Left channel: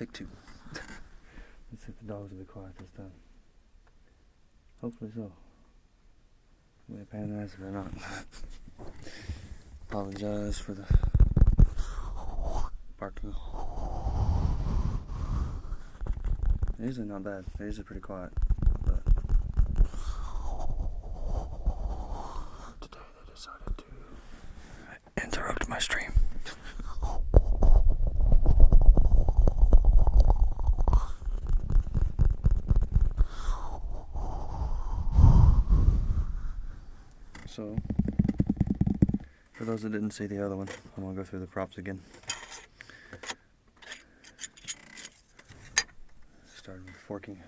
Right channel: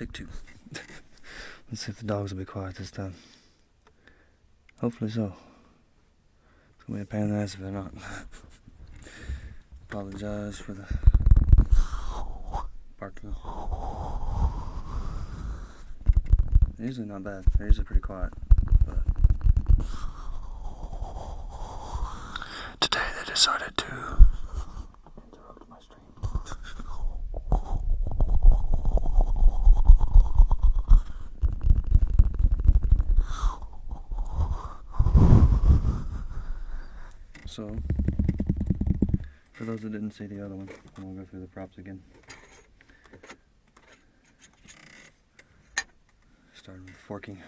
Take two. Let's see if the dogs will be quiet this time. Hopefully so. It's gonna be a pain in the ass if they're not. Apologize for the barking. They're usually not bad. They're usually pretty quiet. But today they decided to interrupt my stream. So, for those that didn't see the other one, I'm going to go through the props again. Starting with forking.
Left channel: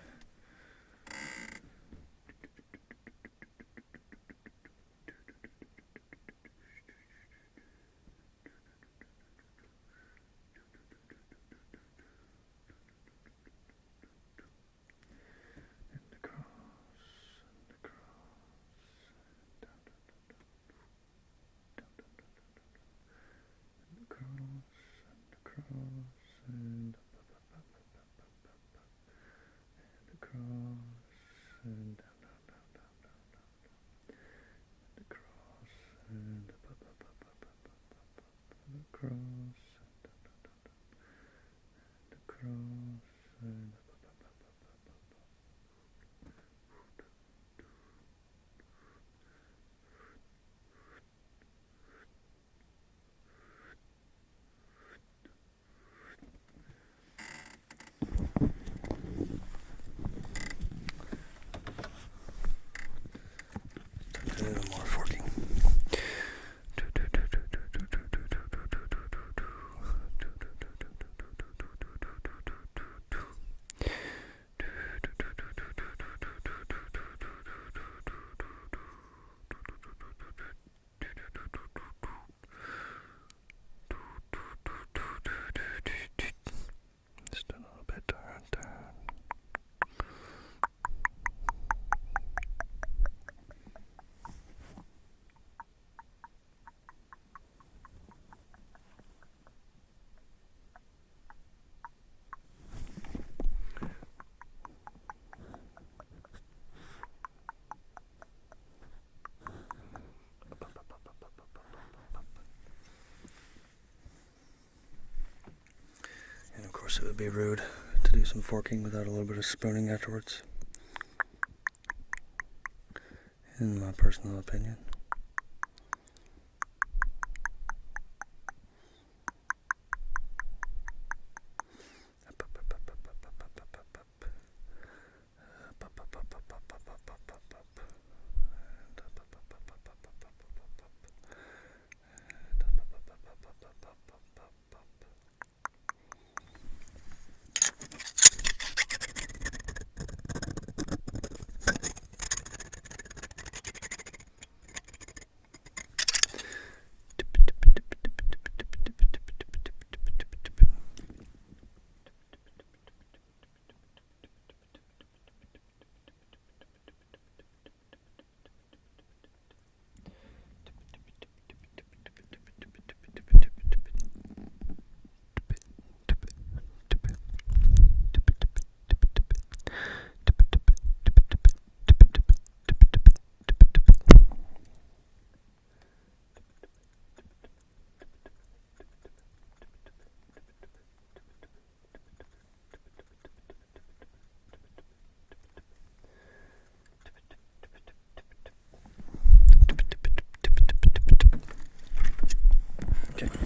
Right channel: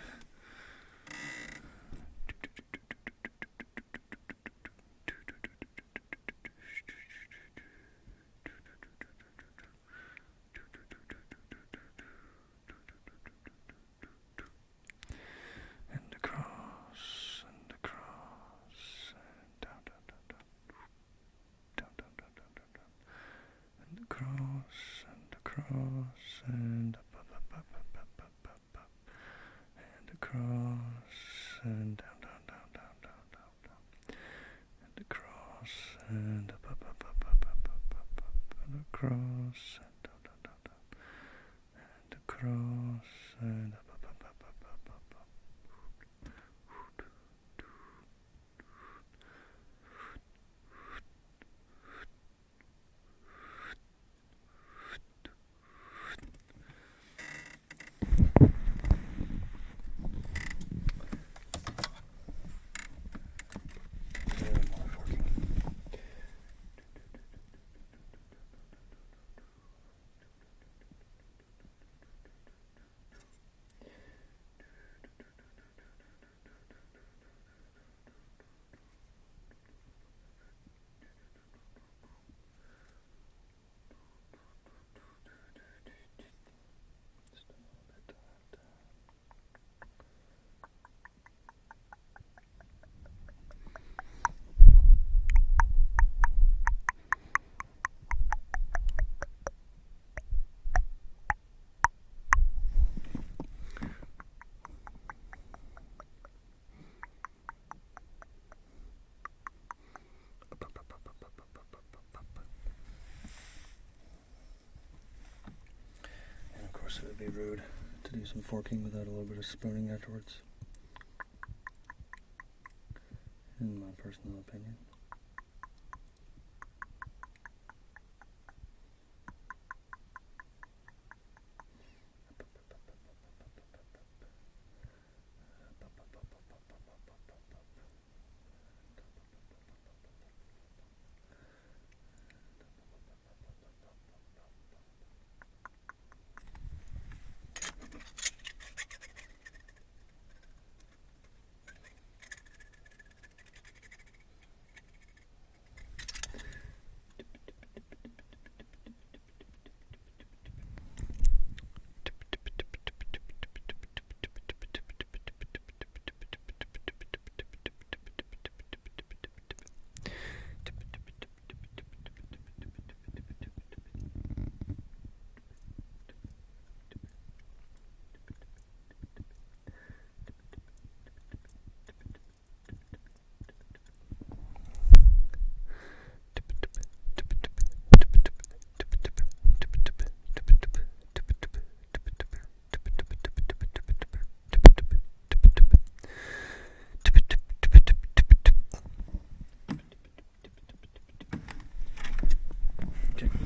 And across and down, down, down, down, down, down, down, and across and up, up, up, up, up, up, up, up, and across and down, down, down, down, and across and up, up, up, up, up, up, up, up. More forking. Just a little bit turn. And of course it would be rude to do some forking without a little bit of spooning afterwards, in my personal opinion.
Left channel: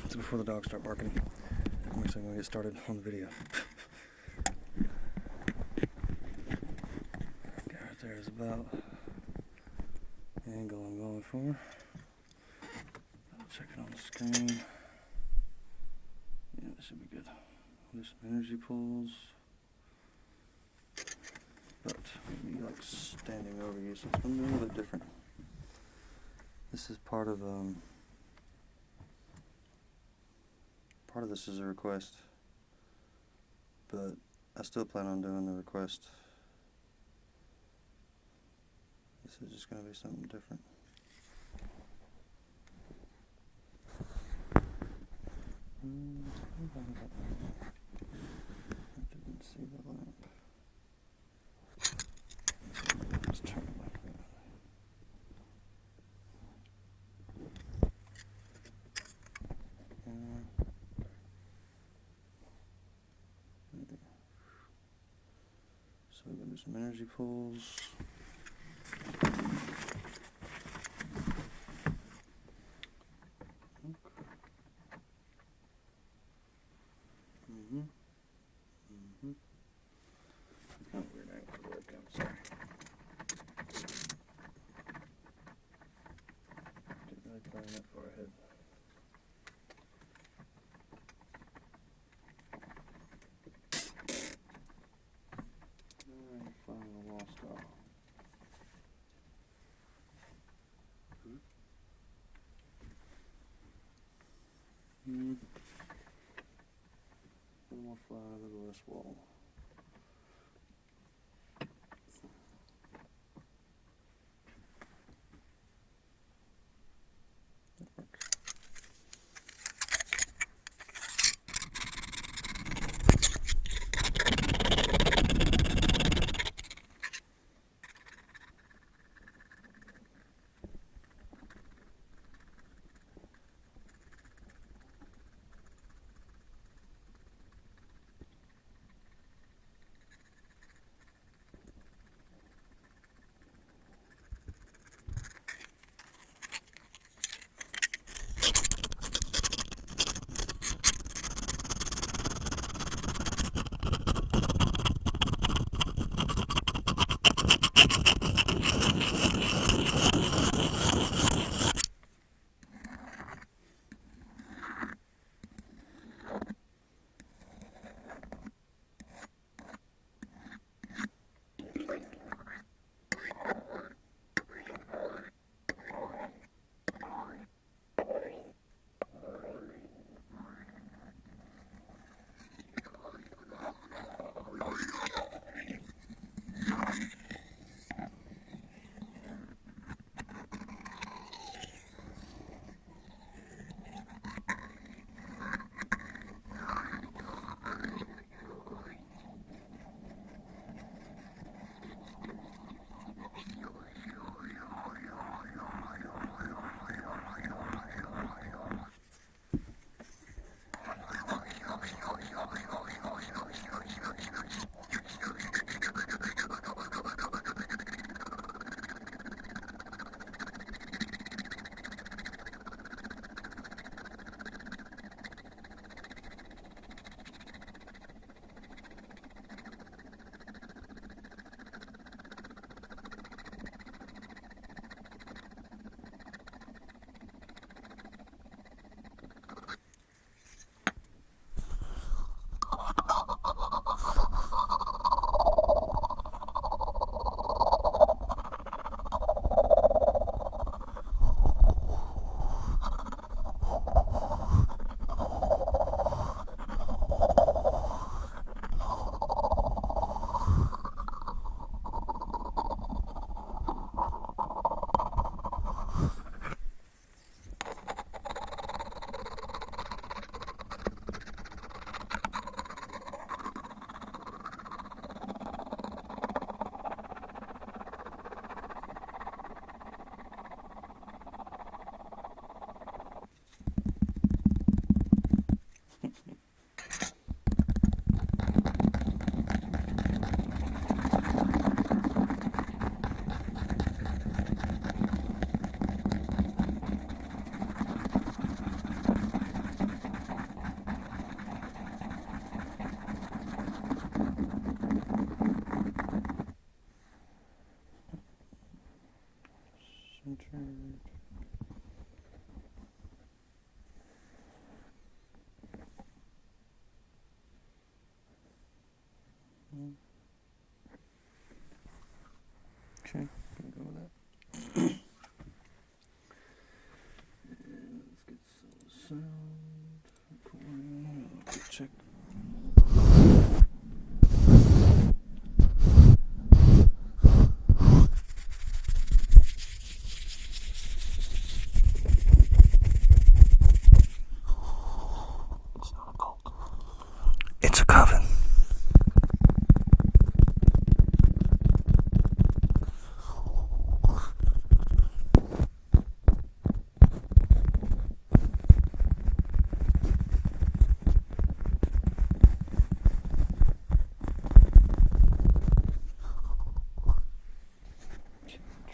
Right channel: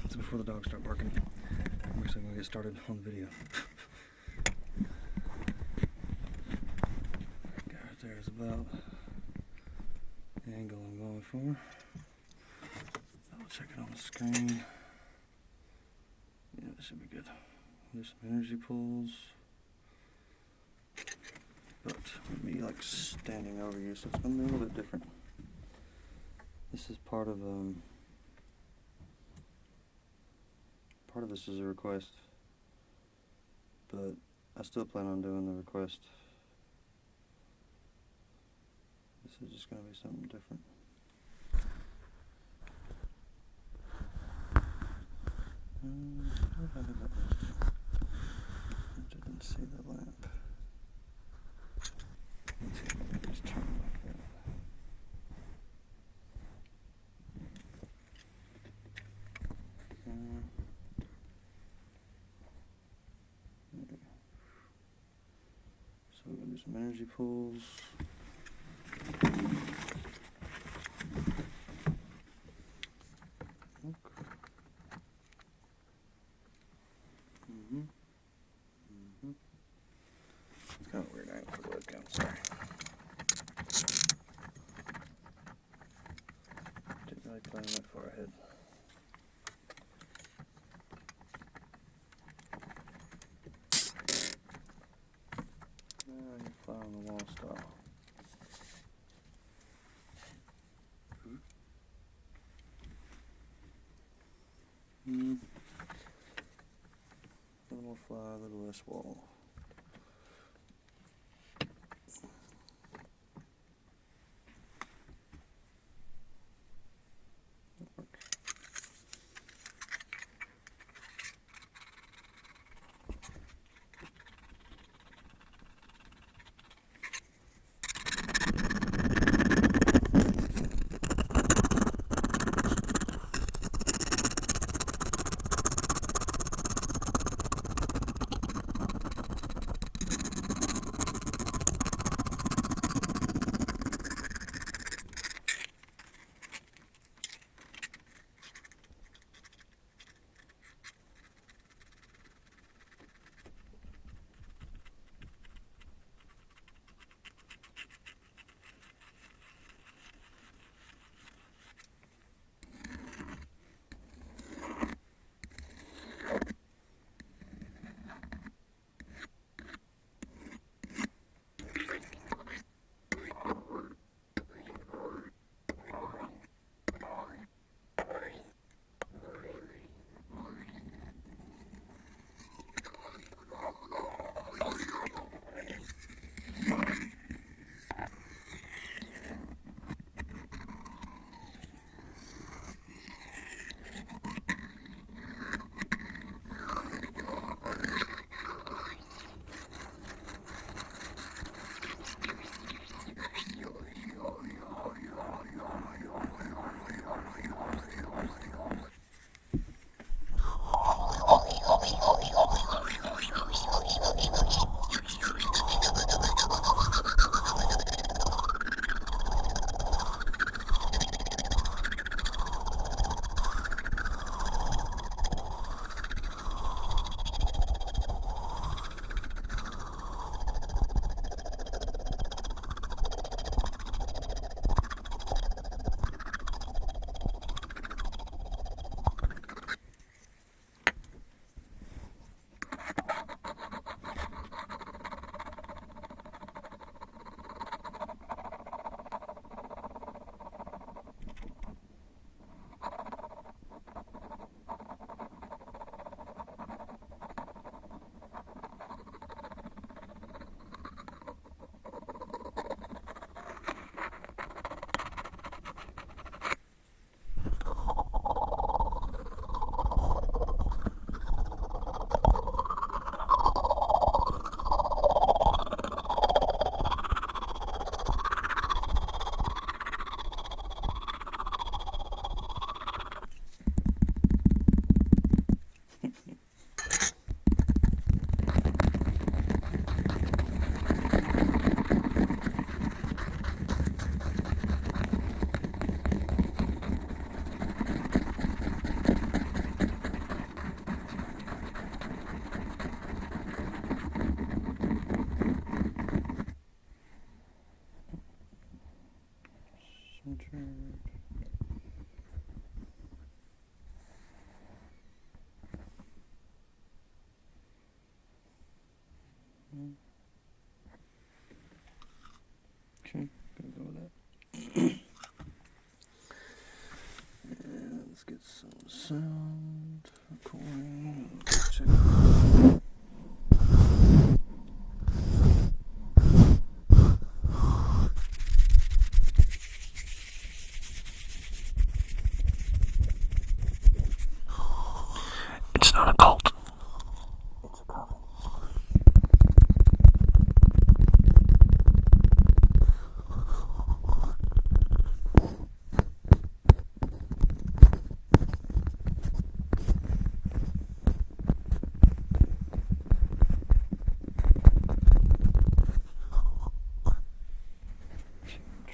So before the dogs start barking, I'm actually going to get started on the video. Okay, right there is about the angle I'm going for. I'll check it on the screen. Yeah, this should be good. I'll do some energy pulls. But maybe like standing over you, so it's going to be a little bit different. This is part of this is a request, but I still plan on doing the request. This is just going to be something different. see the lamp. Let's turn it like that. So we're going to do some energy pulls. It's kind of weird angle for the webcam, sorry. Didn't really plan that far ahead. Fly on the wall style. A little more fly, a little less wall. That works.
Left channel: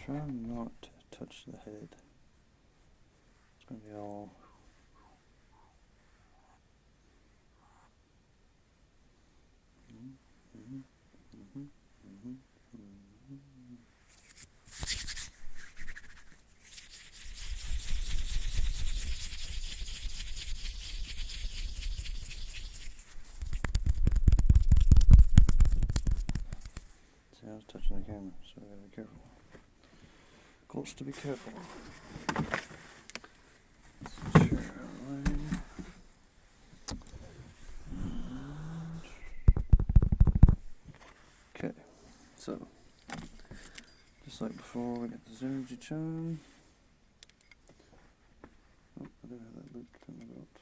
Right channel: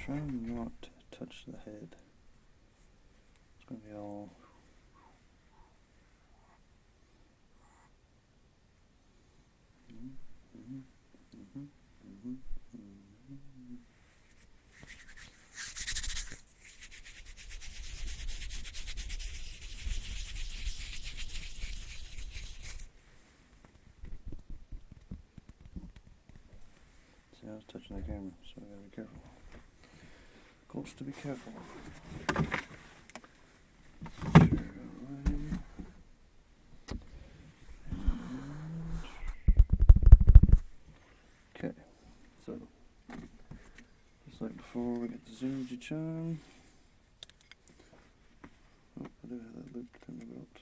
Try not to touch the head. It's going to be all... See, I was touching the camera, so I gotta be careful. Goals to be careful. Okay, so just like before, we got this energy chime. Oh, I do have that looped in the belt.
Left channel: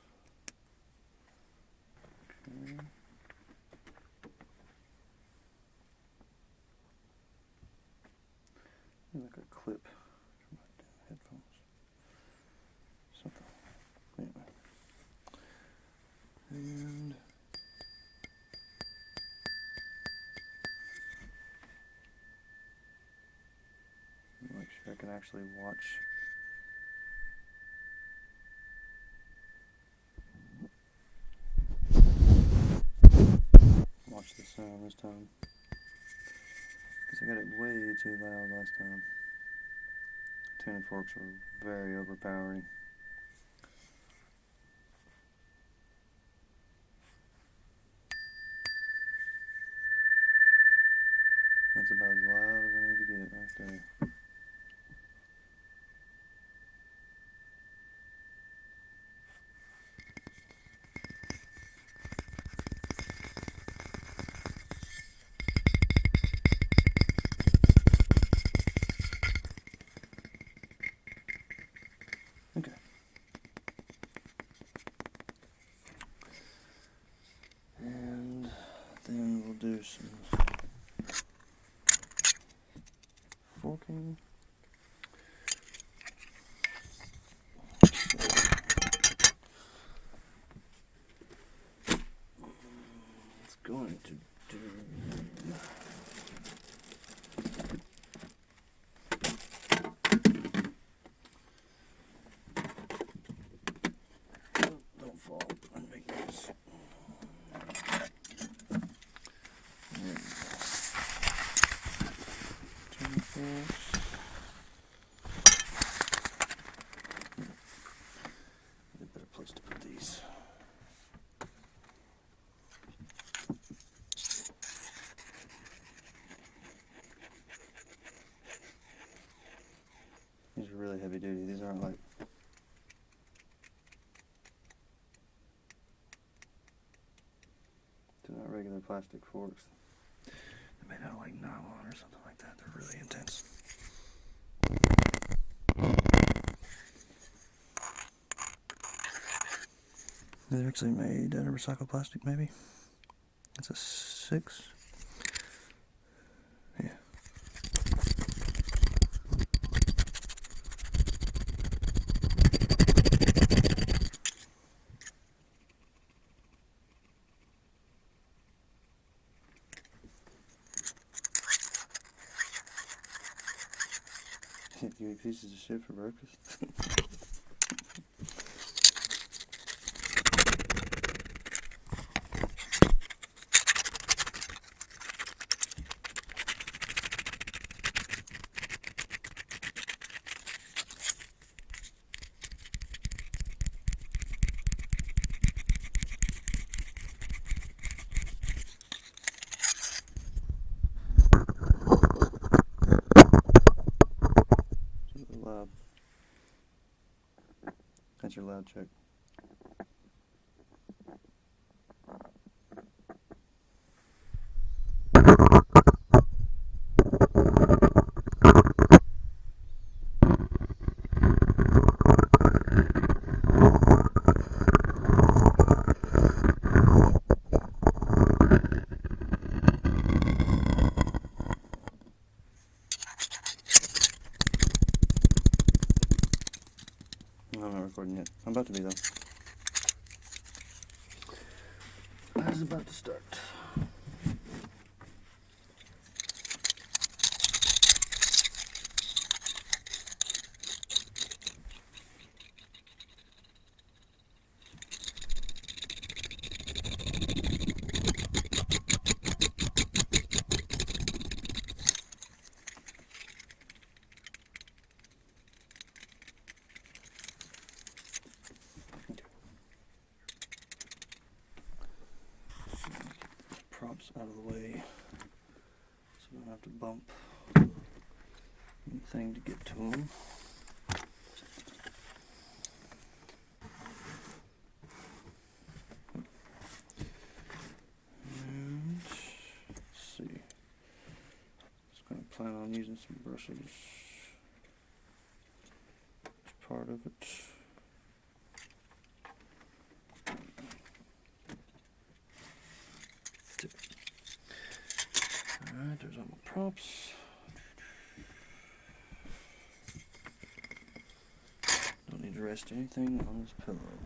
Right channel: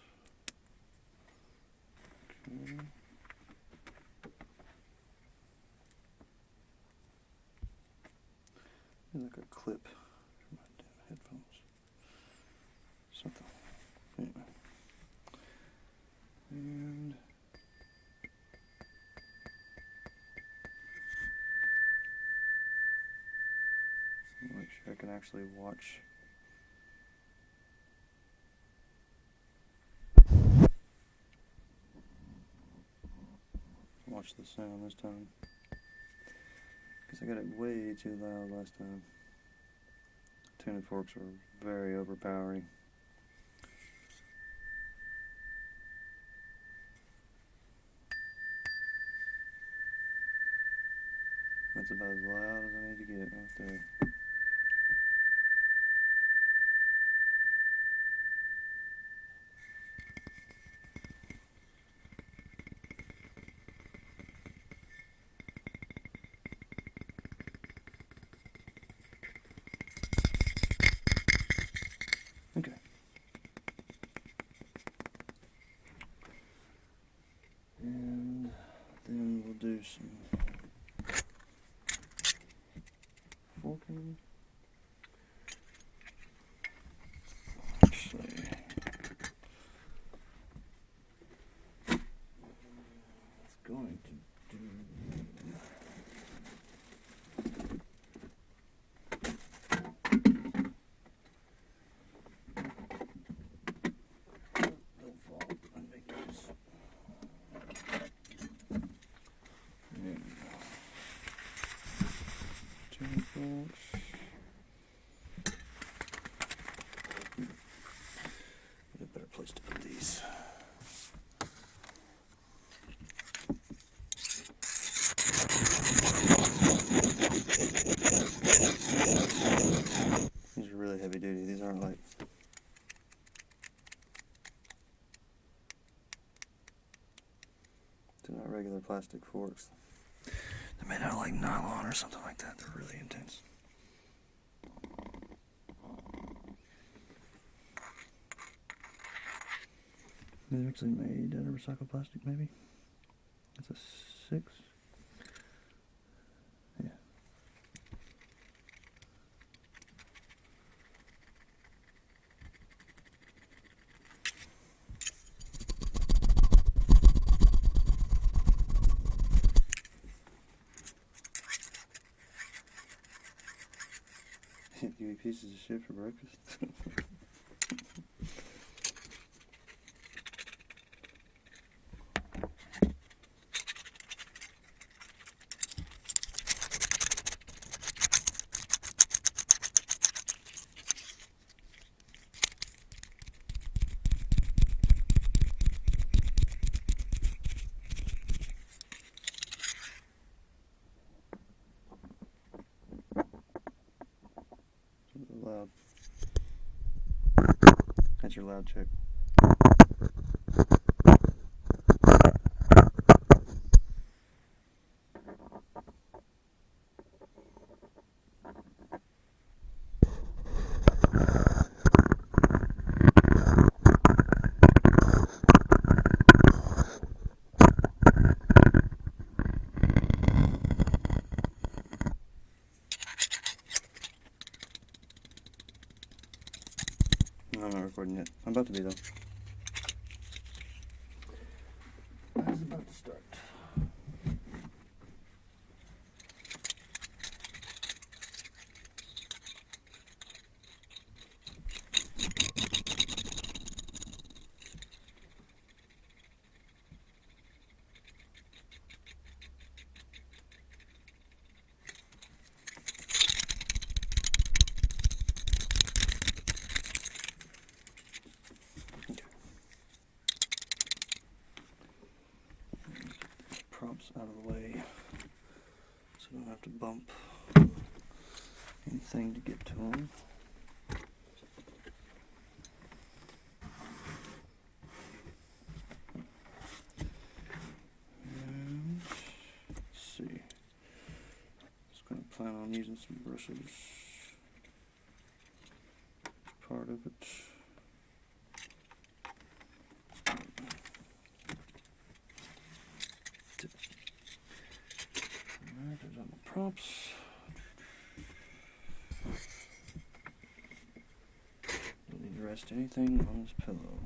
Okay. Like a clip for my damn headphones. Something. Anyway. And make sure I can actually watch the sound this time. Because I got it way too loud last time. Tuning forks were very overpowering. That's about as loud as I need to get right there. Okay. And then we'll do some forking. It's going to do... Don't fall and make noise. There we go. Tuning forks. A better place to put these. These are really heavy duty. These aren't like... They're not regular plastic forks. They're made out of like nylon or something like that. They're really intense. They're actually made out of recycled plastic, maybe. It's a 6. Yeah. You eat pieces of shit for breakfast? Loud. That's your loud check. I'm not recording yet. I'm about to be though. I was about to start. steps out of the way so I don't have to bump anything to get to them. And let's see. Just going to plan on using some brushes. Part of it. Alright, there's all my props. Don't need to rest anything on this pillow.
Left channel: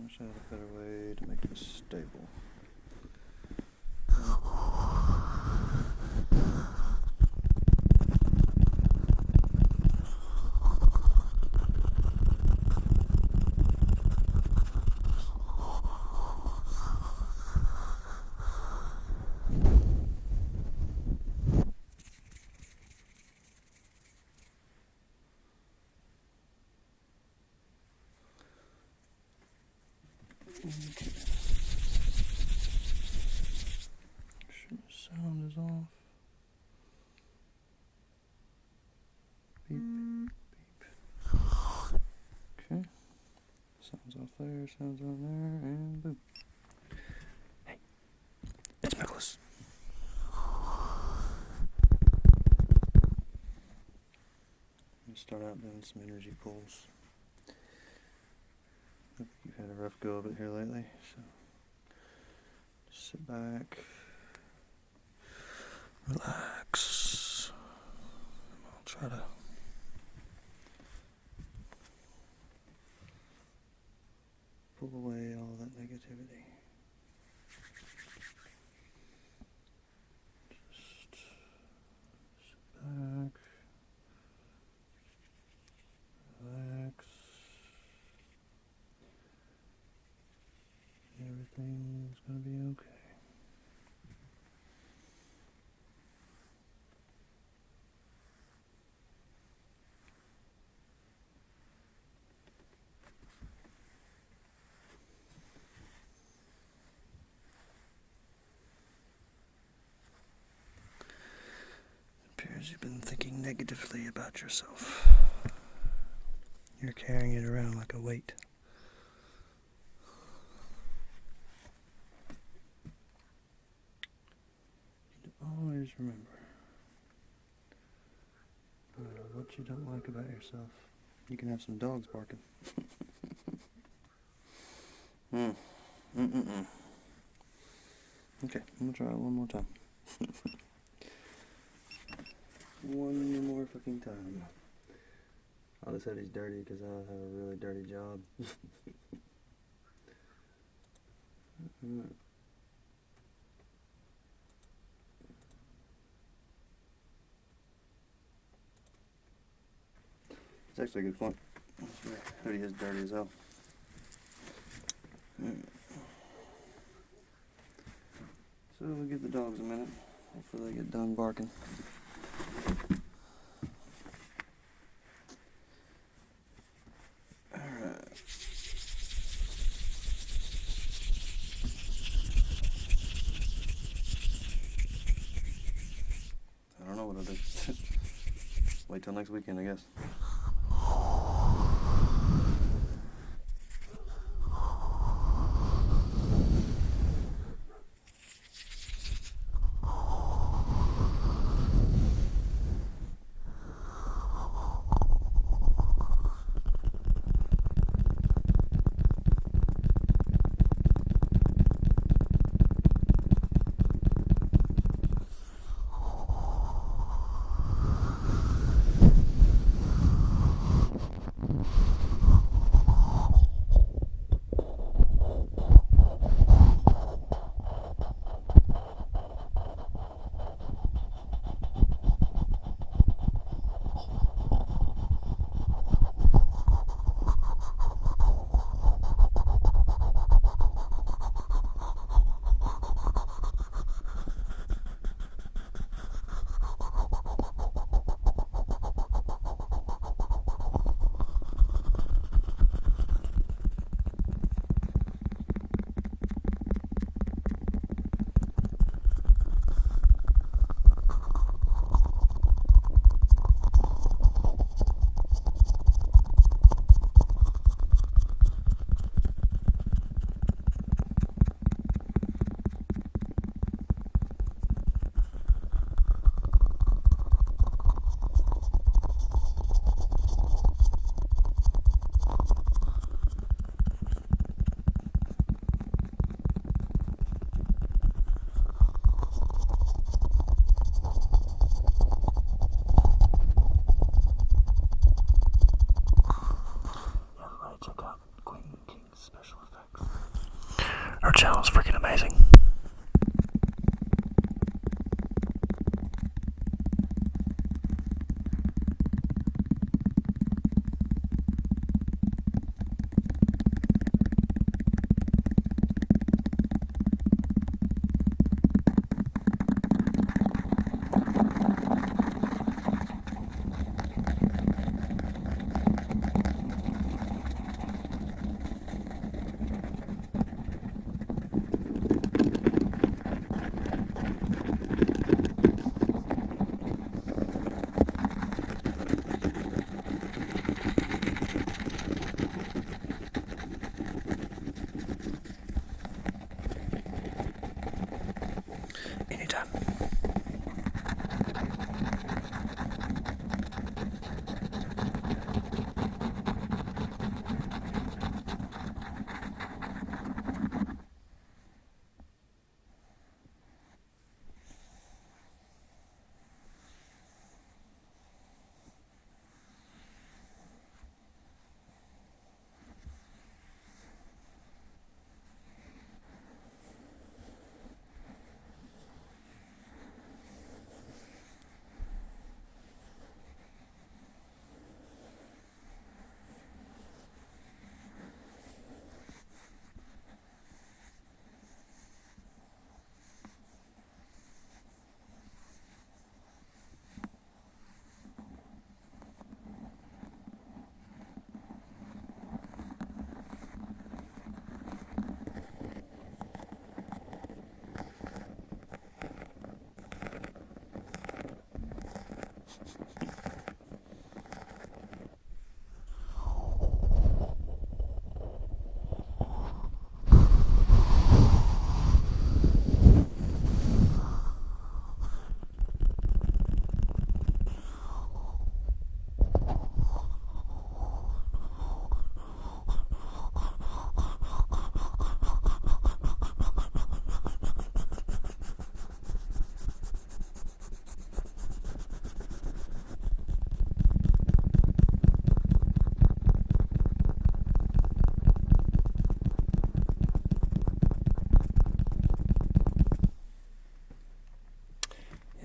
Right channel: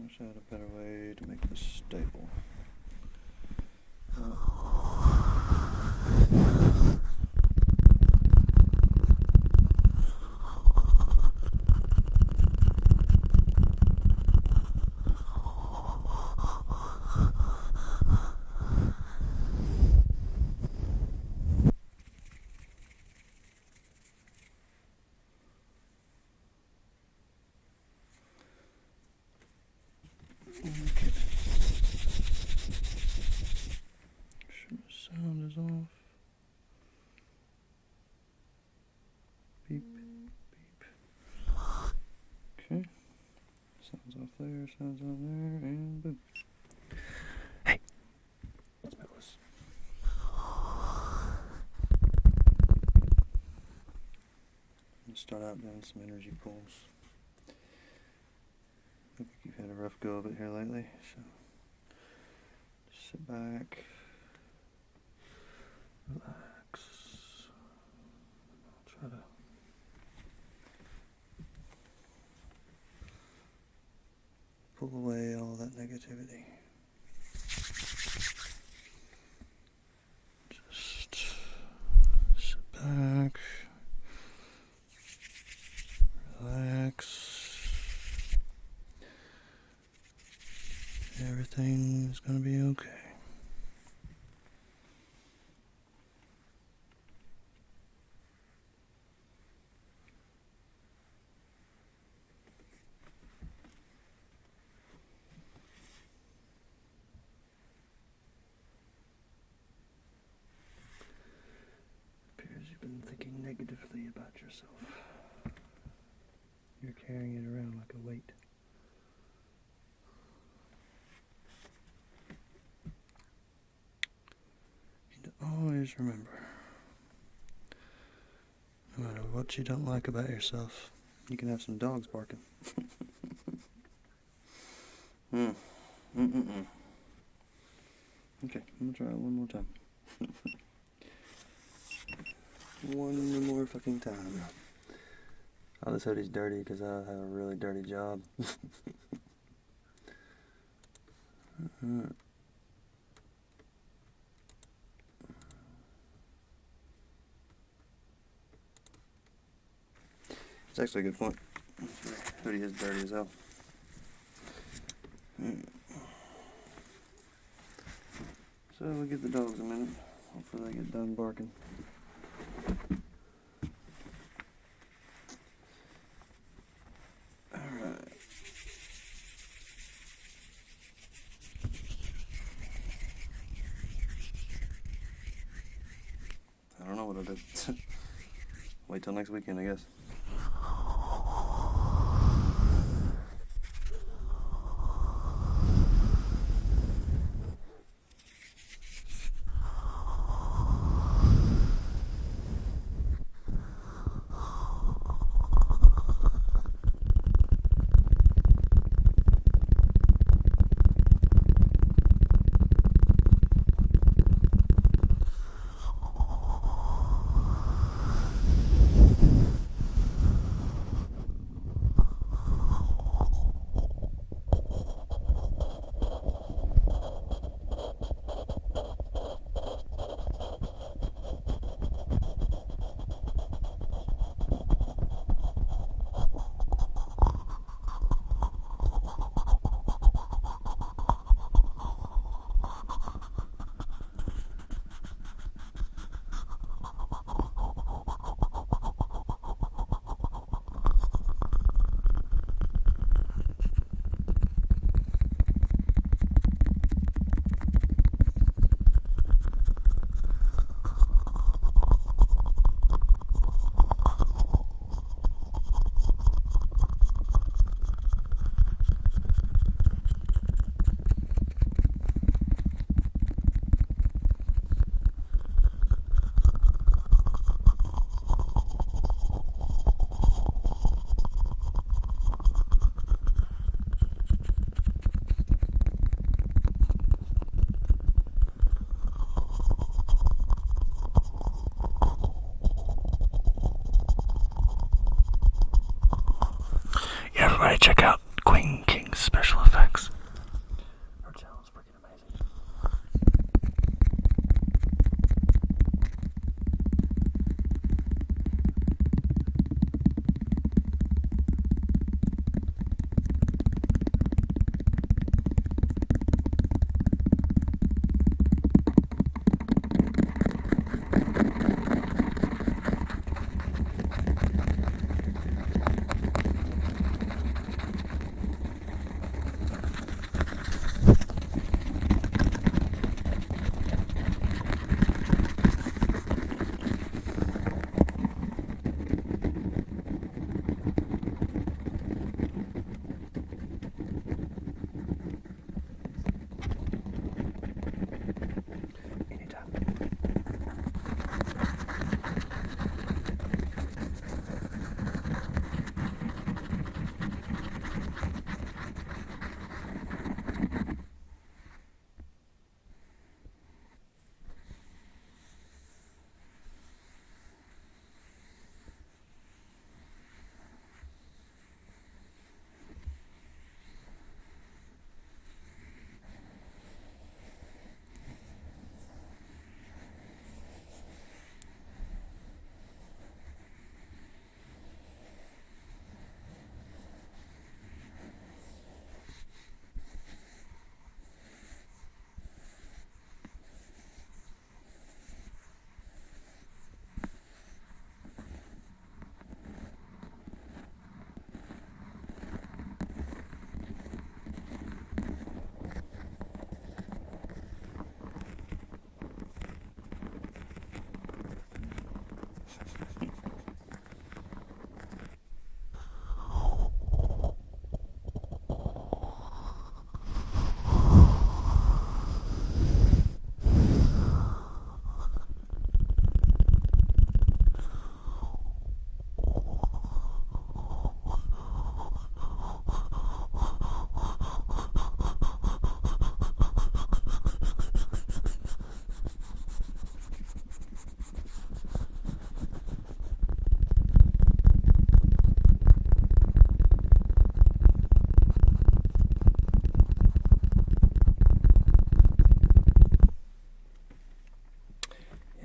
Wish I had a better way to make this stable. Okay. Sure the sound is off. Beep, beep. Okay. Sounds off there, sounds on there, and boom. Hey, it's Nicholas. I'm going to start out doing some energy pulls. I think you've had a rough go of it here lately, so just sit back, relax. I'll try to pull away all that negativity. Just sit back, relax. Everything's gonna be okay. It appears you've been thinking negatively about yourself. You're carrying it around like a weight. Always remember, no matter what you don't like about yourself, you can have some dogs barking. Okay, I'm gonna try it one more time. One more fucking time. Oh, this hoodie's dirty because I have a really dirty job. It's actually a good point. This hoodie is dirty as hell. So we'll give the dogs a minute. Hopefully they get done barking. Alright. I don't know what I'll do. Wait till next weekend, I guess. check out Queen King's special effects. Her channel is freaking amazing. Anytime.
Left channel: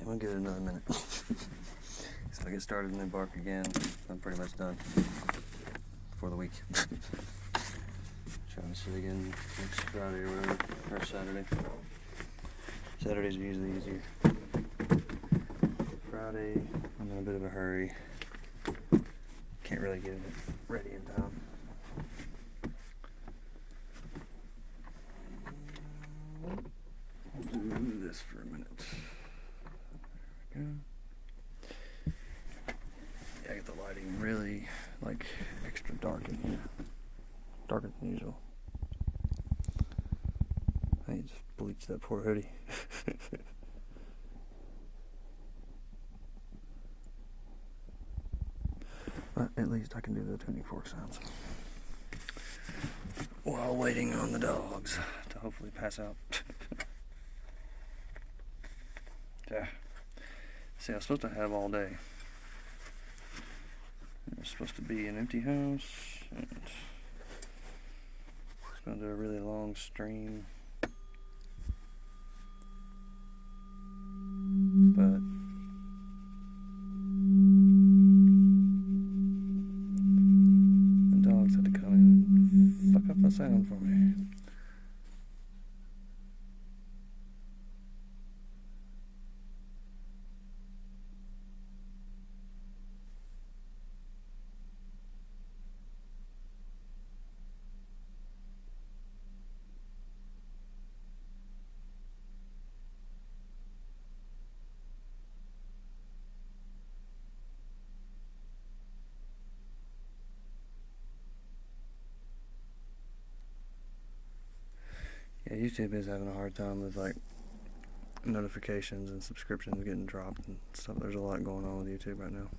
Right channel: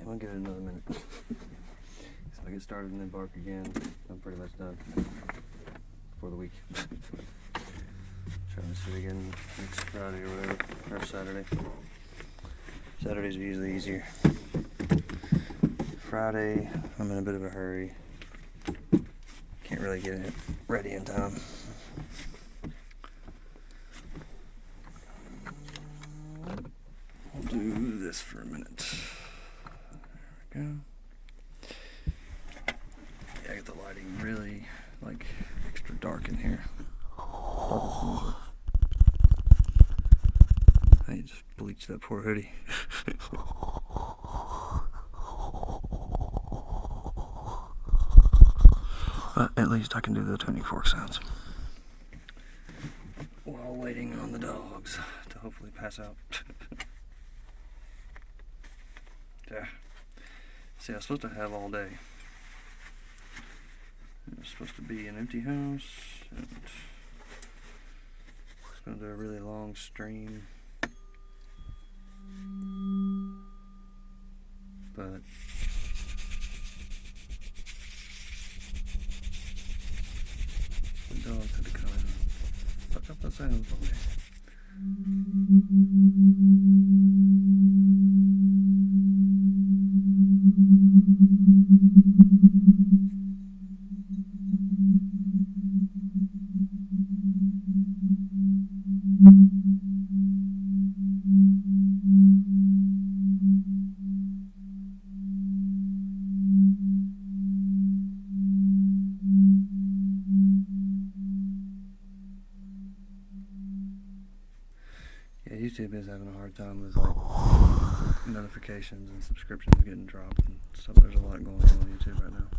I'll give it another minute. So I get started and then bark again. I'm pretty much done for the week. Trying to sit again next Friday or whatever, or Saturday. Saturdays are usually easier. Friday, I'm in a bit of a hurry. Can't really get it ready in time. I'll do this for a minute. There we go. Yeah, I get the lighting really extra dark in here. Darker than usual. I need to just bleach that poor hoodie. But at least I can do the tuning fork sounds while waiting on the dogs to hopefully pass out. Yeah. See, I was supposed to have all day. It was supposed to be an empty house, and it's going to do a really long stream. But the dogs had to come and fuck up the sound for me. Yeah, YouTube is having a hard time with notifications and subscriptions getting dropped and stuff. There's a lot going on with YouTube right now.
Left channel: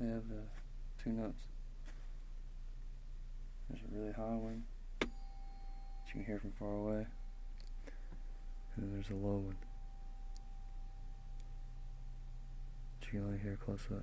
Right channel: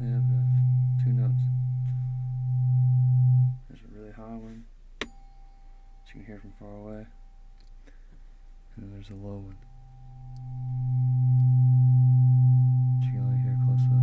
They have two notes. There's a really high one that you can hear from far away, and then there's a low one that you can only hear close up.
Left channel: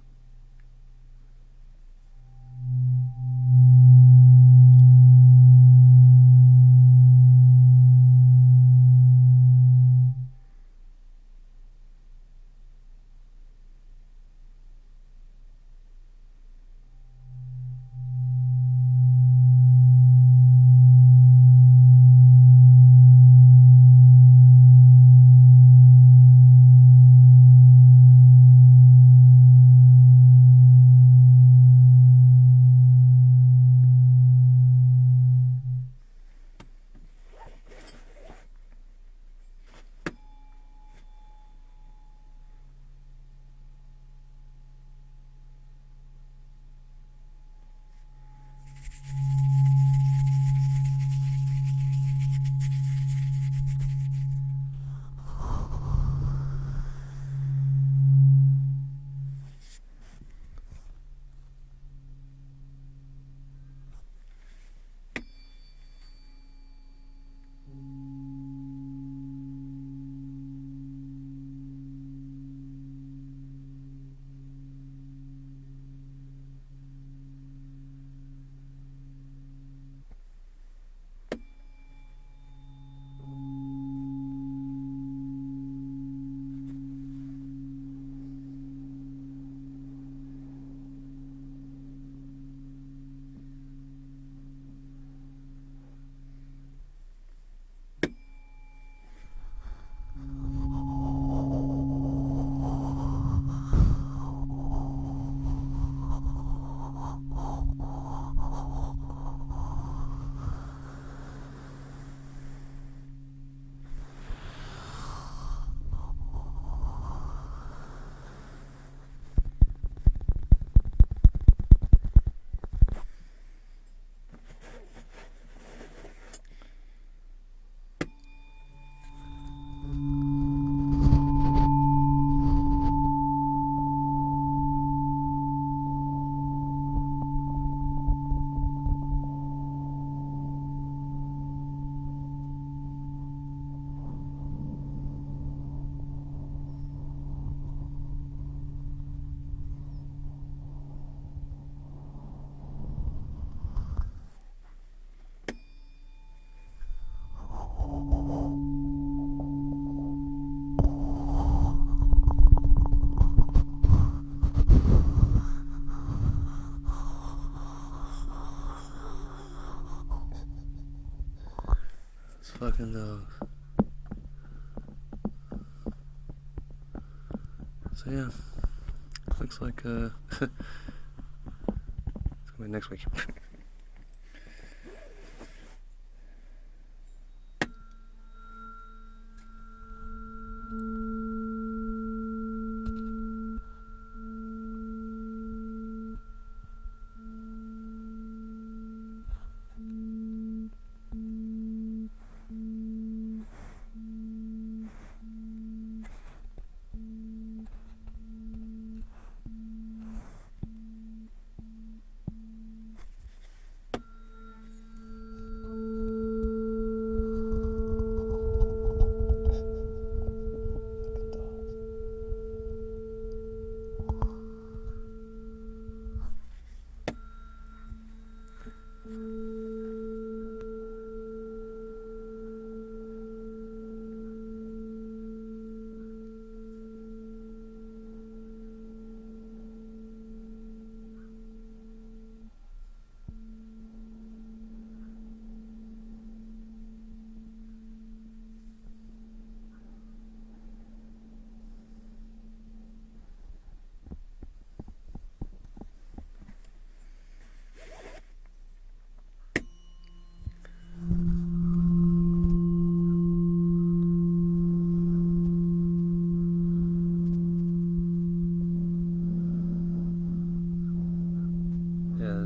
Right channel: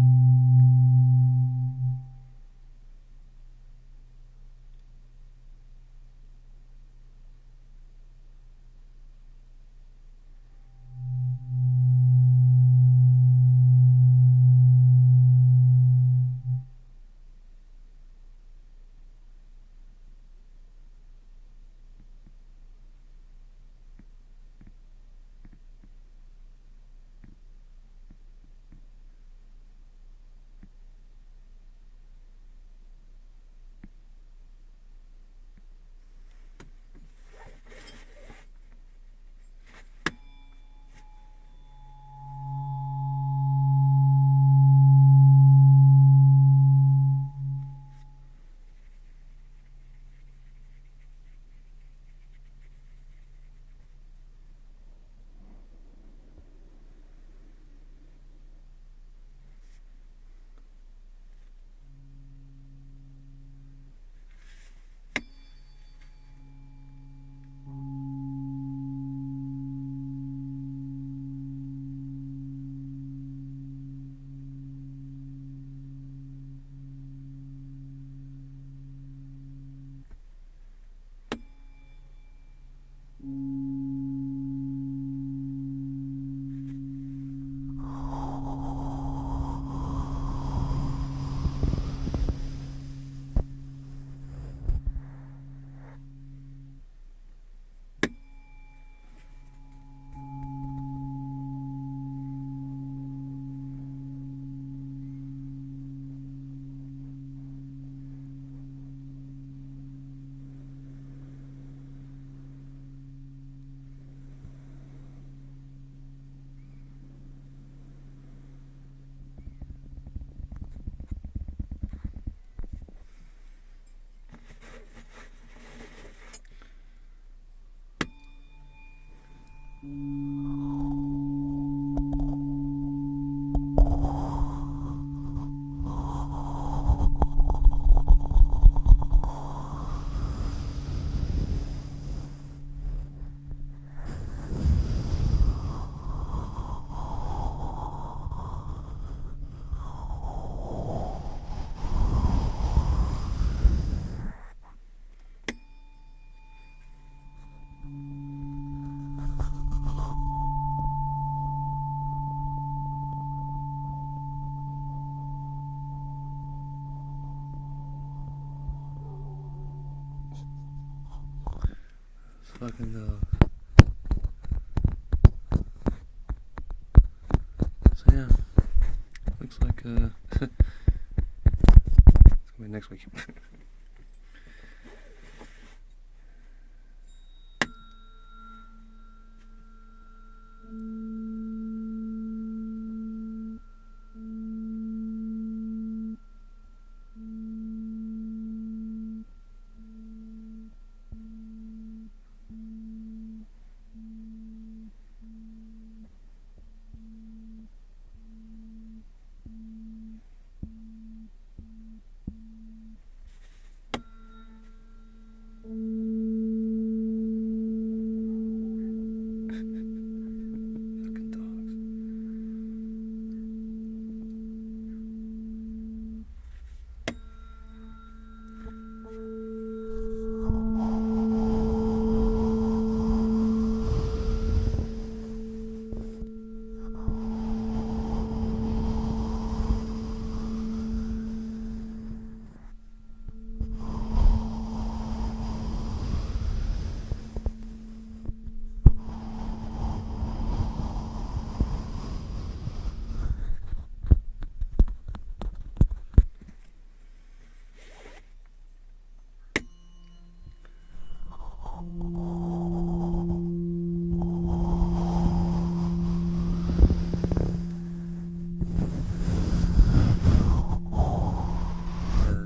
Fucking dogs. So yeah, looks like it's gonna be next week.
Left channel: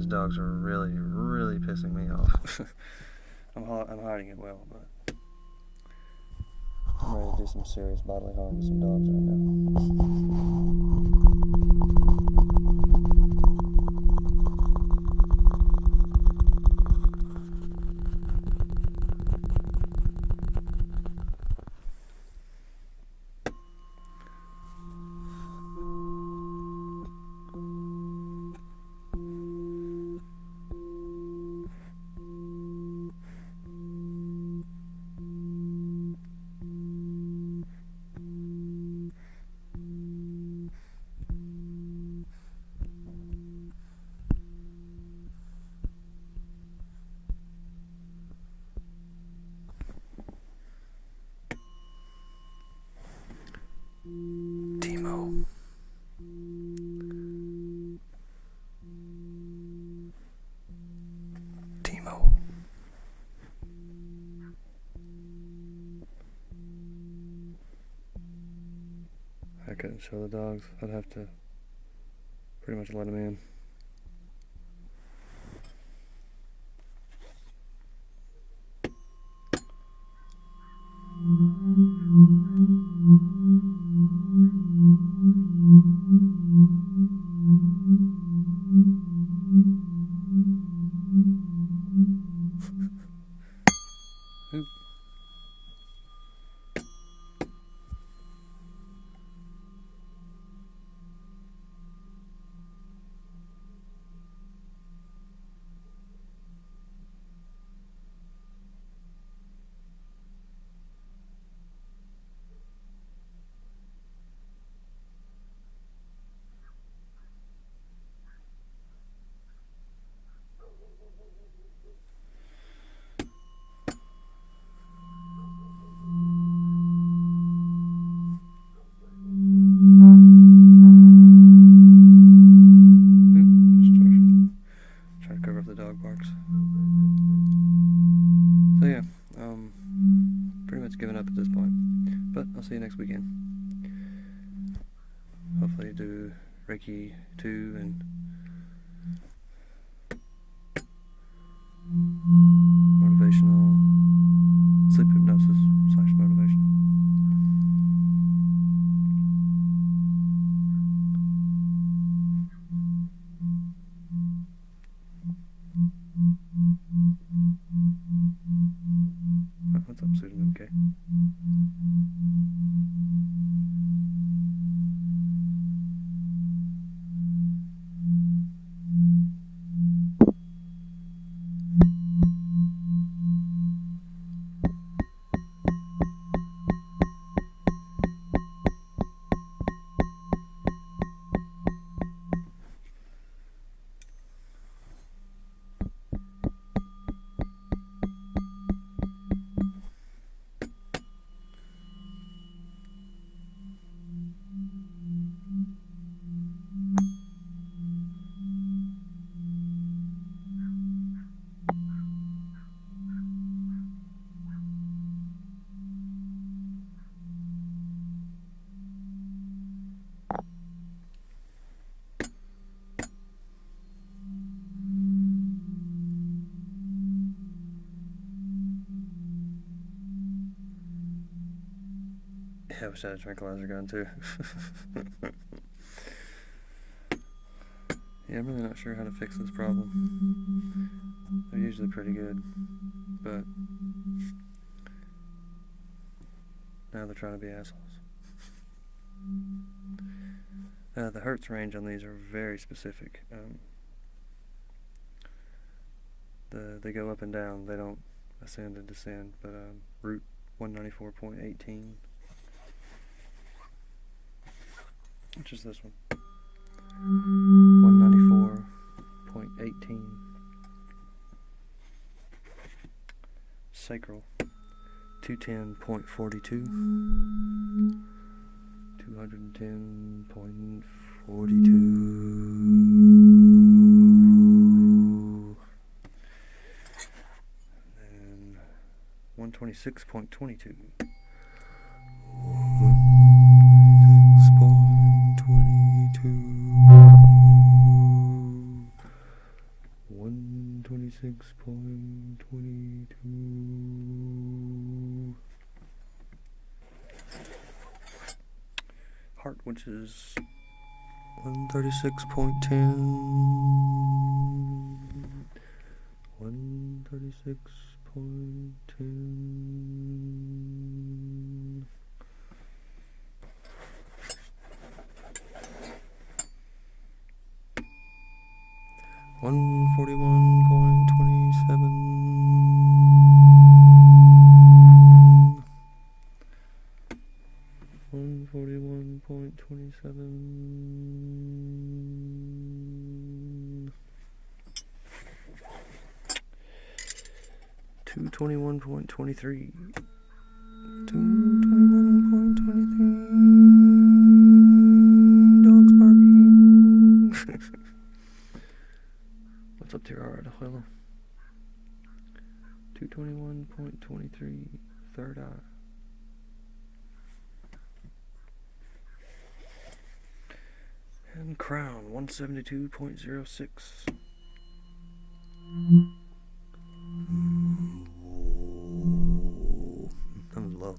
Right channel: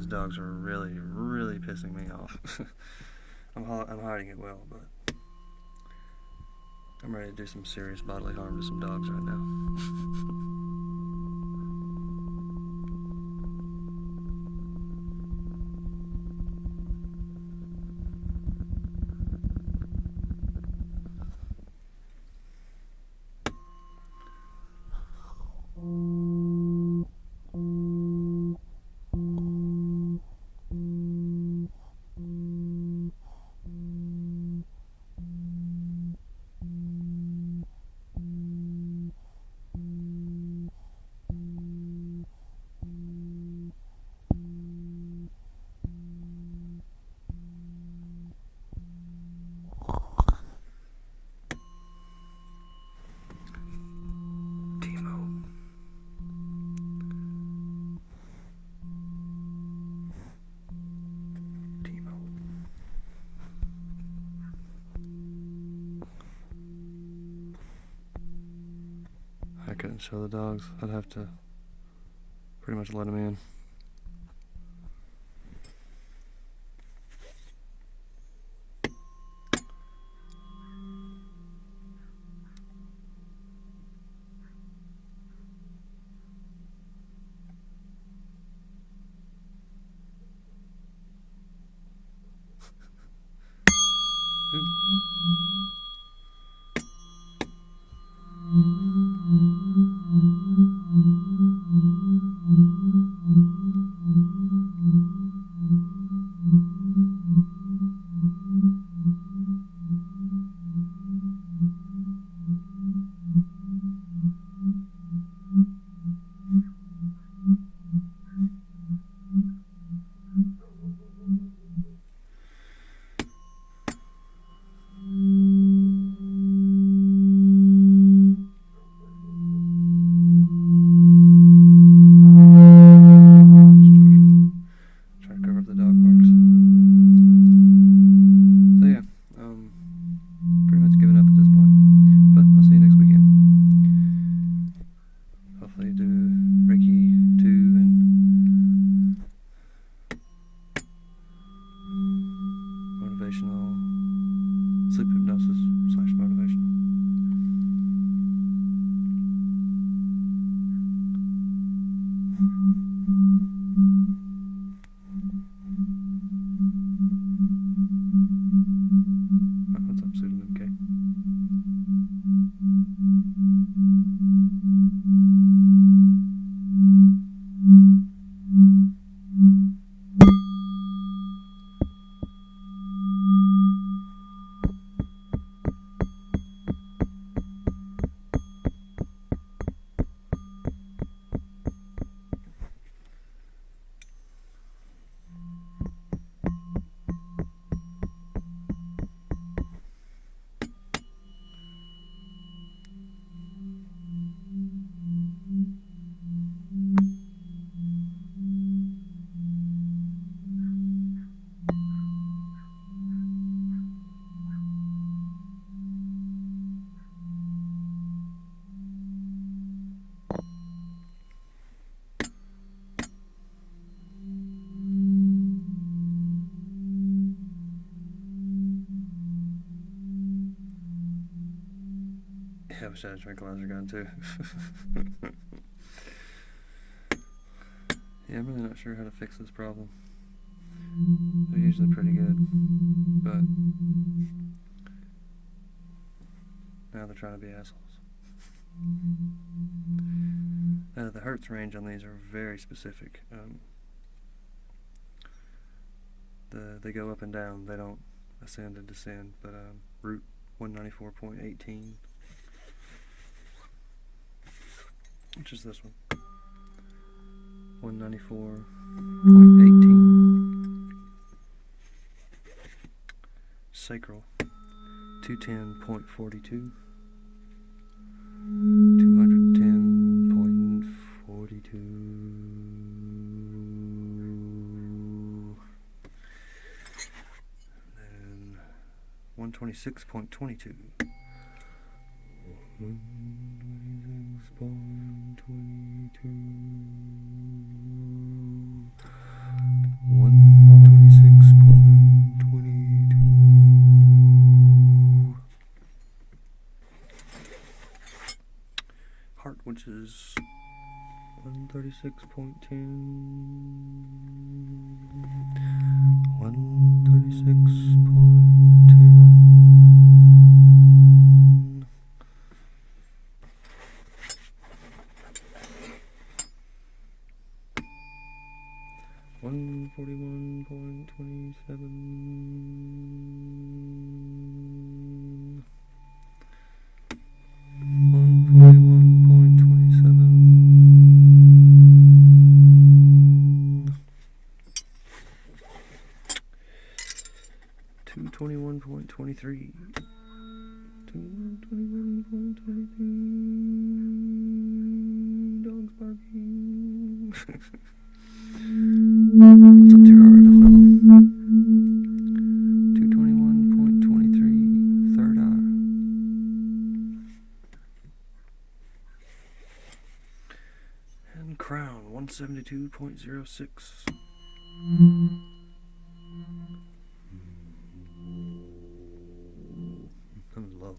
Dogs are really, really pissing me off. I'm hiding it well, but I'm ready to do some serious bodily harm to some dogs right now. couldn't show the dogs. I'd have to pretty much let them in. Pretty much giving up at this point, but I'll see you next weekend. Hopefully do Reiki 2 and motivational, sleep hypnosis / motivational. What's up, pseudonym K? Yeah, I wish I had a tranquilizer gun too. Yeah, I'm really not sure how to fix this problem. They're usually pretty good, but now they're trying to be assholes. The hertz range on these are very specific. They go up and down. They don't ascend and descend, but root 194.18, which is this one. 194.18. Sacral 210.42. 210.42. Then 126.22. 126.22. Heart, which is 136.10. 136.10. $141.27. $221.23. Dogs barking. What's up to your art, hello? 221.23. Third eye. around 172.06. That was low.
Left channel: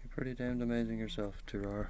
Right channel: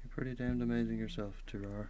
You're pretty damned amazing yourself, Turar.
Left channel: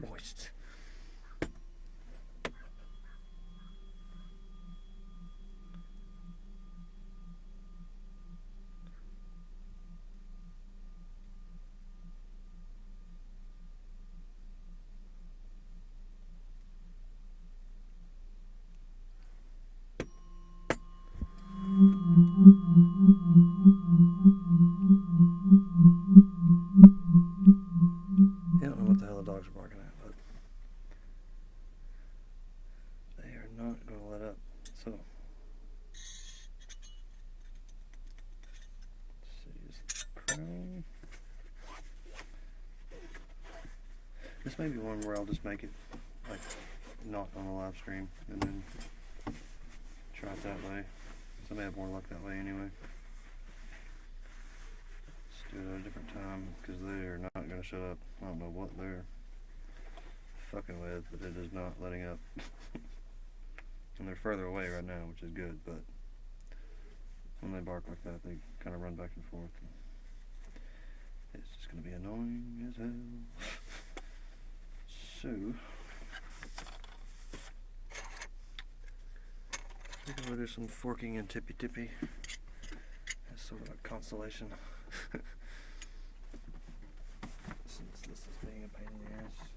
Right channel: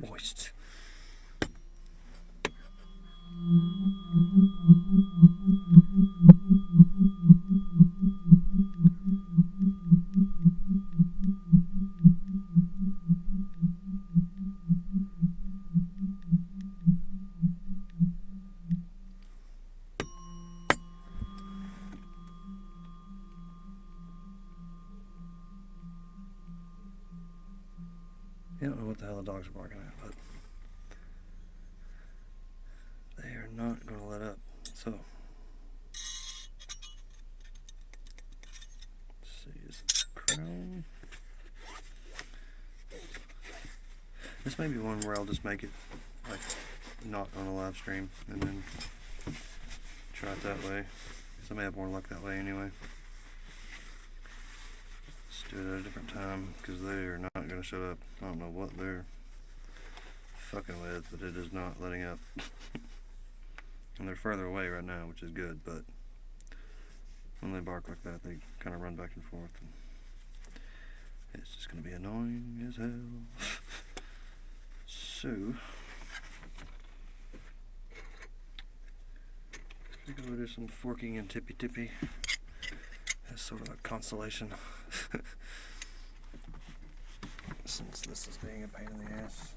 Moist. I don't know what the hell the dogs are barking at, but they are not going to let up. So, let's see, is it crown? This may be one where I'll just make it like not on a live stream and then try it that way. So I may have more luck that way anyway. Let's do it at a different time because they are not going to shut up. I don't know what they're fucking with, but it is not letting up. And they're further away right now, which is good, but when they bark like that, they kind of run back and forth. And it's just going to be annoying as hell. So, I think we'll do some forking and tippy-tippy as sort of a consolation. Since this is being a pain in the ass.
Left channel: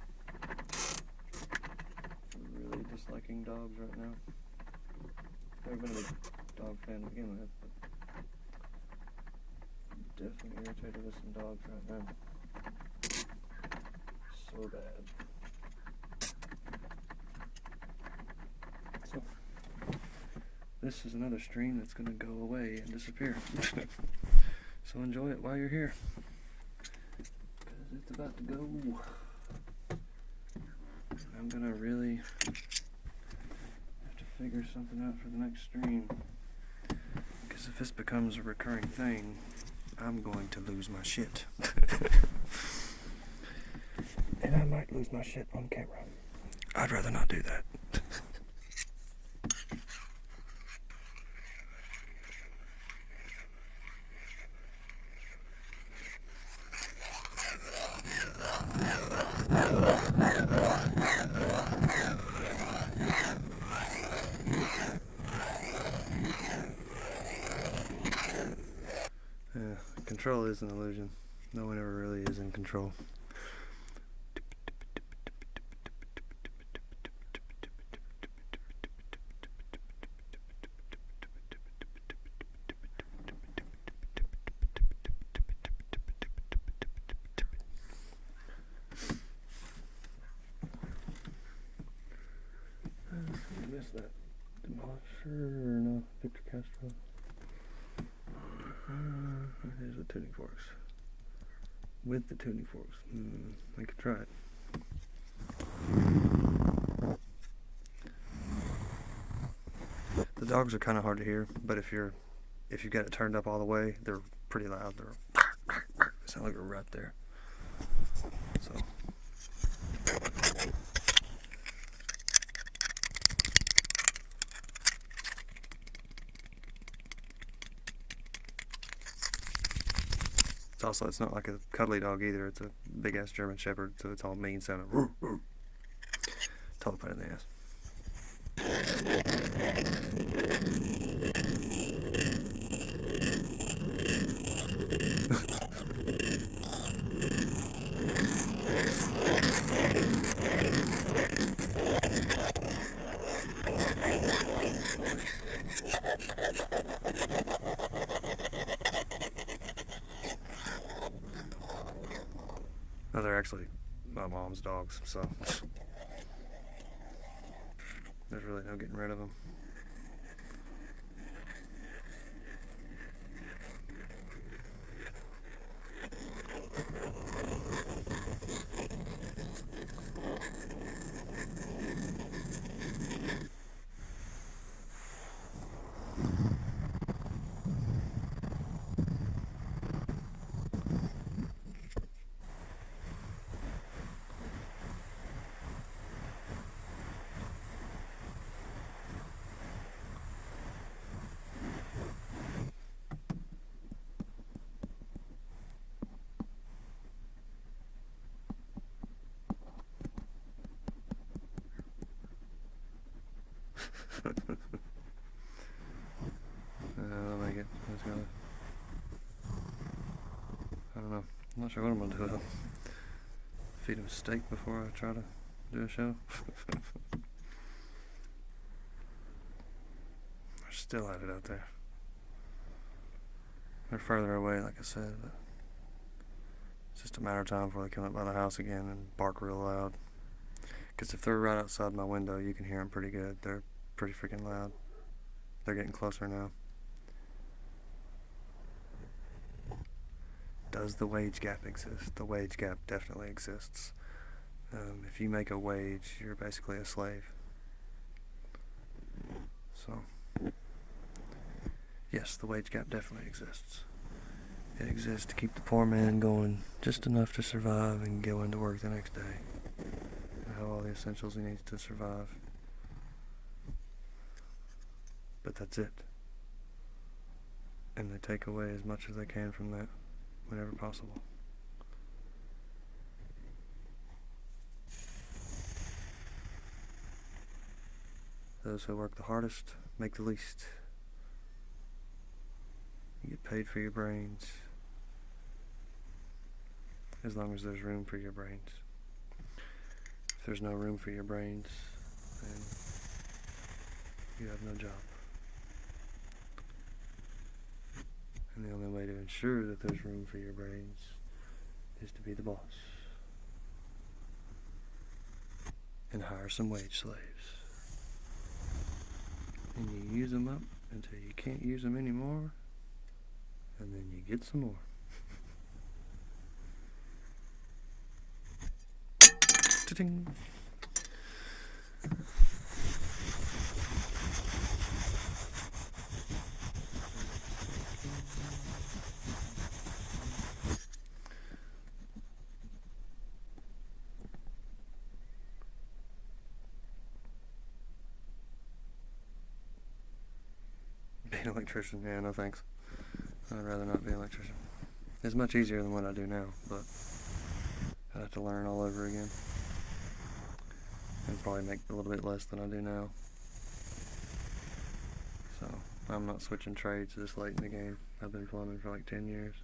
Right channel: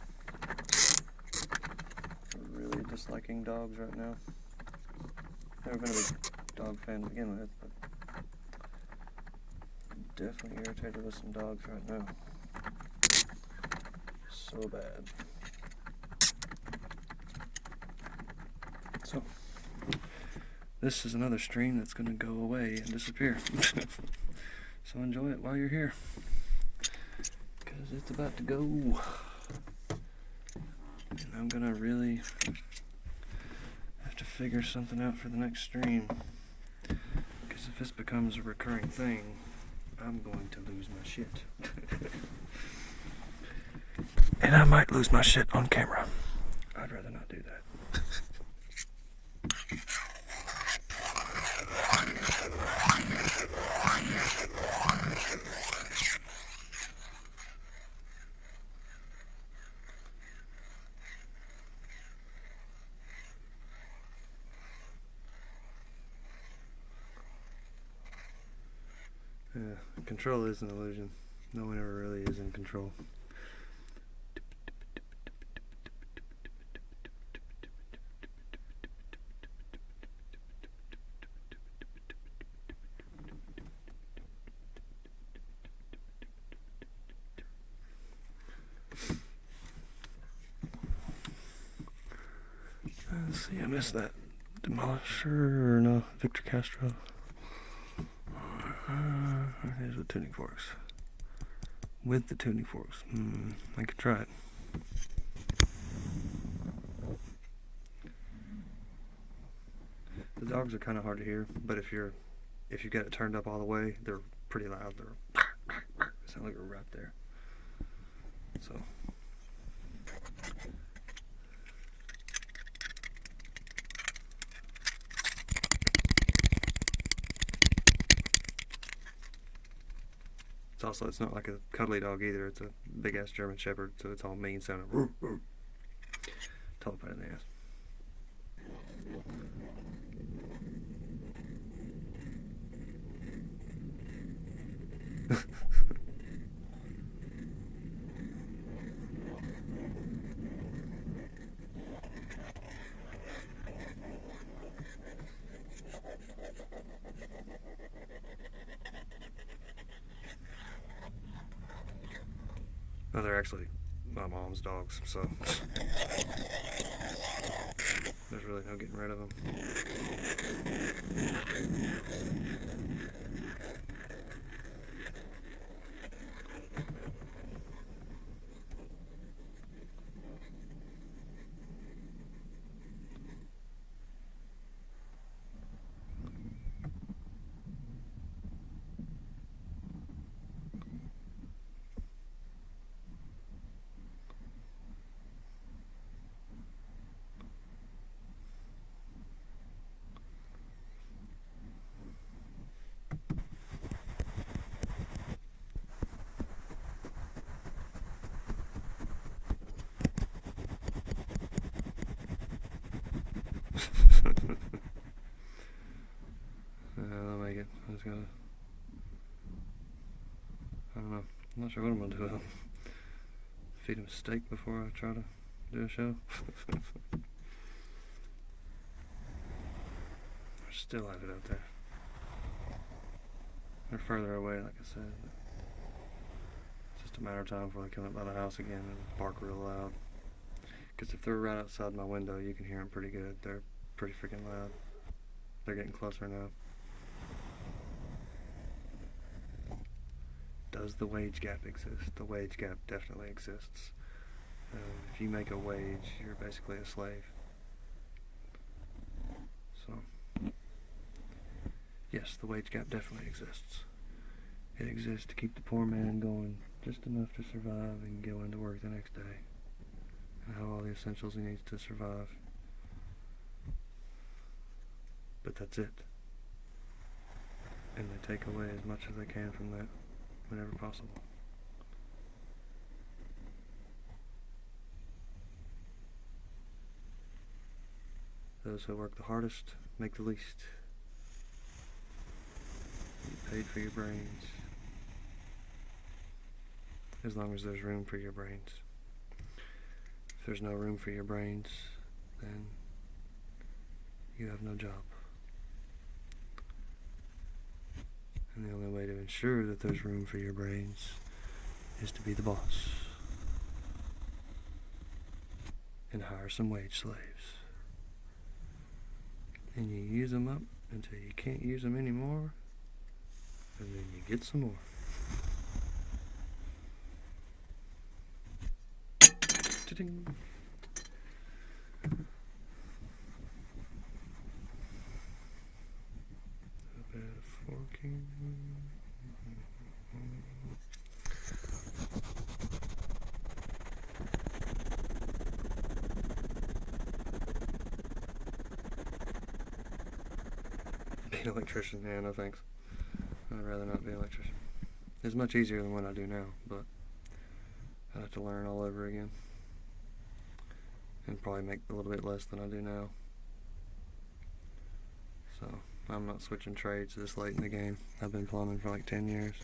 I'm really disliking dogs right now. Never been a big dog fan to begin with, but definitely irritated with some dogs right now. So bad. So, this is another stream that's going to go away and disappear. So enjoy it while you're here, because it's about to go. And I'm going to really have to figure something out for the next stream, because if this becomes a recurring thing, I'm going to lose my shit. And I might lose my shit on camera. I'd rather not do that. Yeah, control is an illusion. No one ever really is in control. Let's see, I missed that. Demolisher, or no, Victor Castro. Here's the tuning forks. With the tuning forks. I could try it. The dogs are kind of hard to hear, but if you've got it turned up all the way, they're pretty loud. They sound like a rat there. So. It's not like a cuddly dog either. It's a big ass German Shepherd, so it's all mean sounding. Tall pain in the ass. No, they're actually my mom's dogs, so there's really no getting rid of them. I'll make it. I just gotta. I don't know. I'm not sure what I'm gonna do with him. Feed him steak before I try to do a show. They're still at it out there. They're further away, like I said, but it's just a matter of time before they come up by the house again and bark real loud. Because if they're right outside my window, you can hear them pretty good. They're pretty freaking loud. They're getting closer now. Does the wage gap exist? The wage gap definitely exists. If you make a wage, you're basically a slave. So, yes, the wage gap definitely exists. It exists to keep the poor man going just enough to survive and go into work the next day and have all the essentials he needs to survive. But that's it. And they take away as much as they can from that whenever possible. Those who work the hardest make the least. You get paid for your brains, as long as there's room for your brains. If there's no room for your brains, then you have no job. And the only way to ensure that there's room for your brains is to be the boss and hire some wage slaves. And you use them up until you can't use them anymore, and then you get some more. Ta-ding. Be an electrician? Yeah, no thanks. I'd rather not be an electrician. It's much easier than what I do now, but I'd have to learn all over again. And probably make a little bit less than I do now. So, I'm not switching trades this late in the game. I've been plumbing for like 10 years.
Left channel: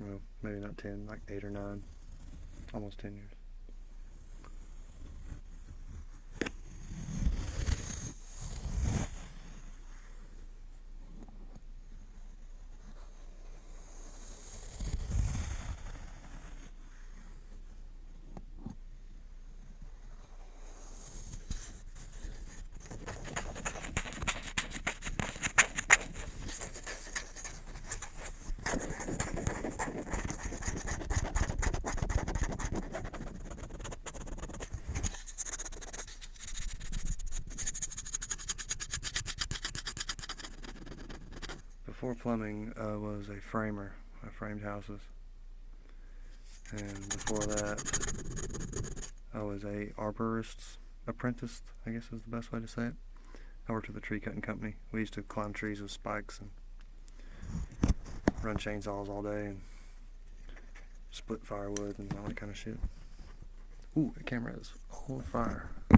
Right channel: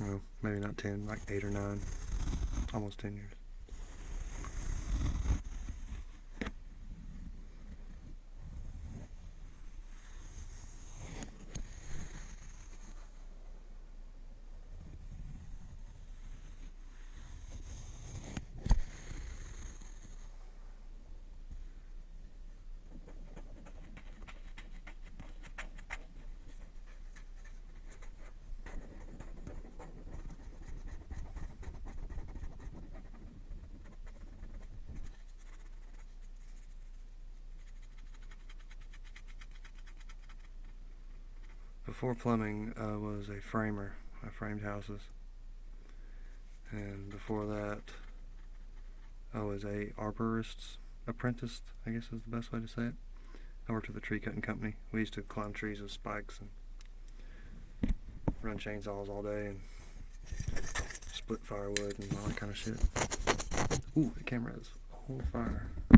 Well, maybe not 10, like 8 or 9. Almost 10 years. Before plumbing, I was a framer. I framed houses. And before that, I was a arborist apprentice, I guess is the best way to say it. I worked with a tree cutting company. We used to climb trees with spikes and run chainsaws all day and split firewood and all that kind of shit. Ooh, the camera is on fire. Yeah,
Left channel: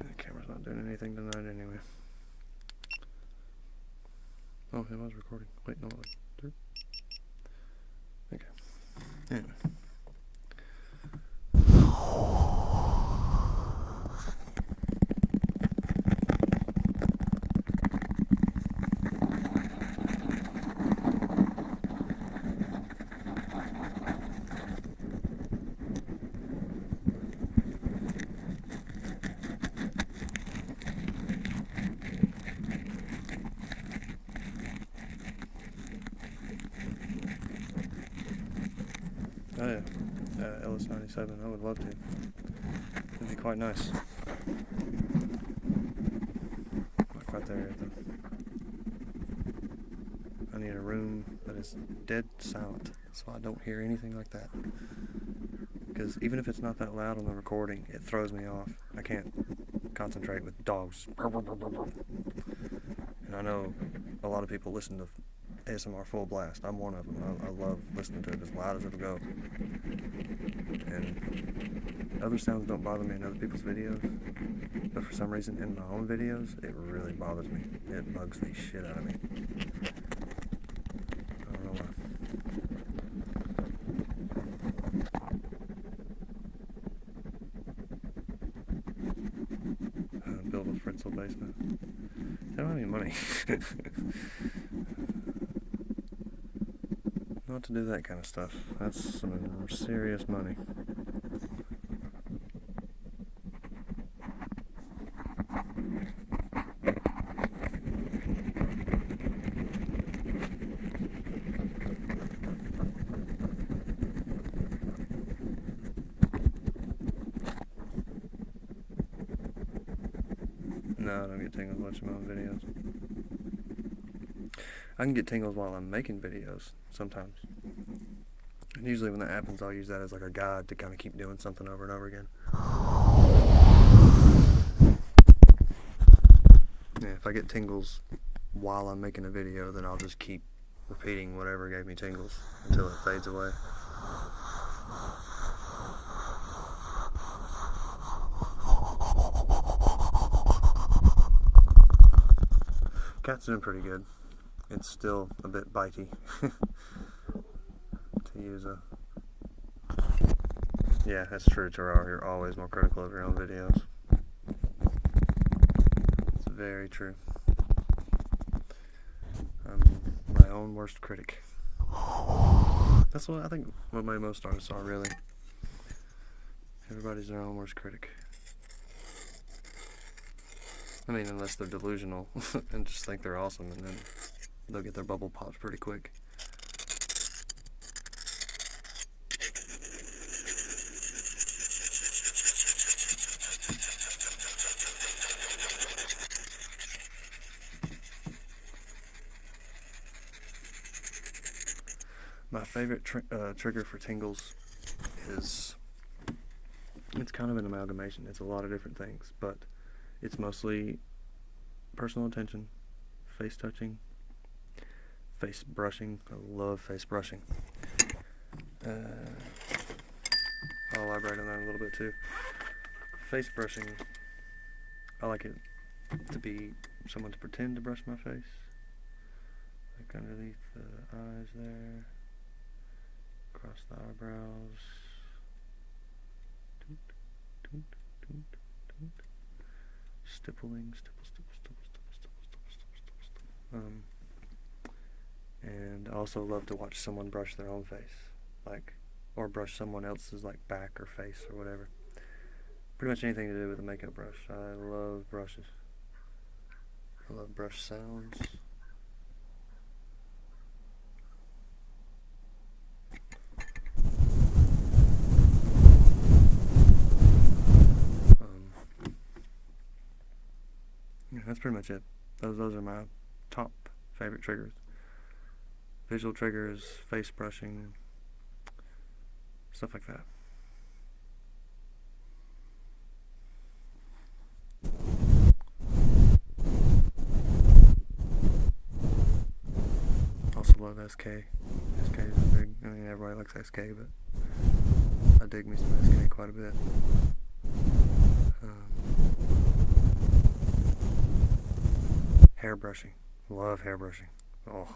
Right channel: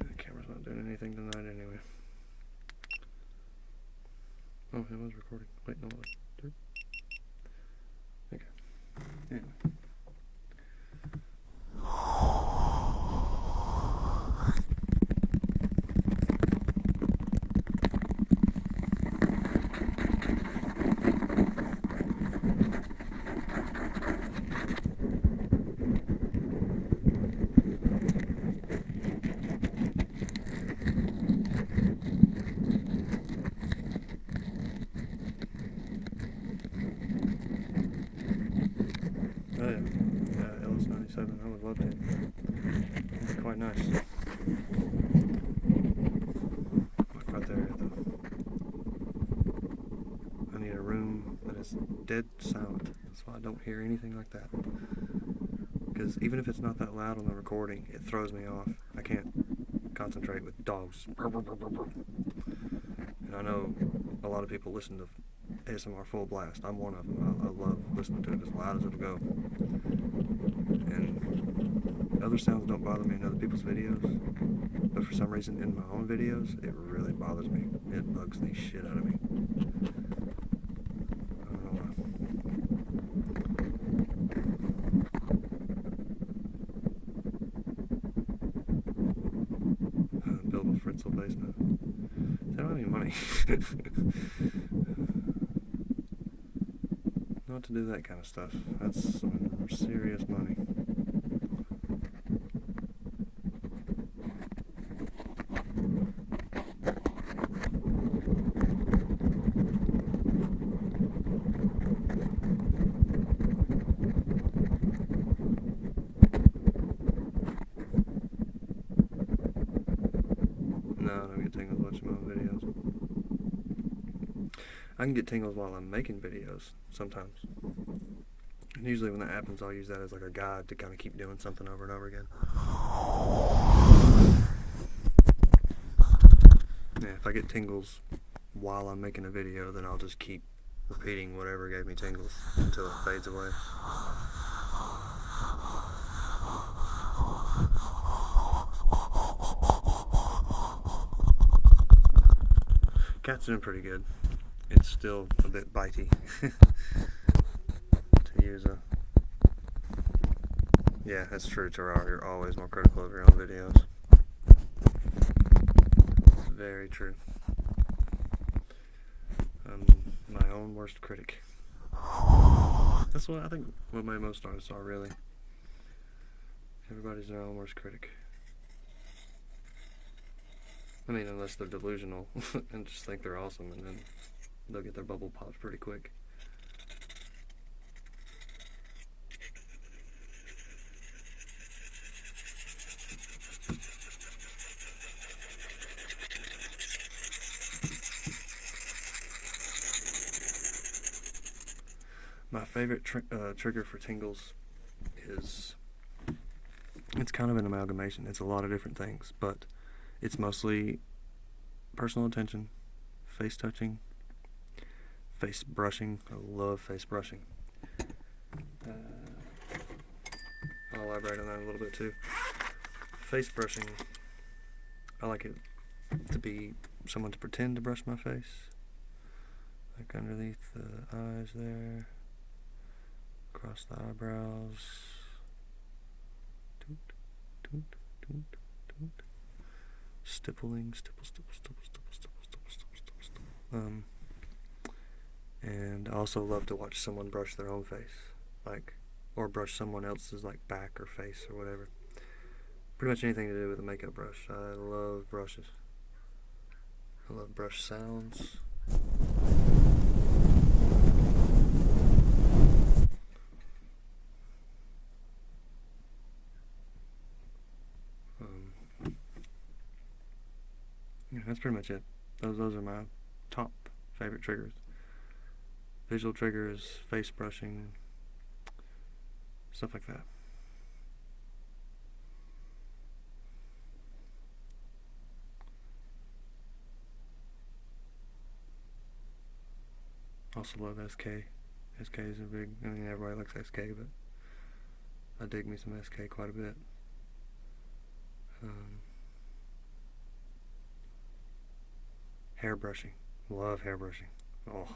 the camera's not doing anything tonight anyway. Oh, it was recording. Wait, no, it was. Okay. Yeah. Oh yeah, Ellis 97, I would love to. It'd be quite nice. Like right there, I need a room that is dead silent, so I don't hear anything like that. Because even if it's not that loud on the recording, it throws me off. I can't concentrate with dogs. And I know a lot of people listen to ASMR full blast. I'm one of them. I love listening to it as loud as it'll go. And other sounds don't bother me in other people's videos, but for some reason in my own videos, it really bothers me. It bugs the shit out of me. I don't know why. Build a Fritzl basement. I don't have any money. Not to do that kind of stuff. That's some serious money. No, I don't get tingles watching my own videos. I can get tingles while I'm making videos, sometimes. And usually when that happens, I'll use that as like a guide to kind of keep doing something over and over again. Yeah, if I get tingles while I'm making a video, then I'll just keep repeating whatever gave me tingles until it fades away. Cat's doing pretty good. It's still a bit bitey to use a... Yeah, that's true, Terrar. You're always more critical of your own videos. It's very true. own worst critic. That's what I think what most artists are, really. Everybody's their own worst critic. I mean, unless they're delusional and just think they're awesome, and then they'll get their bubble popped pretty quick. My favorite trigger for tingles is, it's kind of an amalgamation. It's a lot of different things, but it's mostly personal attention, face touching, face brushing. I love face brushing. I'll elaborate on that a little bit too. Face brushing, I like it to be someone to pretend to brush my face, like underneath the eyes there, across the eyebrows, toot, toot, toot, toot. Stippling, stipple, stipple, stipple, stipple, stipple, stipple, stipple, stipple, stipple. And I also love to watch someone brush their own face, like, or brush someone else's like back or face or whatever. Pretty much anything to do with a makeup brush. I love brushes. I love brush sounds. Yeah, that's pretty much it. Those are my top favorite triggers. Visual triggers, face brushing, stuff like that. Also love SK. SK is a big, I mean, everybody likes SK, but I dig me some SK quite a bit. Hair brushing. Love hair brushing. Oh,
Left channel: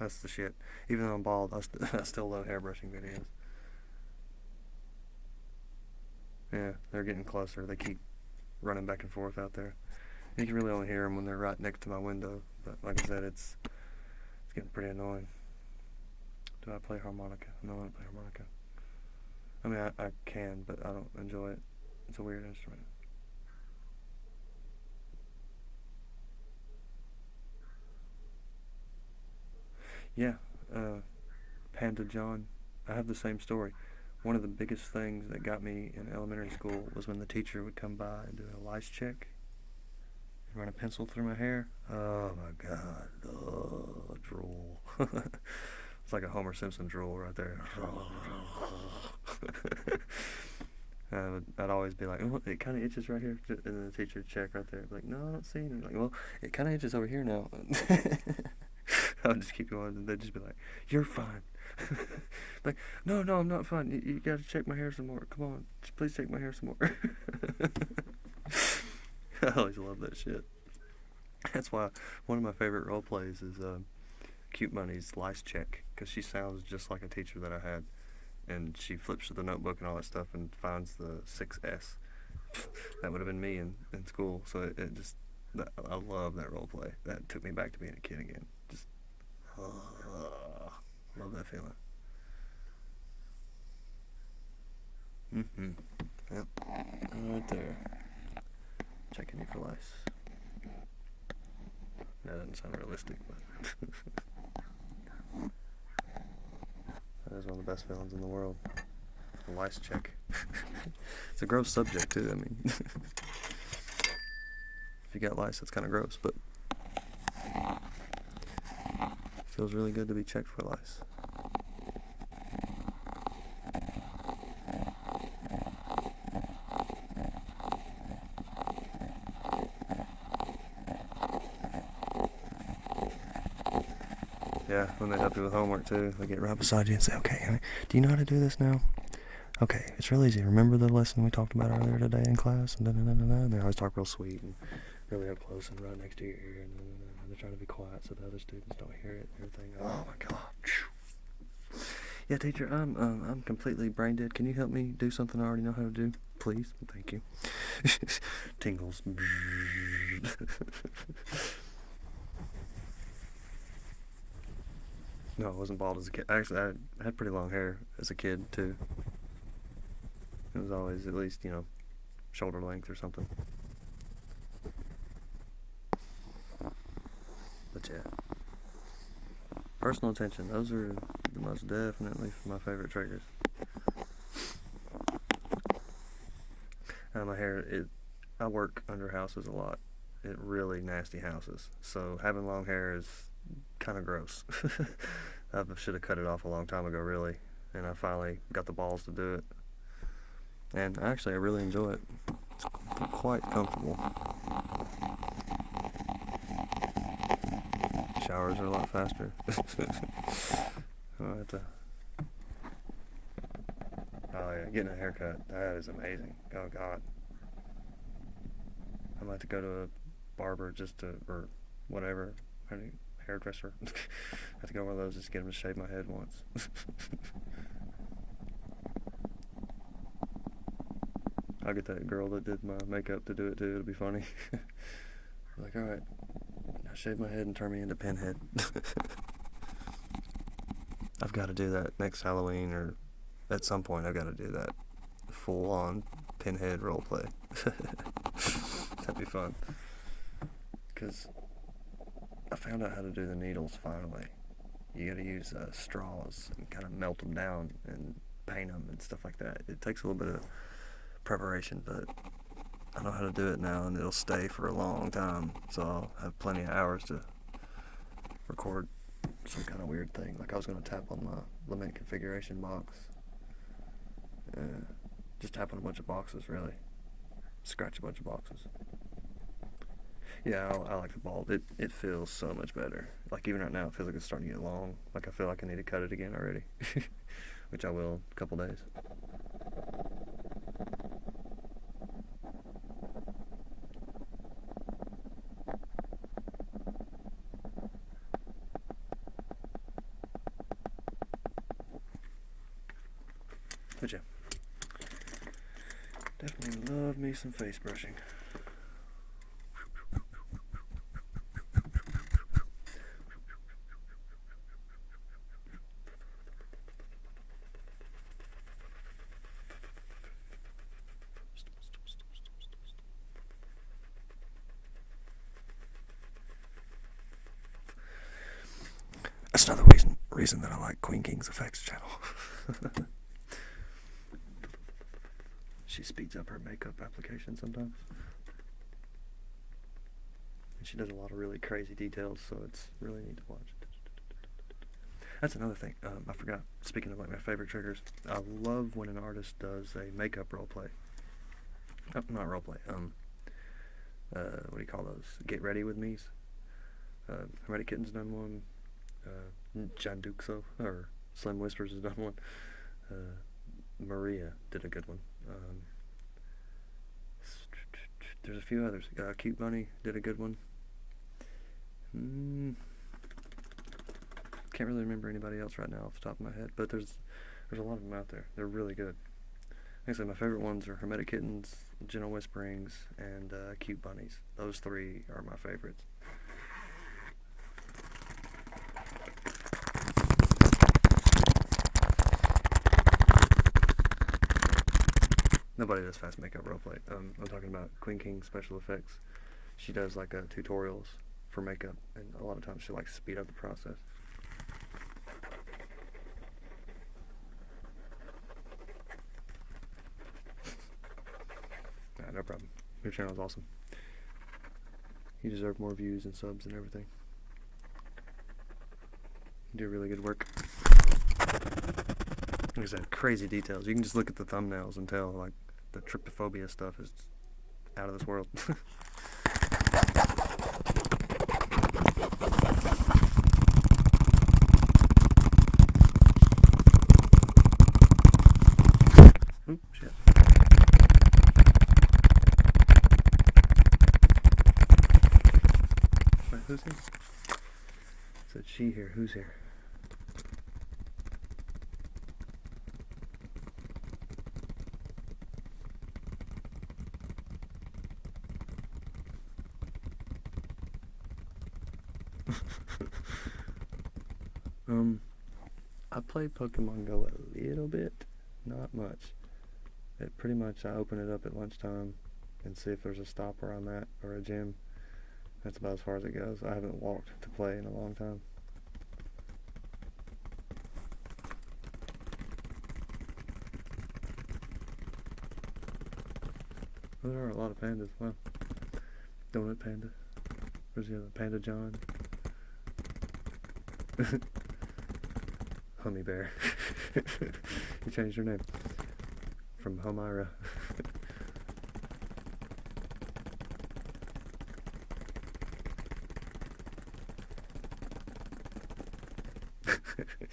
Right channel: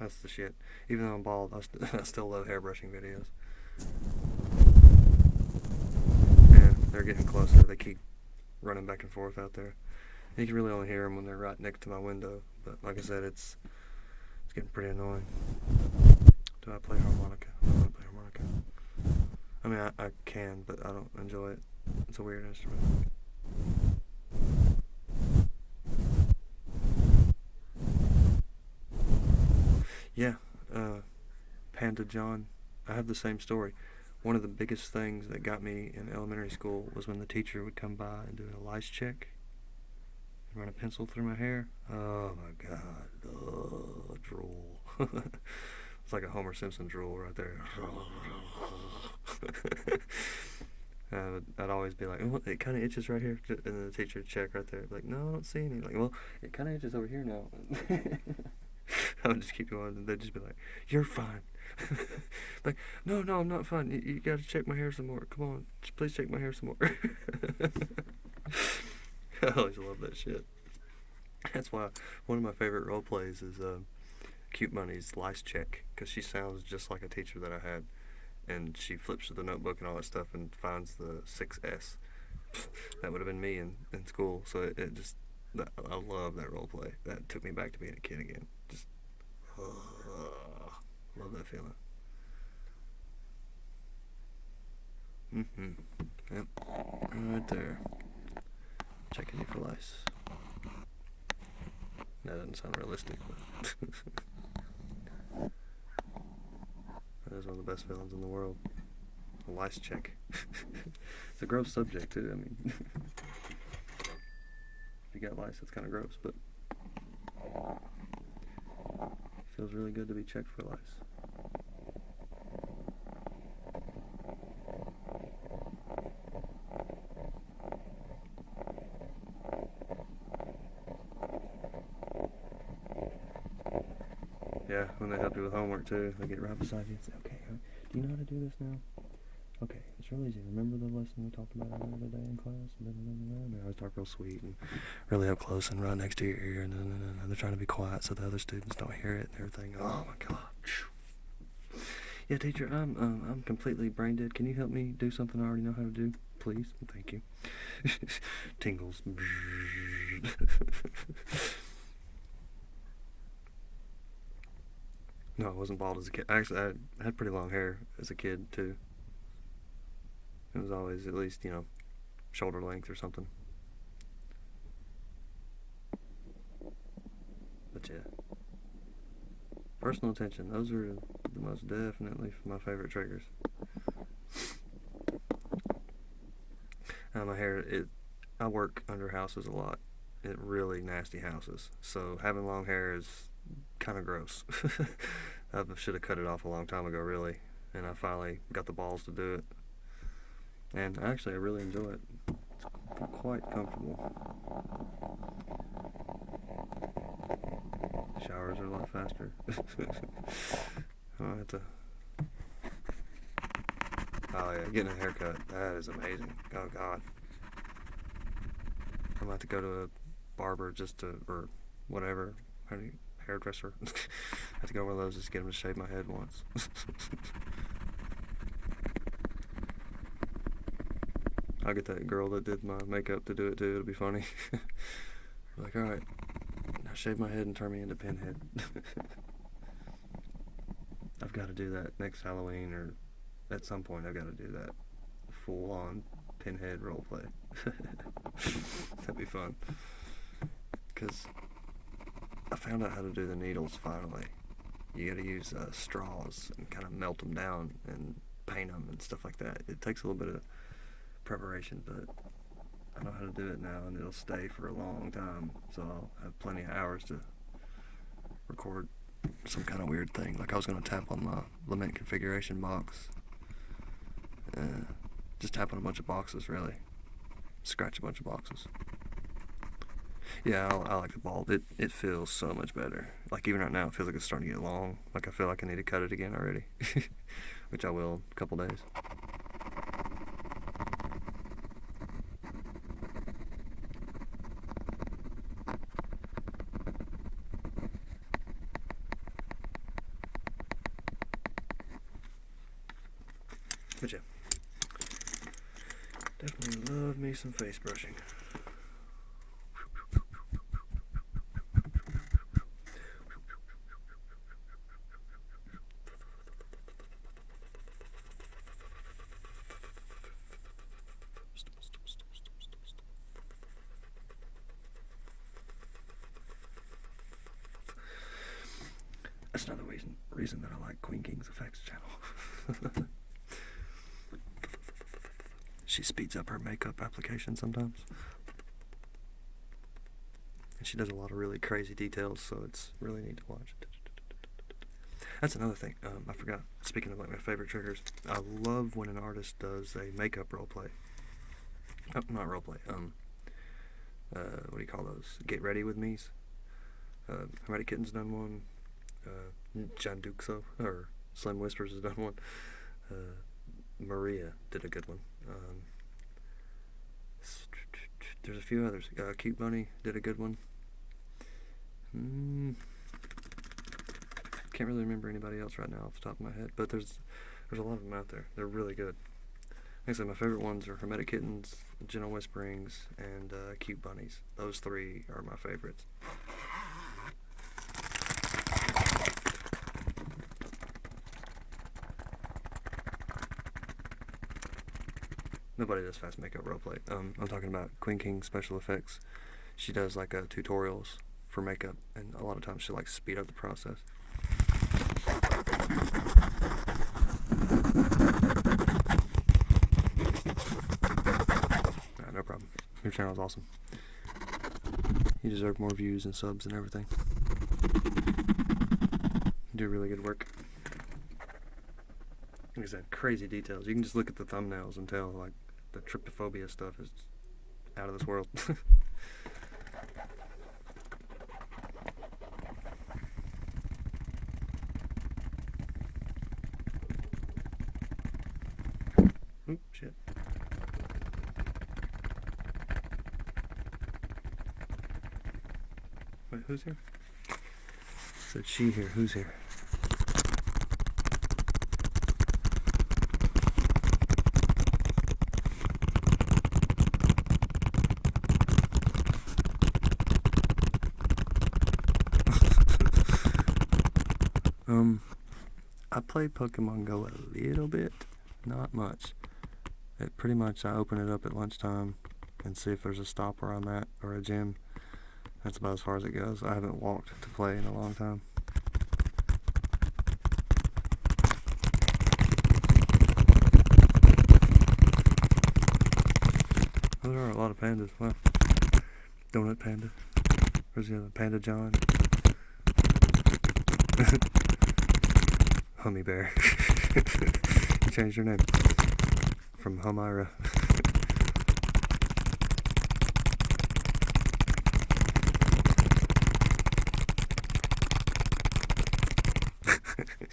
that's the shit. Even though I'm bald, I still love hair brushing videos. Yeah, they're getting closer. They keep running back and forth out there. You can really only hear them when they're right next to my window. But like I said, it's getting pretty annoying. Do I play harmonica? No, I don't play harmonica. I mean, I can, but I don't enjoy it. It's a weird instrument. Yeah, Panda John. I have the same story. One of the biggest things that got me in elementary school was when the teacher would come by and do a lice check and run a pencil through my hair. Oh my god. Oh, drool. It's like a Homer Simpson drool right there. I'd always be like, oh, it kind of itches right here. And then the teacher would check right there. I'd be like, no, I don't see any. Like, well, it kind of itches over here now. I would just keep going, and they'd just be like, you're fine. Like, no, I'm not fine. You gotta check my hair some more. Come on, please check my hair some more. I always love that shit. That's why one of my favorite role plays is Cute Money's lice check, because she sounds just like a teacher that I had. And she flips through the notebook and all that stuff and finds the 6S. That would have been me in school. So it just, I love that role play. That took me back to being a kid again. Just, love that feeling. Yep. Right there. Checking you for lice. That doesn't sound realistic, but that is one of the best feelings in the world. A lice check. It's a gross subject too, I mean. If you got lice, it's kind of gross, but it feels really good to be checked for lice. Yeah, when they help you with homework too, they get right beside you and say, okay, honey, do you know how to do this now? Okay, it's real easy. Remember the lesson we talked about earlier today in class? And they always talk real sweet and really up close and right next to your ear. And they're trying to be quiet so the other students don't hear it and everything. Oh my god. Yeah, teacher, I'm completely brain dead. Can you help me do something I already know how to do? Please? Thank you. Tingles. No, I wasn't bald as a kid. Actually, I had pretty long hair as a kid too. It was always at least, shoulder length or something. But yeah, personal attention. Those are the most definitely my favorite triggers. My hair, I work under houses a lot. Really nasty houses. So having long hair is kind of gross. I should have cut it off a long time ago, really. And I finally got the balls to do it. And actually, I really enjoy it. It's quite comfortable. Showers are a lot faster. I have to. Oh yeah, getting a haircut, that is amazing. Oh God. I'm about to go to a barber or whatever, hairdresser. I have to go to one of those just to get him to shave my head once. I'll get that girl that did my makeup to do it too. It'll be funny. Like, alright, now shave my head and turn me into Pinhead. I've got to do that next Halloween, or at some point I've got to do that full-on Pinhead roleplay. That'd be fun. Because I found out how to do the needles finally. You got to use straws and kind of melt them down and paint them and stuff like that. It takes a little bit of preparation, but I know how to do it now, and it'll stay for a long time, so I'll have plenty of hours to record some kind of weird thing. Like I was going to tap on my lament configuration box. Just tap on a bunch of boxes, really. Scratch a bunch of boxes. Yeah, I like the bald. It feels so much better. Like even right now, it feels like it's starting to get long. Like I feel like I need to cut it again already. Which I will in a couple days. But yeah, definitely love me some face brushing. That's another reason that I like Queen King's Effects channel. She speeds up her makeup application sometimes. And she does a lot of really crazy details, so it's really neat to watch. That's another thing. I forgot. Speaking of like my favorite triggers, I love when an artist does a makeup roleplay. Oh, not roleplay. What do you call those? Get ready with me's. Hermetic Kitten's done one. John Duxo or Slim Whispers has done one. Maria did a good one. There's a few others. Cute Bunny did a good one. Can't really remember anybody else right now off the top of my head, but there's a lot of them out there. They're really good. Like I said, my favorite ones are Hermetic Kittens, Gentle Whisperings, and Cute Bunnies. Those three are my favorites. Nobody does fast makeup roleplay. I'm talking about Queen King Special Effects. She does like tutorials for makeup, and a lot of times she likes to speed up the process. No problem. Your channel is awesome. You deserve more views and subs and everything. You do really good work. Like I said, crazy details. You can just look at the thumbnails and tell, like, the trypophobia stuff is out of this world. Oop, shit. Wait, who's here? Said she here. Who's here? I play Pokemon Go a little bit, not much. Pretty much I open it up at lunchtime and see if there's a stop where I'm at or a gym. That's about as far as it goes. I haven't walked to play in a long time. Oh, there are a lot of pandas. Wow. Donut Panda. Where's the other? Panda John. Hummy Bear. You changed your name from Humira.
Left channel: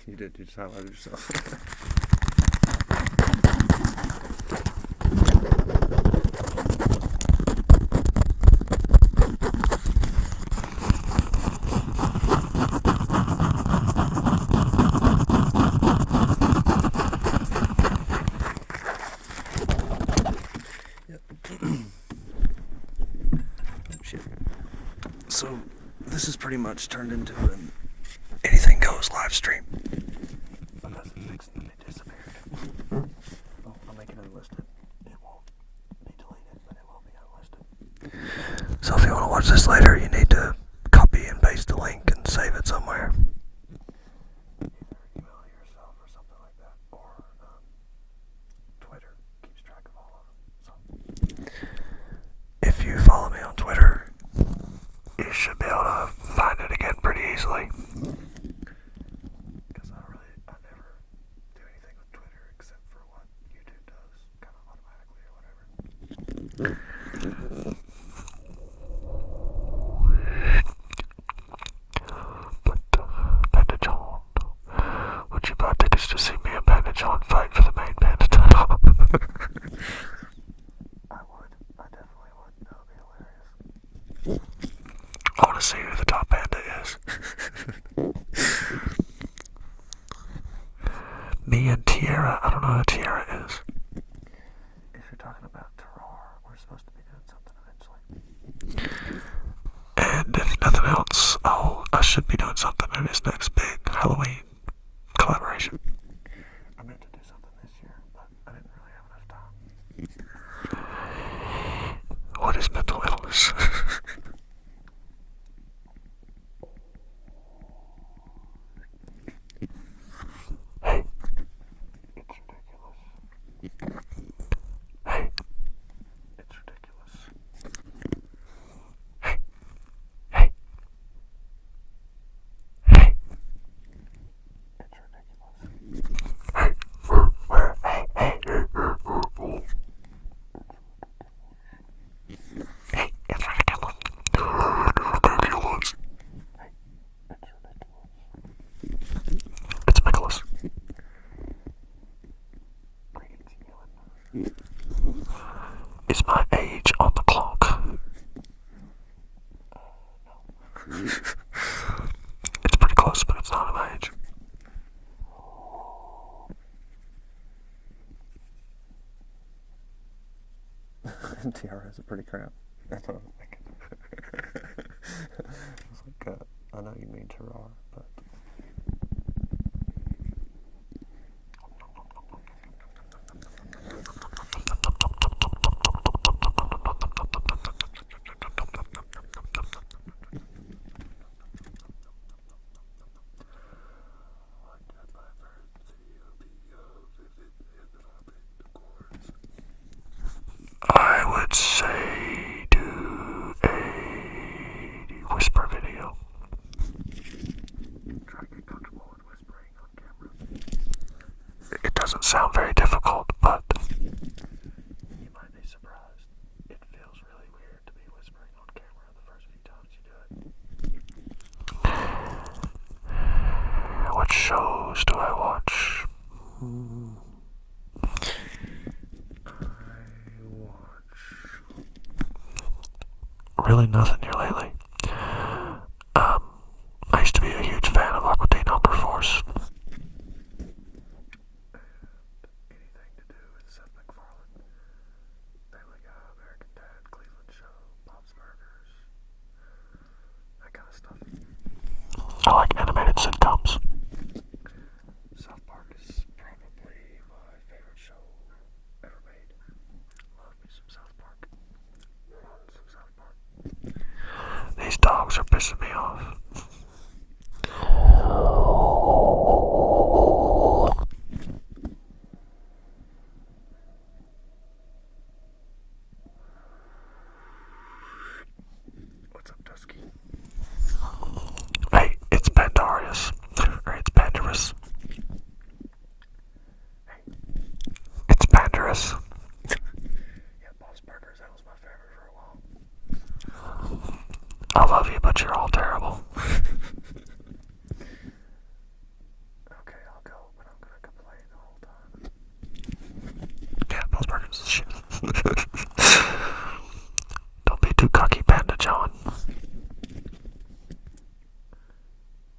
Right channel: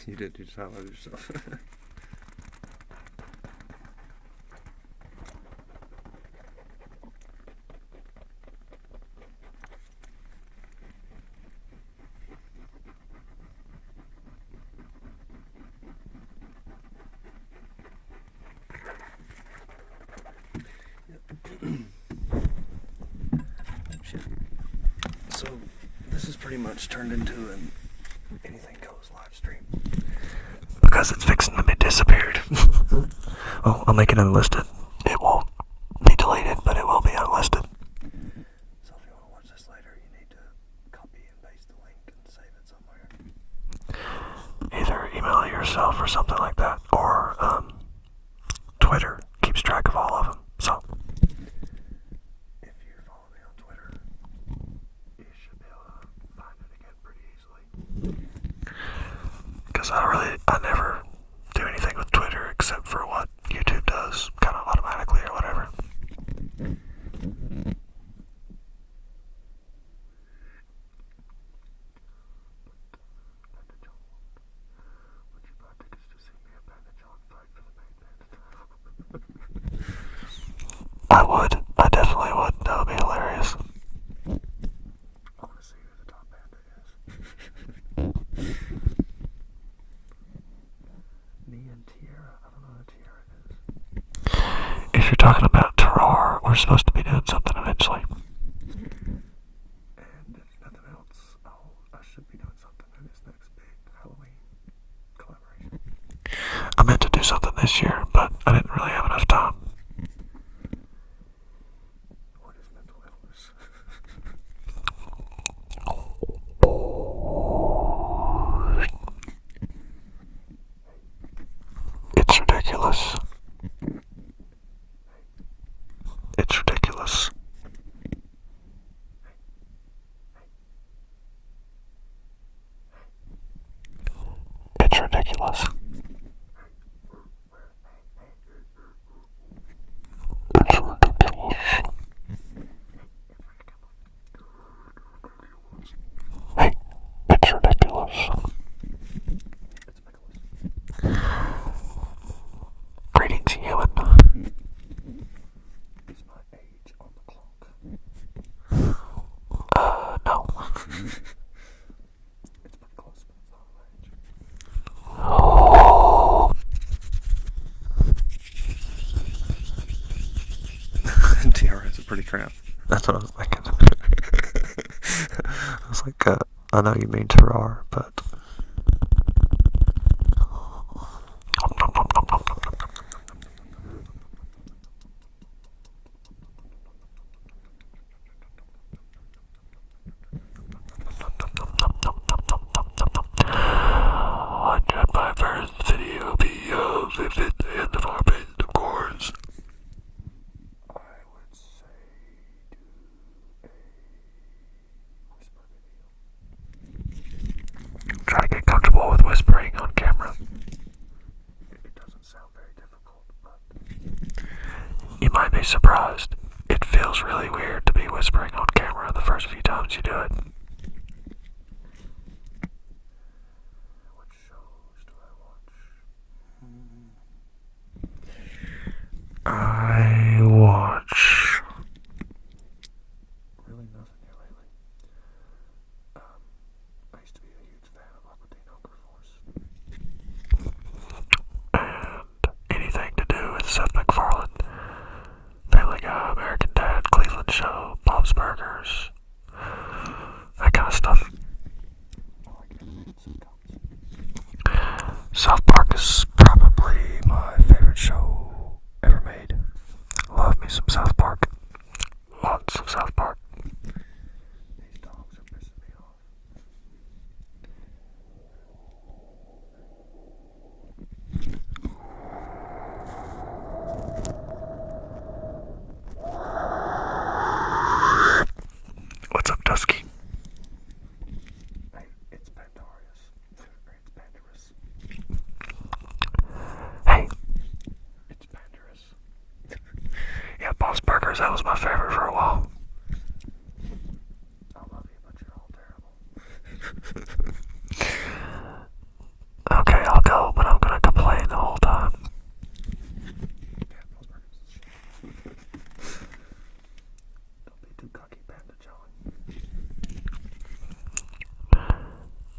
You did. You just highlighted yourself. So this is pretty much turned into an anything goes live stream because it's fixing to be disappeared. Well, I'll make it unlisted. It won't be deleted, but it will be unlisted. So if you want to watch this later, you need to copy and paste the link and save it somewhere. Either email it yourself or something like that, or Twitter keeps track of all of them. So if you follow me on Twitter, you should be able to find it again pretty easily. Because I never do anything with Twitter except for what YouTube does, kind of automatically or whatever. But Panda John, would you buy tickets to see me and Panda John fight for the main Panda title? I would. I definitely would. That would be hilarious. I want to see who the top panda is. Me and Tiara. I don't know who Tiara is. If you're talking about Terrar, we're supposed to be doing something eventually. And if nothing else, I should be doing something in this next big Halloween collaboration. I meant to do something this year, but I didn't really have enough time. What is mental illness? Hey, it's ridiculous. Hey, it's ridiculous. Hey, hey, hey, it's ridiculous. Hey, where? Hey, hey, it's ridiculous. Hey, it's ridiculous. Ridiculous. Hey, it's ridiculous. It's Nicholas. Greetings, human. Is my age on the clock? No. It's pretty close, but it's not my age. Tiara is a pretty tramp. That's what I was thinking. I was like, I know you mean Terrar, but... Should my first video be of if at the end of our band, of course? I would say do a whisper video. Try to get comfortable with whispering on camera. It doesn't sound very difficult, but you might be surprised. It feels really weird to be whispering on camera the first few times you do it. What shows do I watch? I watch really nothing here lately. I used to be a huge fan of Aqua Teen Hunger Force. And anything to do with Seth MacFarlane, Family Guy, American Dad, Cleveland Show, Bob's Burgers, that kind of stuff. I like animated sitcoms. South Park is probably my favorite show ever made. Love me some South Park. Lots of South Park. These dogs are pissing me off. What's up, Dusky? Hey, it's Pandarius. Or it's Pandarus. Hey, it's Pandarus. Yeah, Bob's Burgers, that was my favorite for a while. I love you, but you're all terrible. Okay, I'll go, but I'm gonna complain the whole time. Yeah, Bob's Burgers is shit. Don't be too cocky, Panda John.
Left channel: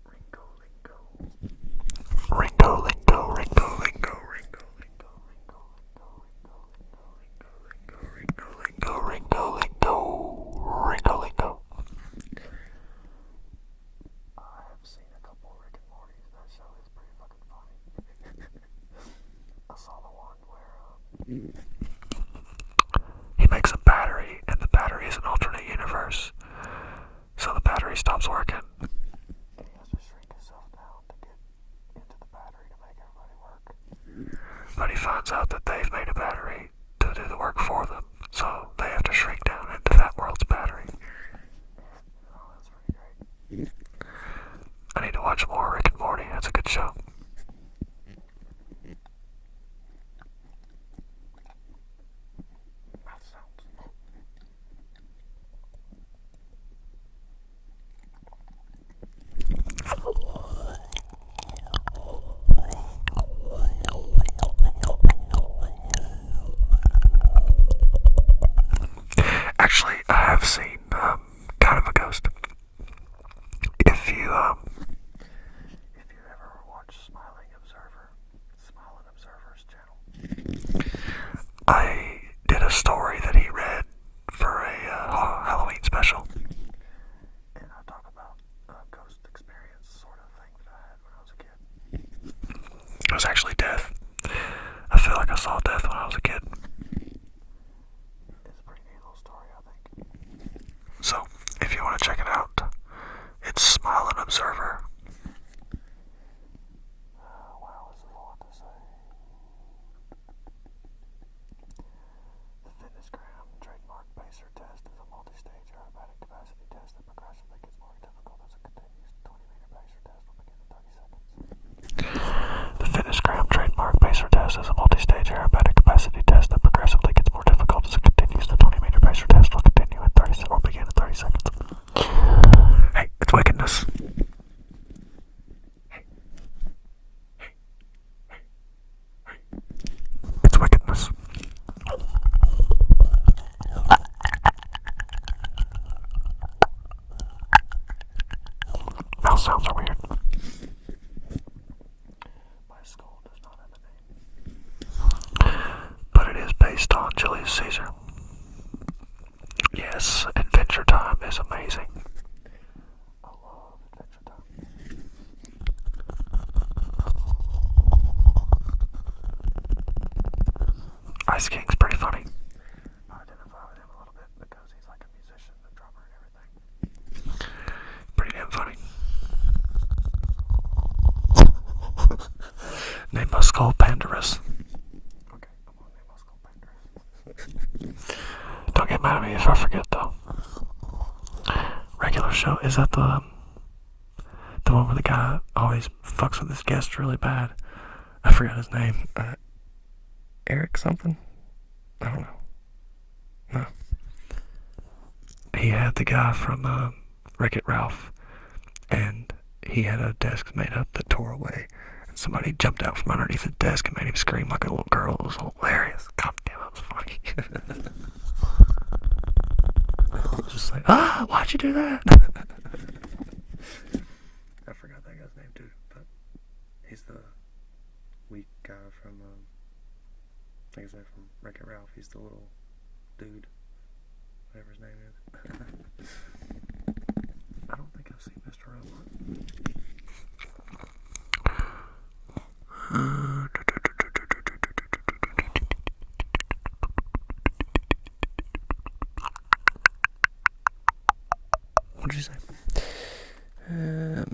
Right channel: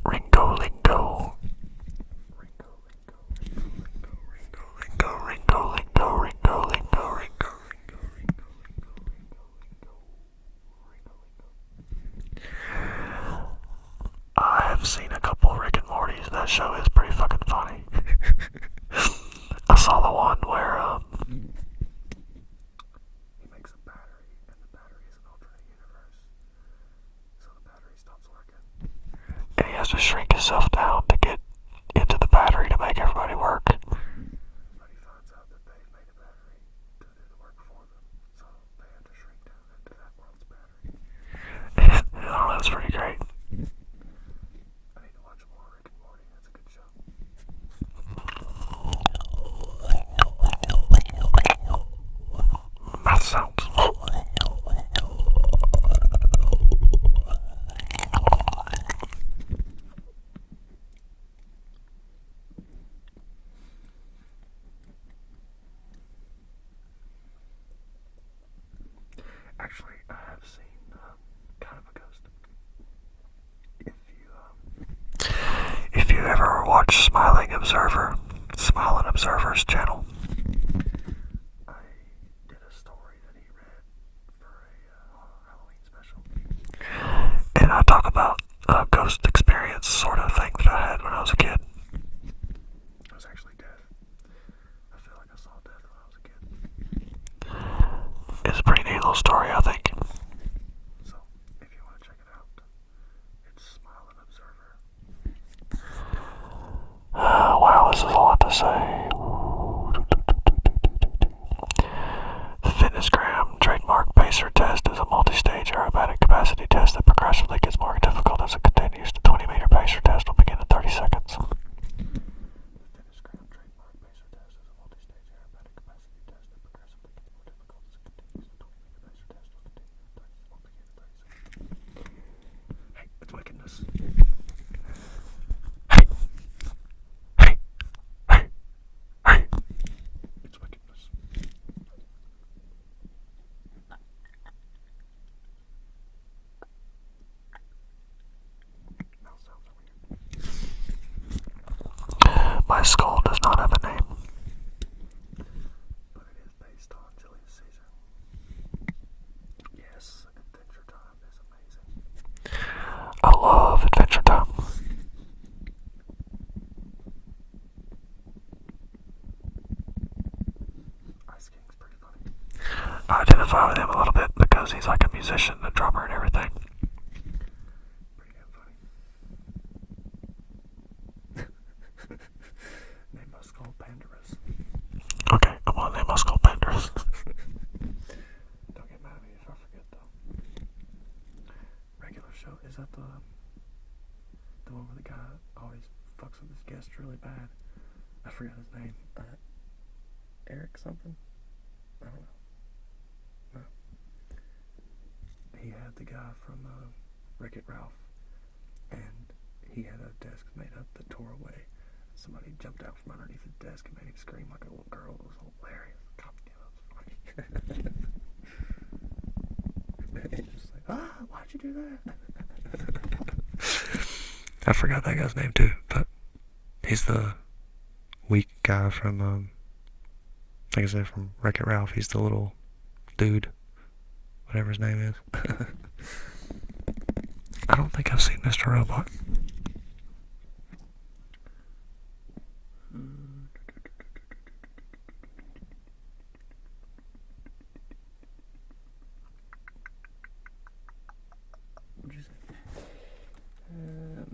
Ringo Lingo. Ringo Lingo, Ringo Lingo, Ringo Lingo, Ringo Lingo, Ringo Lingo, Ringo Lingo, Ringo Lingo, Ringo Lingo, Ringo Lingo. I have seen a couple Rick and Morty's. That show is pretty fucking funny. I saw the one where he makes a battery, and the battery is an alternate universe. So the battery stops working, and he has to shrink himself down to get into the battery to make everybody work. But he finds out that they've made a battery to do the work for them, so they have to shrink down into that world's battery. And I don't know, it's pretty great. I need to watch more Rick and Morty. That's a good show. Mouth sounds. Actually, I have seen kind of a ghost. If you ever watch Smiling Observer's channel, I did a story that he read for a Halloween special, and I talk about a ghost experience sort of thing that I had when I was a kid. It was actually death. I feel like I saw death when I was a kid. It's a pretty neat little story, I think. So, if you want to check it out, it's Smiling Observer. Wow, this is a lot to say. The FitnessGram trademark pacer test is a multi-stage aerobatic capacity test that progressively gets more difficult as it continues. The 20-meter pacer test will begin in 30 seconds. The FitnessGram trademark pacer test is a multi-stage aerobatic capacity test that progressively gets more difficult as it continues. The 20-meter pacer test will continue in 30 seconds or begin in 30 seconds. Hey, it's wickedness. Hey, it's wickedness. Mouth sounds are weird. My skull does not have a name, but it is based on Julius Caesar. Yes, Adventure Time is amazing. I love Adventure Time. Ice King's pretty funny. I identify with him a little bit because he's like a musician, a drummer, and everything. Pretty damn funny. Name my skull Pandarus. Okay, I'm gonna name my skull Pandarus. Don't get mad at me if I forget though. Regular show, is that the one where the guy always fucks with his guests really bad? I forgot his name. Eric something? I don't know. No. He had the guy from Wreck-It Ralph, and he had a desk made up that tore away. And somebody jumped out from underneath the desk and made him scream like a little girl. It was hilarious. God damn, that was funny. He was just like, why'd you do that? I forgot that guy's name too, but he's the weak guy from, like I said, from Wreck-It Ralph. He's the little dude, whatever his name is. I don't think I've seen Mr. Robot.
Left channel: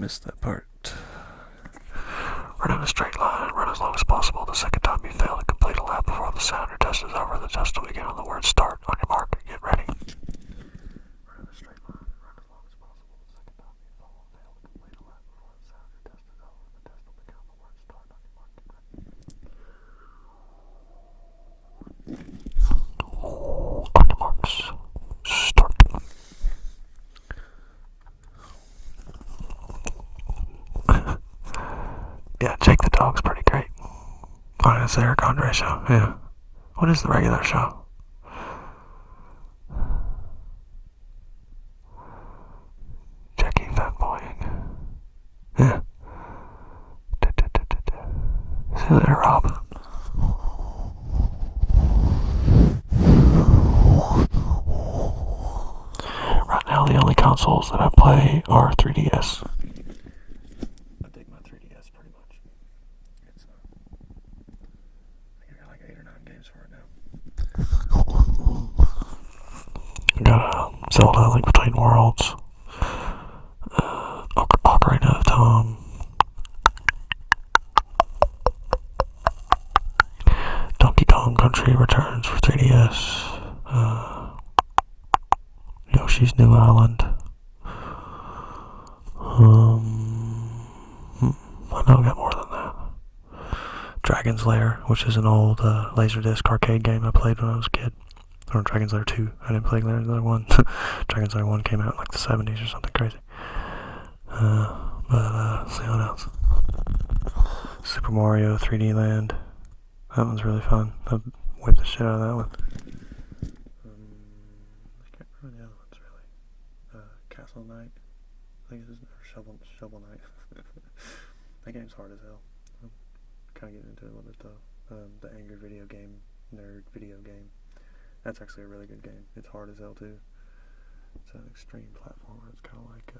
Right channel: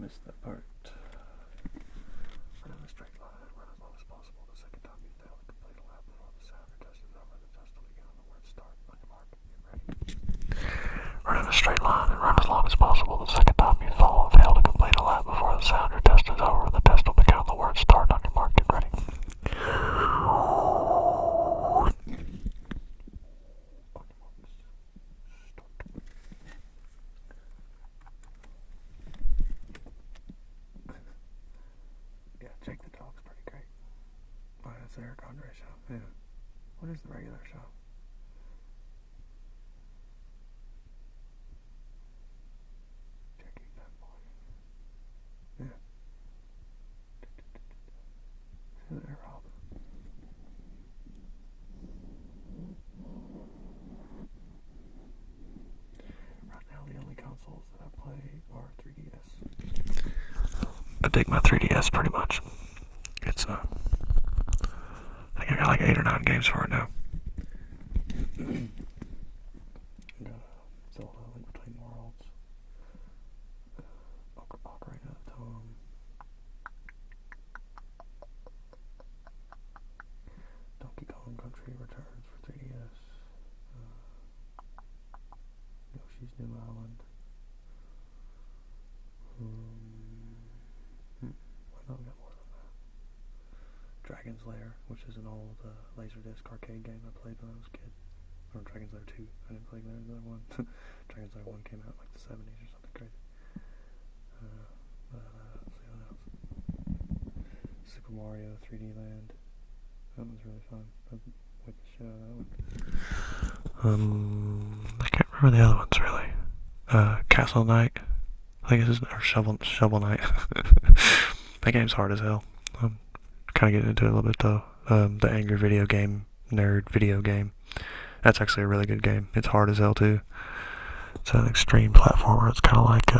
missed that part. Run in a straight line, run as long as possible. The second time you fail to complete a lap before the sounder test is over, the test will begin on the word start. On your mark, get ready. Run in a straight line and run as long as possible. The second time you fail to complete a lap before the sounder test is over, the test will begin on the word start. On your mark, get ready. On your marks, start. Yeah, Jake the Dog's pretty great. Oh, it's the Eric Andre show, yeah. What is the regular show? Jackie fanboying. Yeah. See you later, Rob. Right now, the only consoles that I play are 3DS. I dig my 3DS pretty much. It's I think I got like 8 or 9 games for it now. I got Zelda: Link Between Worlds, Ocarina of Time, Donkey Kong Country Returns for 3DS, Yoshi's New Island. I know I got more than that. Dragon's Lair, which is an old Laserdisc arcade game I played when I was a kid. Or Dragon's Lair 2. I didn't play Dragon's Lair 1. Dragon's Lair 1 came out in like the 70s or something crazy. See what else. Super Mario 3D Land. That one's really fun. I whipped the shit out of that one. I can't remember the other ones really. Castle Knight. I think it's or Shovel Knight. That game's hard as hell. I'm kind of getting into it a little bit though. The Angry Video Game Nerd video game. That's actually a really good game. It's hard as hell too. It's an extreme platformer. It's kind of like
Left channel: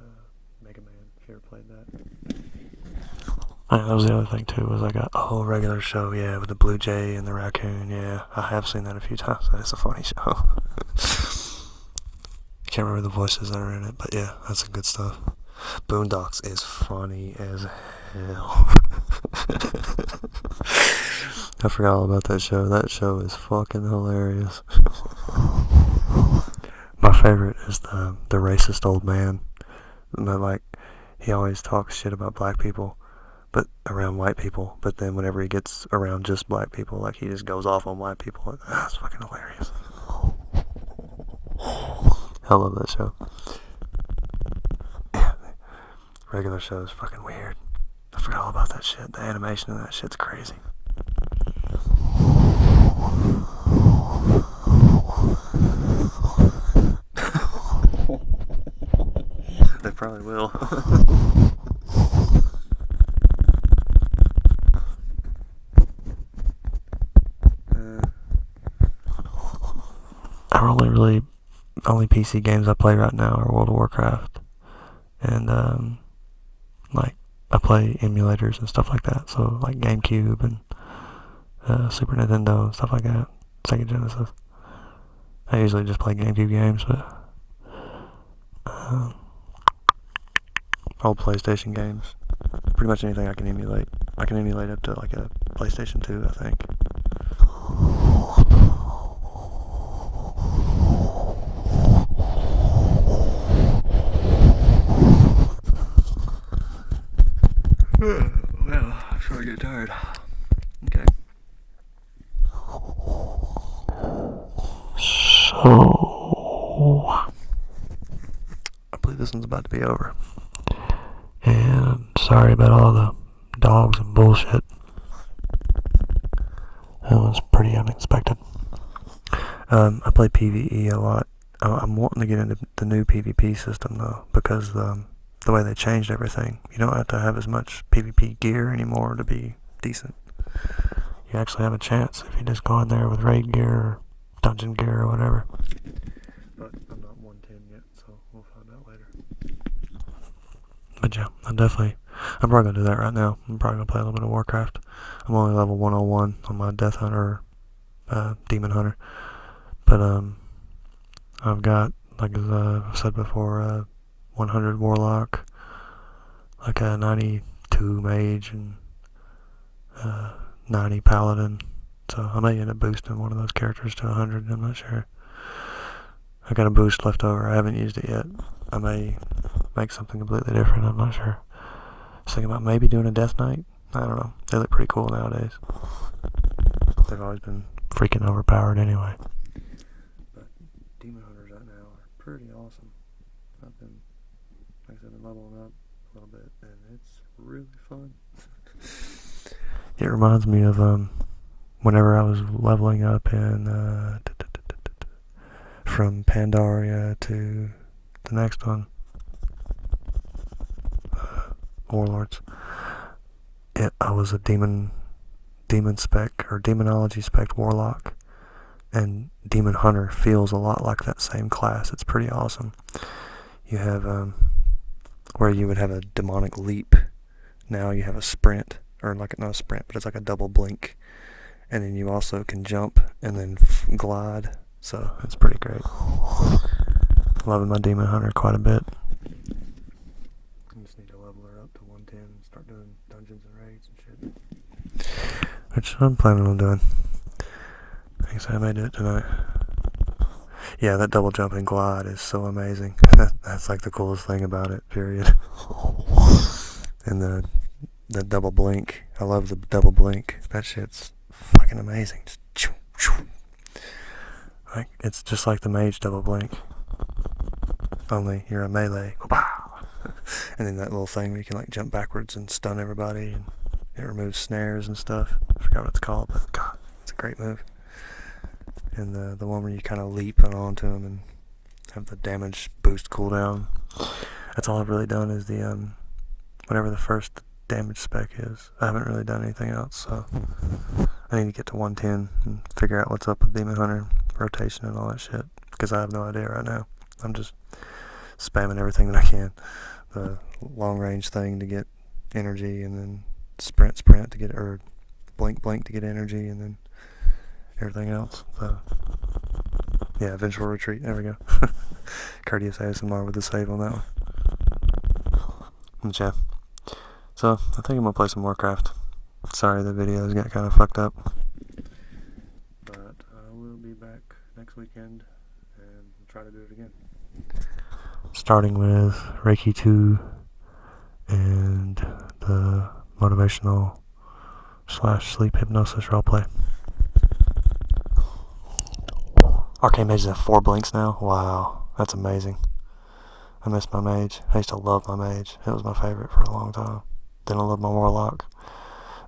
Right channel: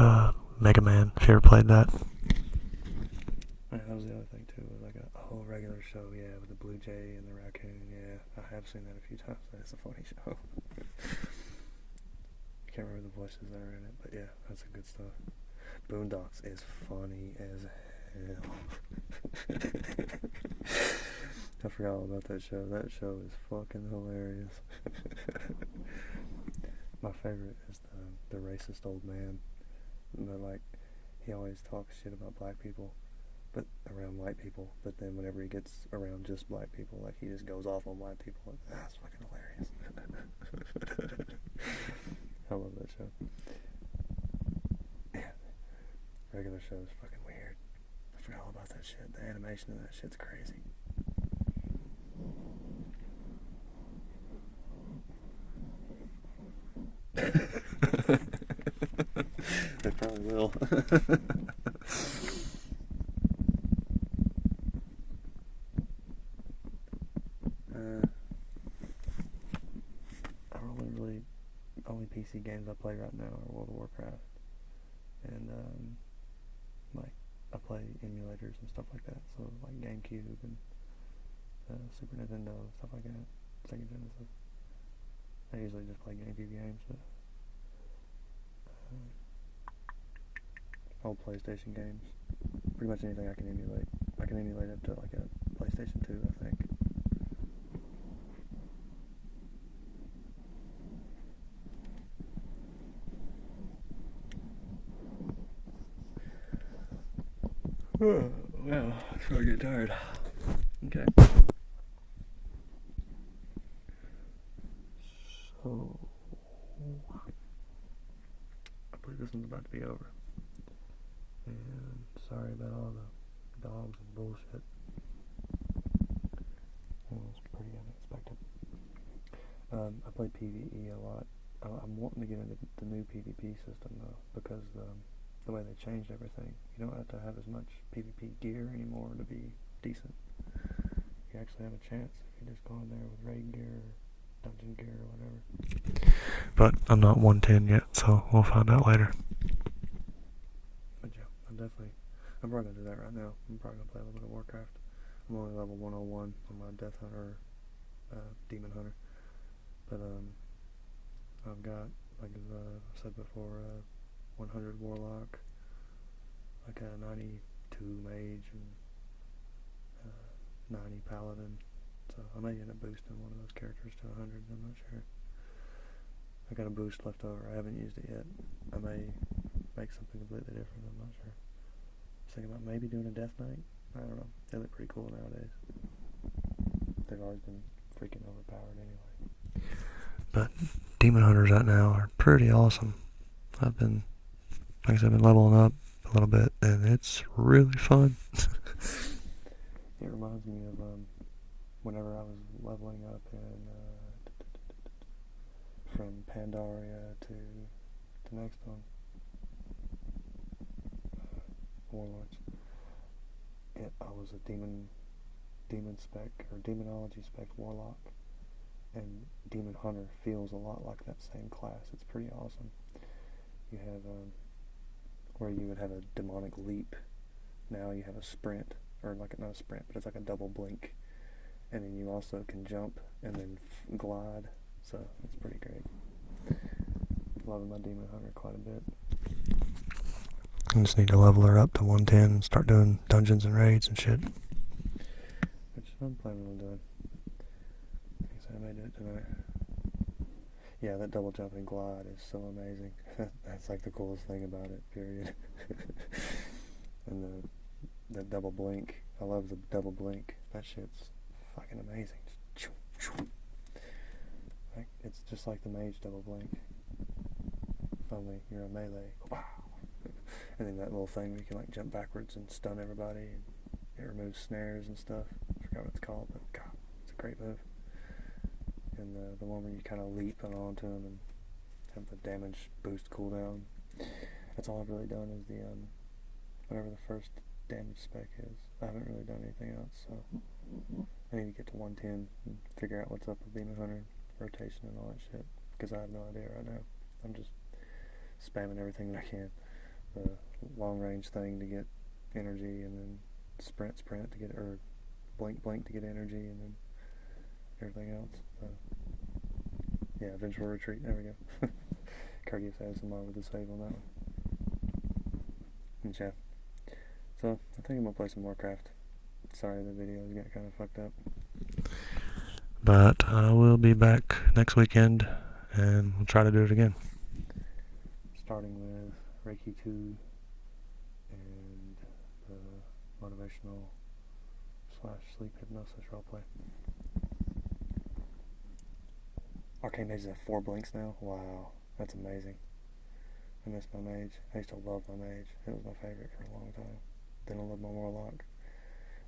Mega Man. If you ever played that. That was the other thing too. Was I got a whole regular show, yeah, with the Blue Jay and the raccoon. Yeah, I have seen that a few times. It's a funny show. Can't remember the voices that are in it, but yeah, that's some good stuff. Boondocks is funny as hell. I forgot all about that show. That show is fucking hilarious. My favorite is the racist old man. Like, he always talks shit about black people, but around white people. But then whenever he gets around just black people, like, he just goes off on white people. That's fucking hilarious. I love that show. Yeah, regular show is fucking weird. I forgot all about that shit. The animation of that shit's crazy. They probably will. Only PC games I play right now are World of Warcraft, and like I play emulators and stuff like that. So like GameCube and Super Nintendo and stuff like that. Sega Genesis. I usually just play GameCube games, but old PlayStation games. Pretty much anything I can emulate. I can emulate up to like a PlayStation 2, I think. Well, I'm sure I get tired. Okay. So, I believe this one's about to be over. And sorry about all the dogs and bullshit. That was pretty unexpected. I play PvE a lot. I'm wanting to get into the new PvP system though, because the way they changed everything. You don't have to have as much PvP gear anymore to be decent. You actually have a chance if you just go in there with raid gear or dungeon gear or whatever. But I'm not 110 yet, so we'll find out later. But yeah, I'm probably gonna do that right now. I'm probably gonna play a little bit of Warcraft. I'm only level 101 on my Death Hunter, Demon Hunter. But I've got, like I've said before, 100 Warlock, like a 92 mage and 90 paladin. So I may end up boosting one of those characters to 100. I'm not sure. I got a boost left over. I haven't used it yet. I may make something completely different. I'm not sure. I was thinking about maybe doing a Death Knight. I don't know. They look pretty cool nowadays. They've always been freaking overpowered anyway. But Demon Hunters right now are pretty awesome. I've been leveling up a little bit, and it's really fun. It reminds me of whenever I was leveling up in from Pandaria to the next one, Warlords. I was a demon spec or demonology spec warlock, and Demon Hunter feels a lot like that same class. It's pretty awesome. You have where you would have a demonic leap. Now you have a sprint, or like not a sprint, but it's like a double blink, and then you also can jump and then glide. So it's pretty great. Loving my Demon Hunter quite a bit. I just need to level her up to 110 and start doing dungeons and raids and shit, which I'm planning on doing. I guess I may do it tonight. Yeah, that double jump and glide is so amazing. That's like the coolest thing about it, period. And the double blink. I love the double blink. That shit's fucking amazing. Just like, it's just like the mage double blink. Only you're a melee. And then that little thing where you can like jump backwards and stun everybody, and it removes snares and stuff. I forgot what it's called, but God, it's a great move. And the one where you kind of leap onto them and have the damage boost cooldown. That's all I've really done is the whatever the first damage spec is. I haven't really done anything else, so I need to get to 110 and figure out what's up with Demon Hunter rotation and all that shit, because I have no idea right now. I'm just spamming everything that I can. The long range thing to get energy, and then sprint to get, or blink to get energy, and then everything else. So yeah, Vengeful Retreat, there we go. Courteous ASMR with the save on that one. And yeah, so I think I'm gonna play some Warcraft. Sorry the videos got kind of fucked up, but I will be back next weekend and we'll try to do it again, starting with Reiki 2 and the motivational / sleep hypnosis roleplay. Arcane Mages have 4 blinks now. Wow, that's amazing. I miss my mage. I used to love my mage. It was my favorite for a long time. Then I loved my warlock.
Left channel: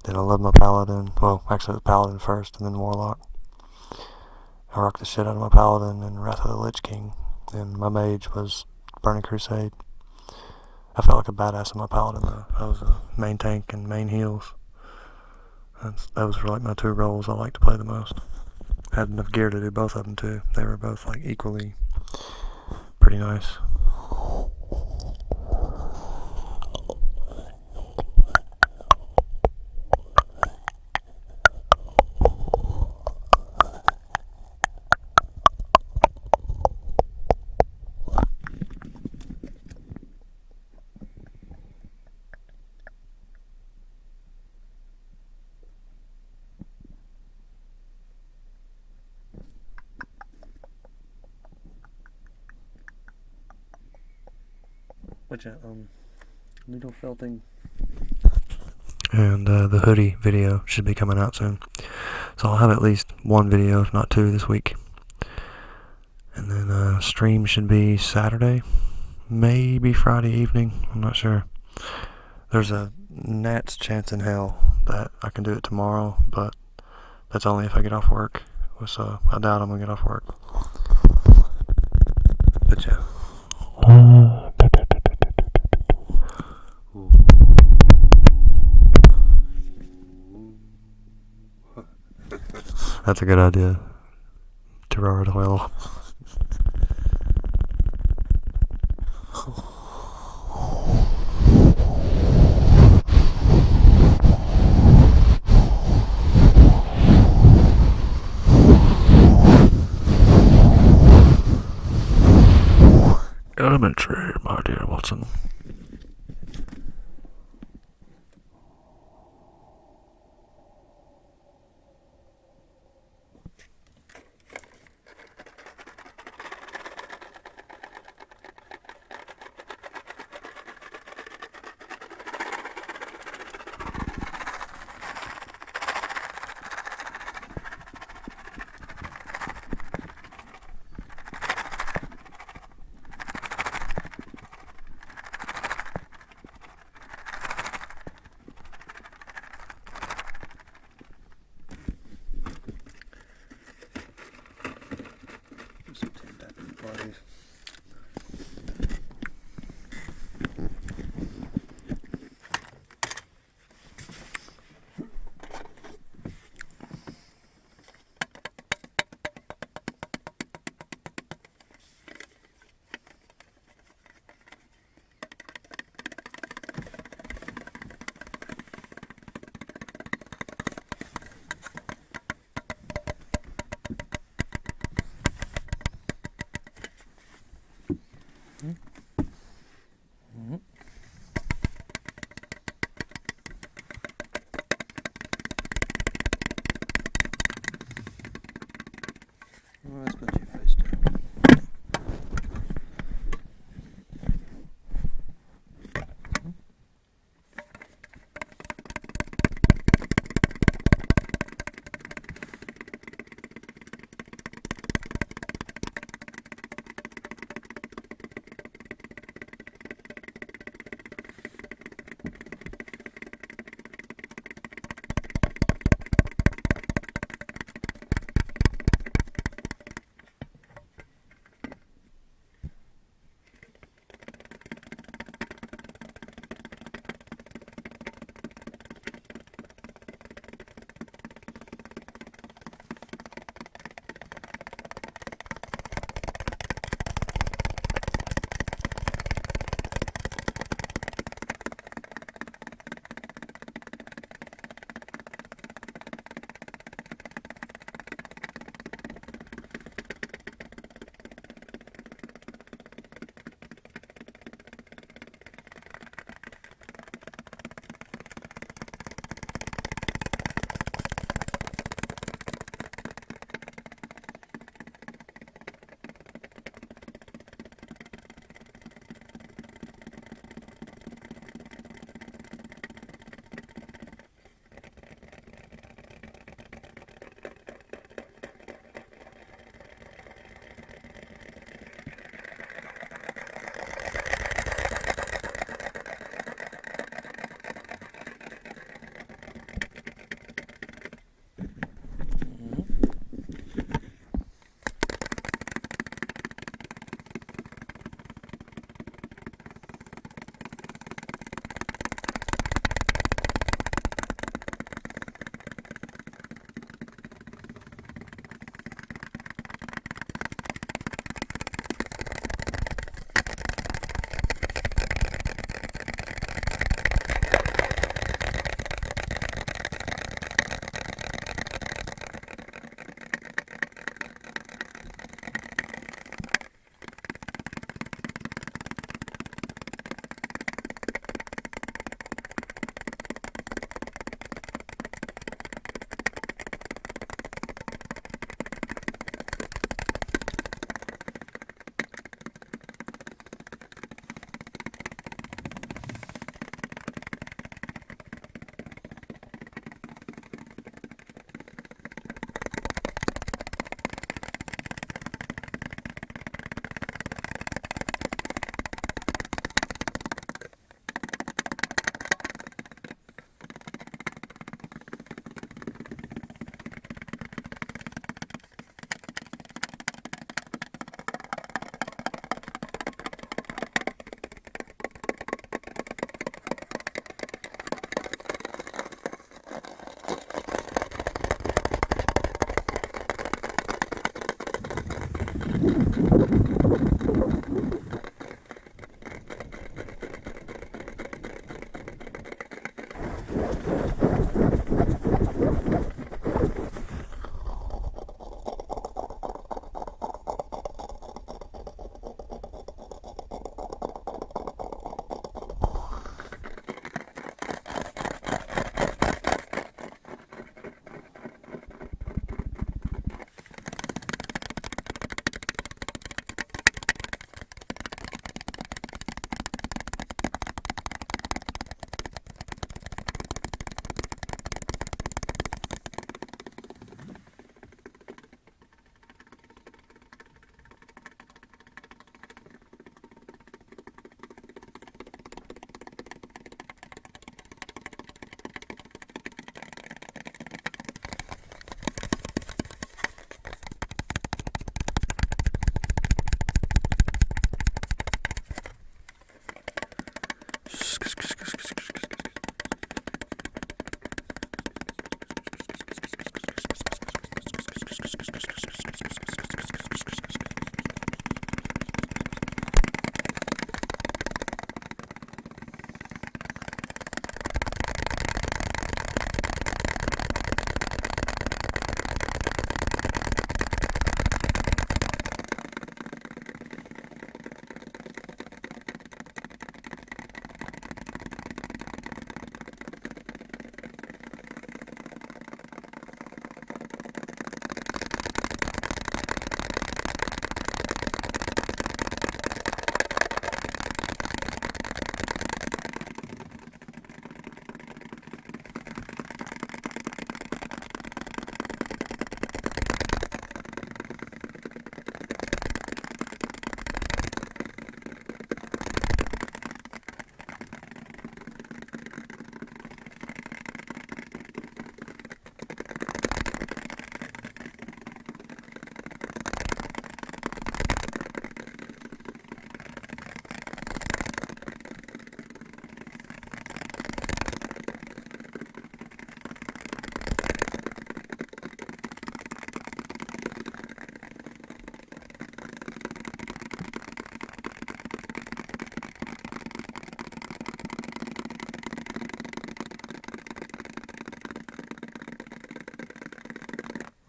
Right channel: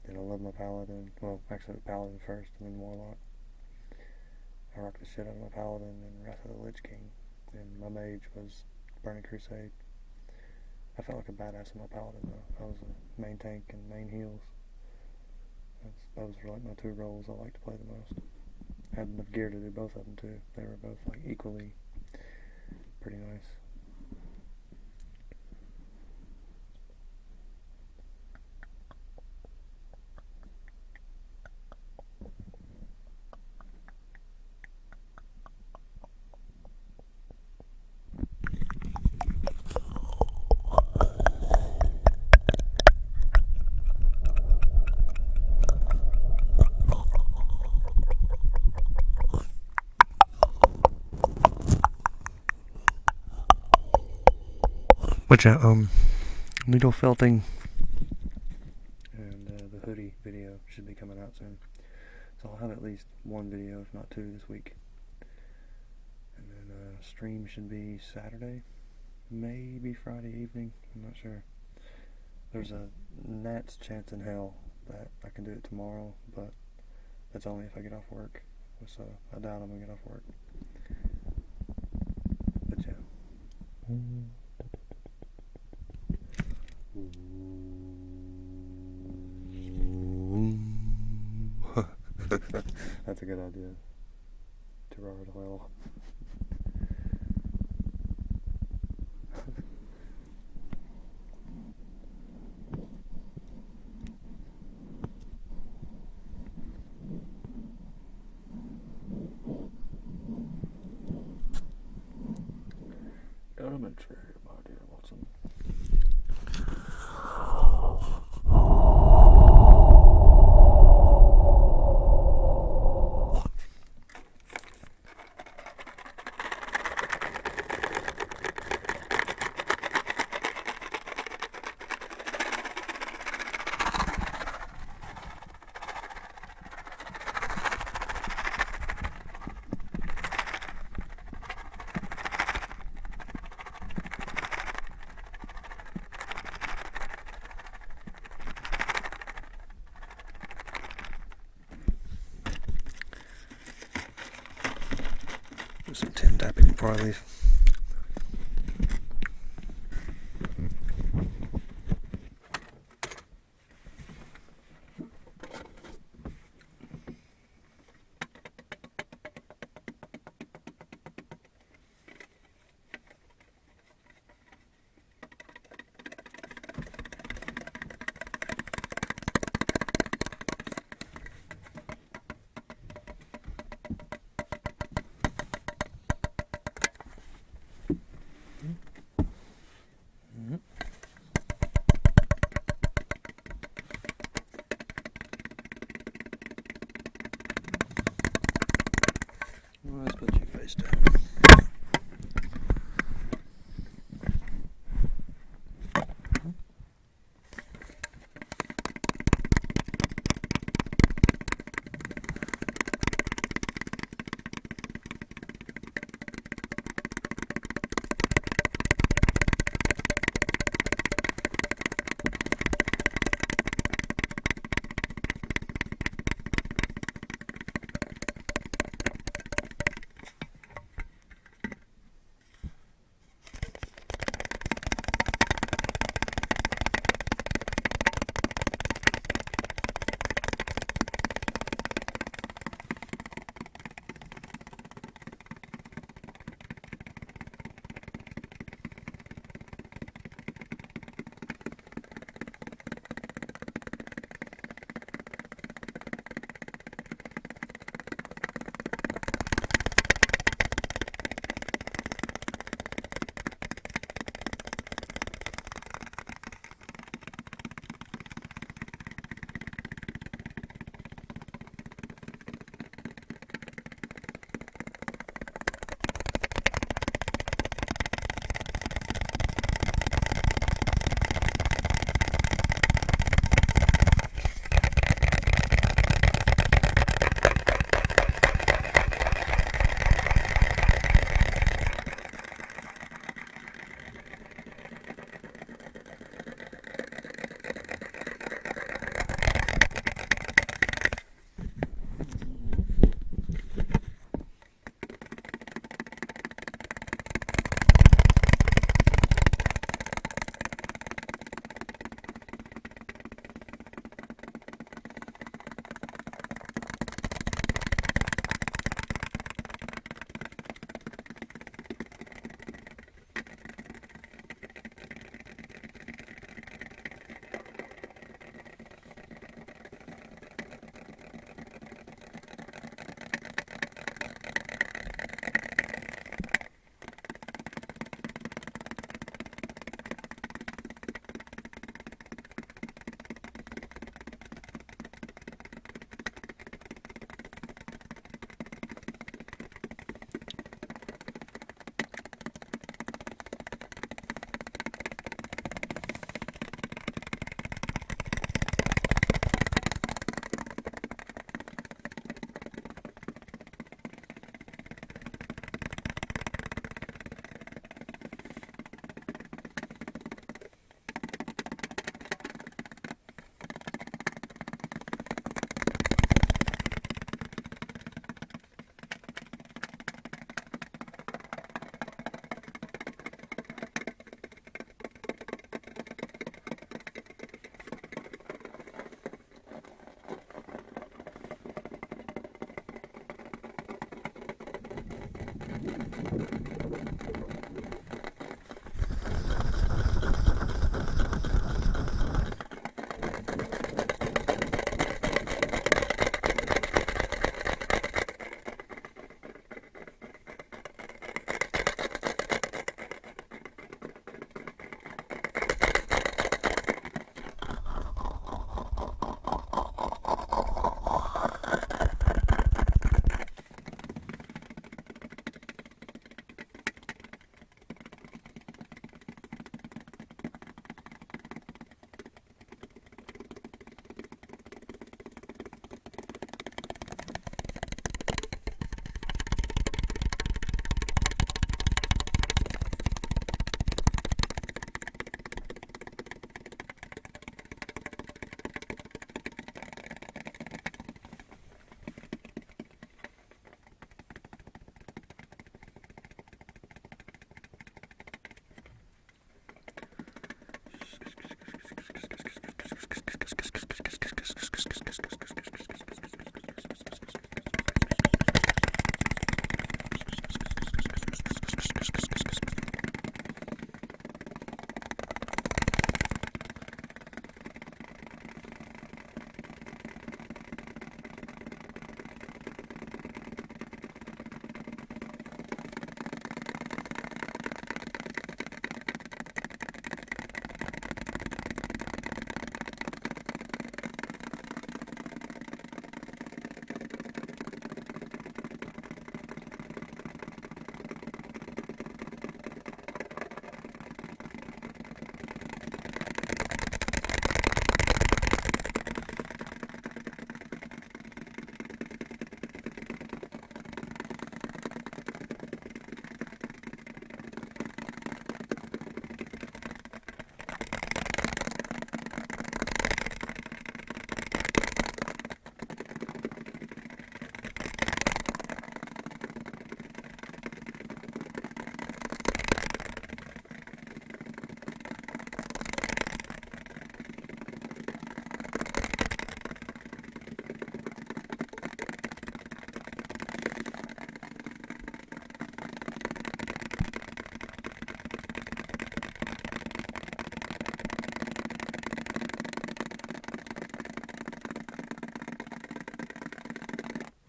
Then I loved my paladin. Well, actually it was paladin first and then warlock. I rocked the shit out of my paladin in Wrath of the Lich King. And my mage was Burning Crusade. I felt like a badass in my paladin though. I was a main tank and main heals. Those were like my 2 roles I liked to play the most. I had enough gear to do both of them too. They were both like equally pretty nice. Which needle felting and the hoodie video should be coming out soon. So I'll have at least 1 video, if not 2, this week. And then stream should be Saturday, maybe Friday evening. I'm not sure. There's a gnat's chance in hell that I can do it tomorrow, but that's only if I get off work. So I doubt I'm gonna get off work. But yeah. That's a good idea. Terror oil. Elementary, my dear Watson. tapping before I leave. Well, let's put you face down.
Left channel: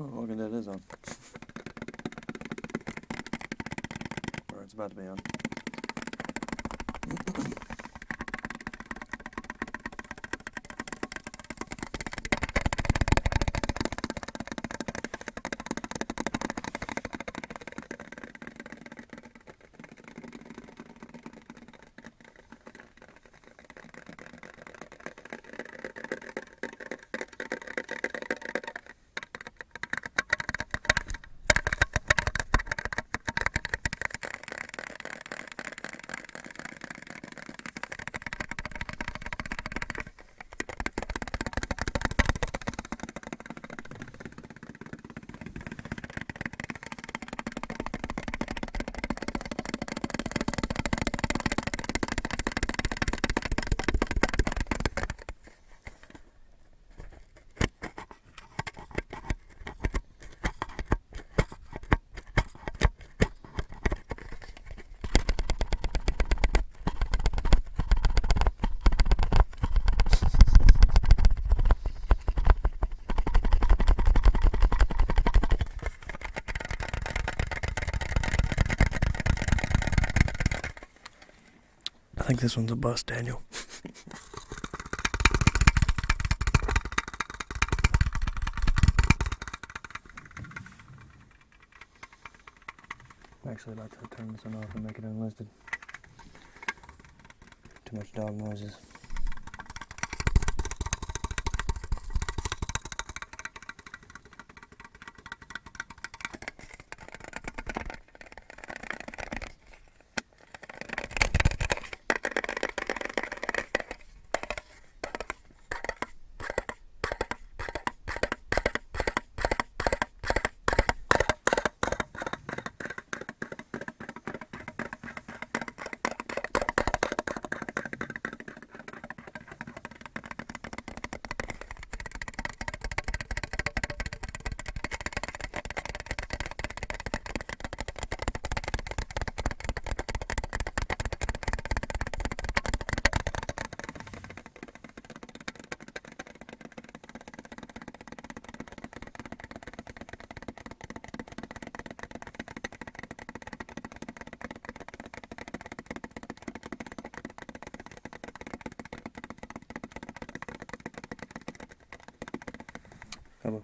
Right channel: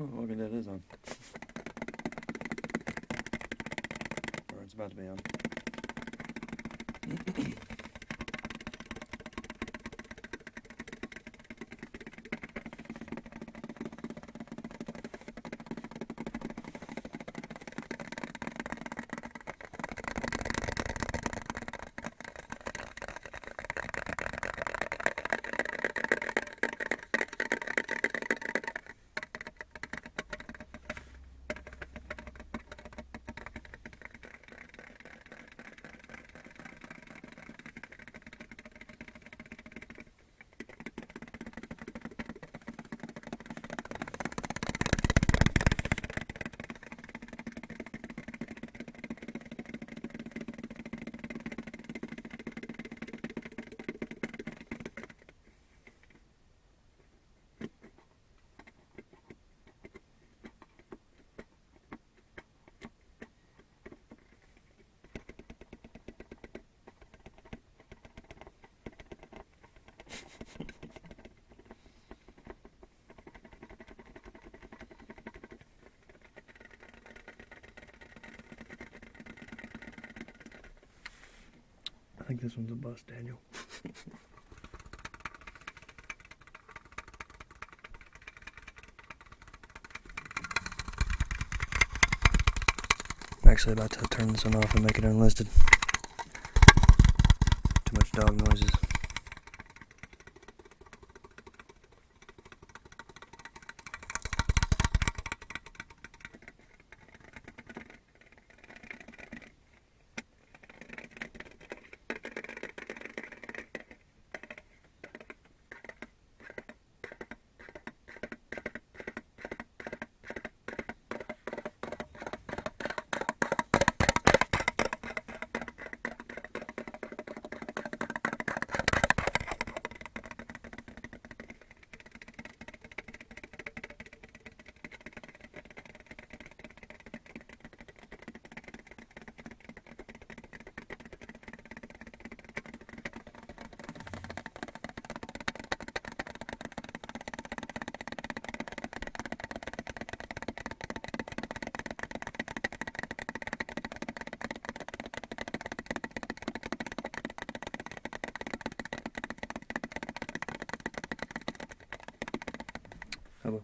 Oh, look at that, it is on. Or it's about to be on. I think this one's a bust, Daniel. I'm actually about to turn this one off and make it unlisted. Too much dog noises. Hello.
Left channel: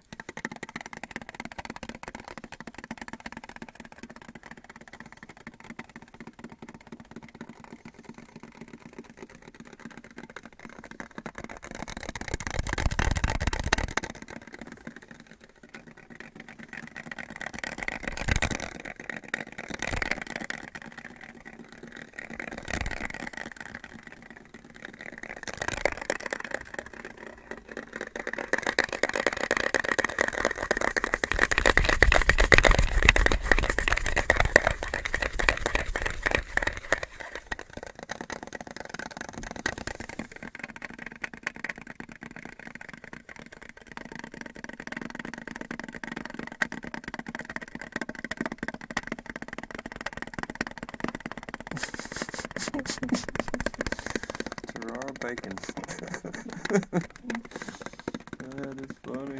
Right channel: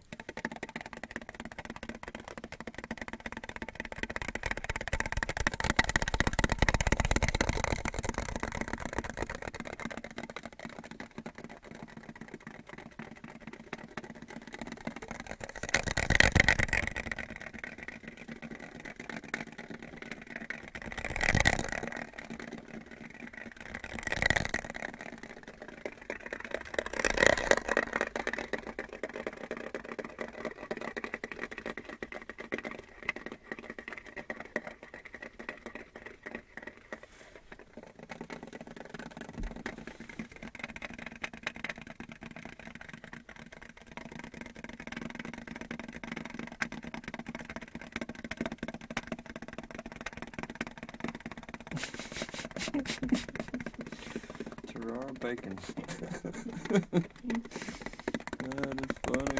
Gerard Bacon. That is funny.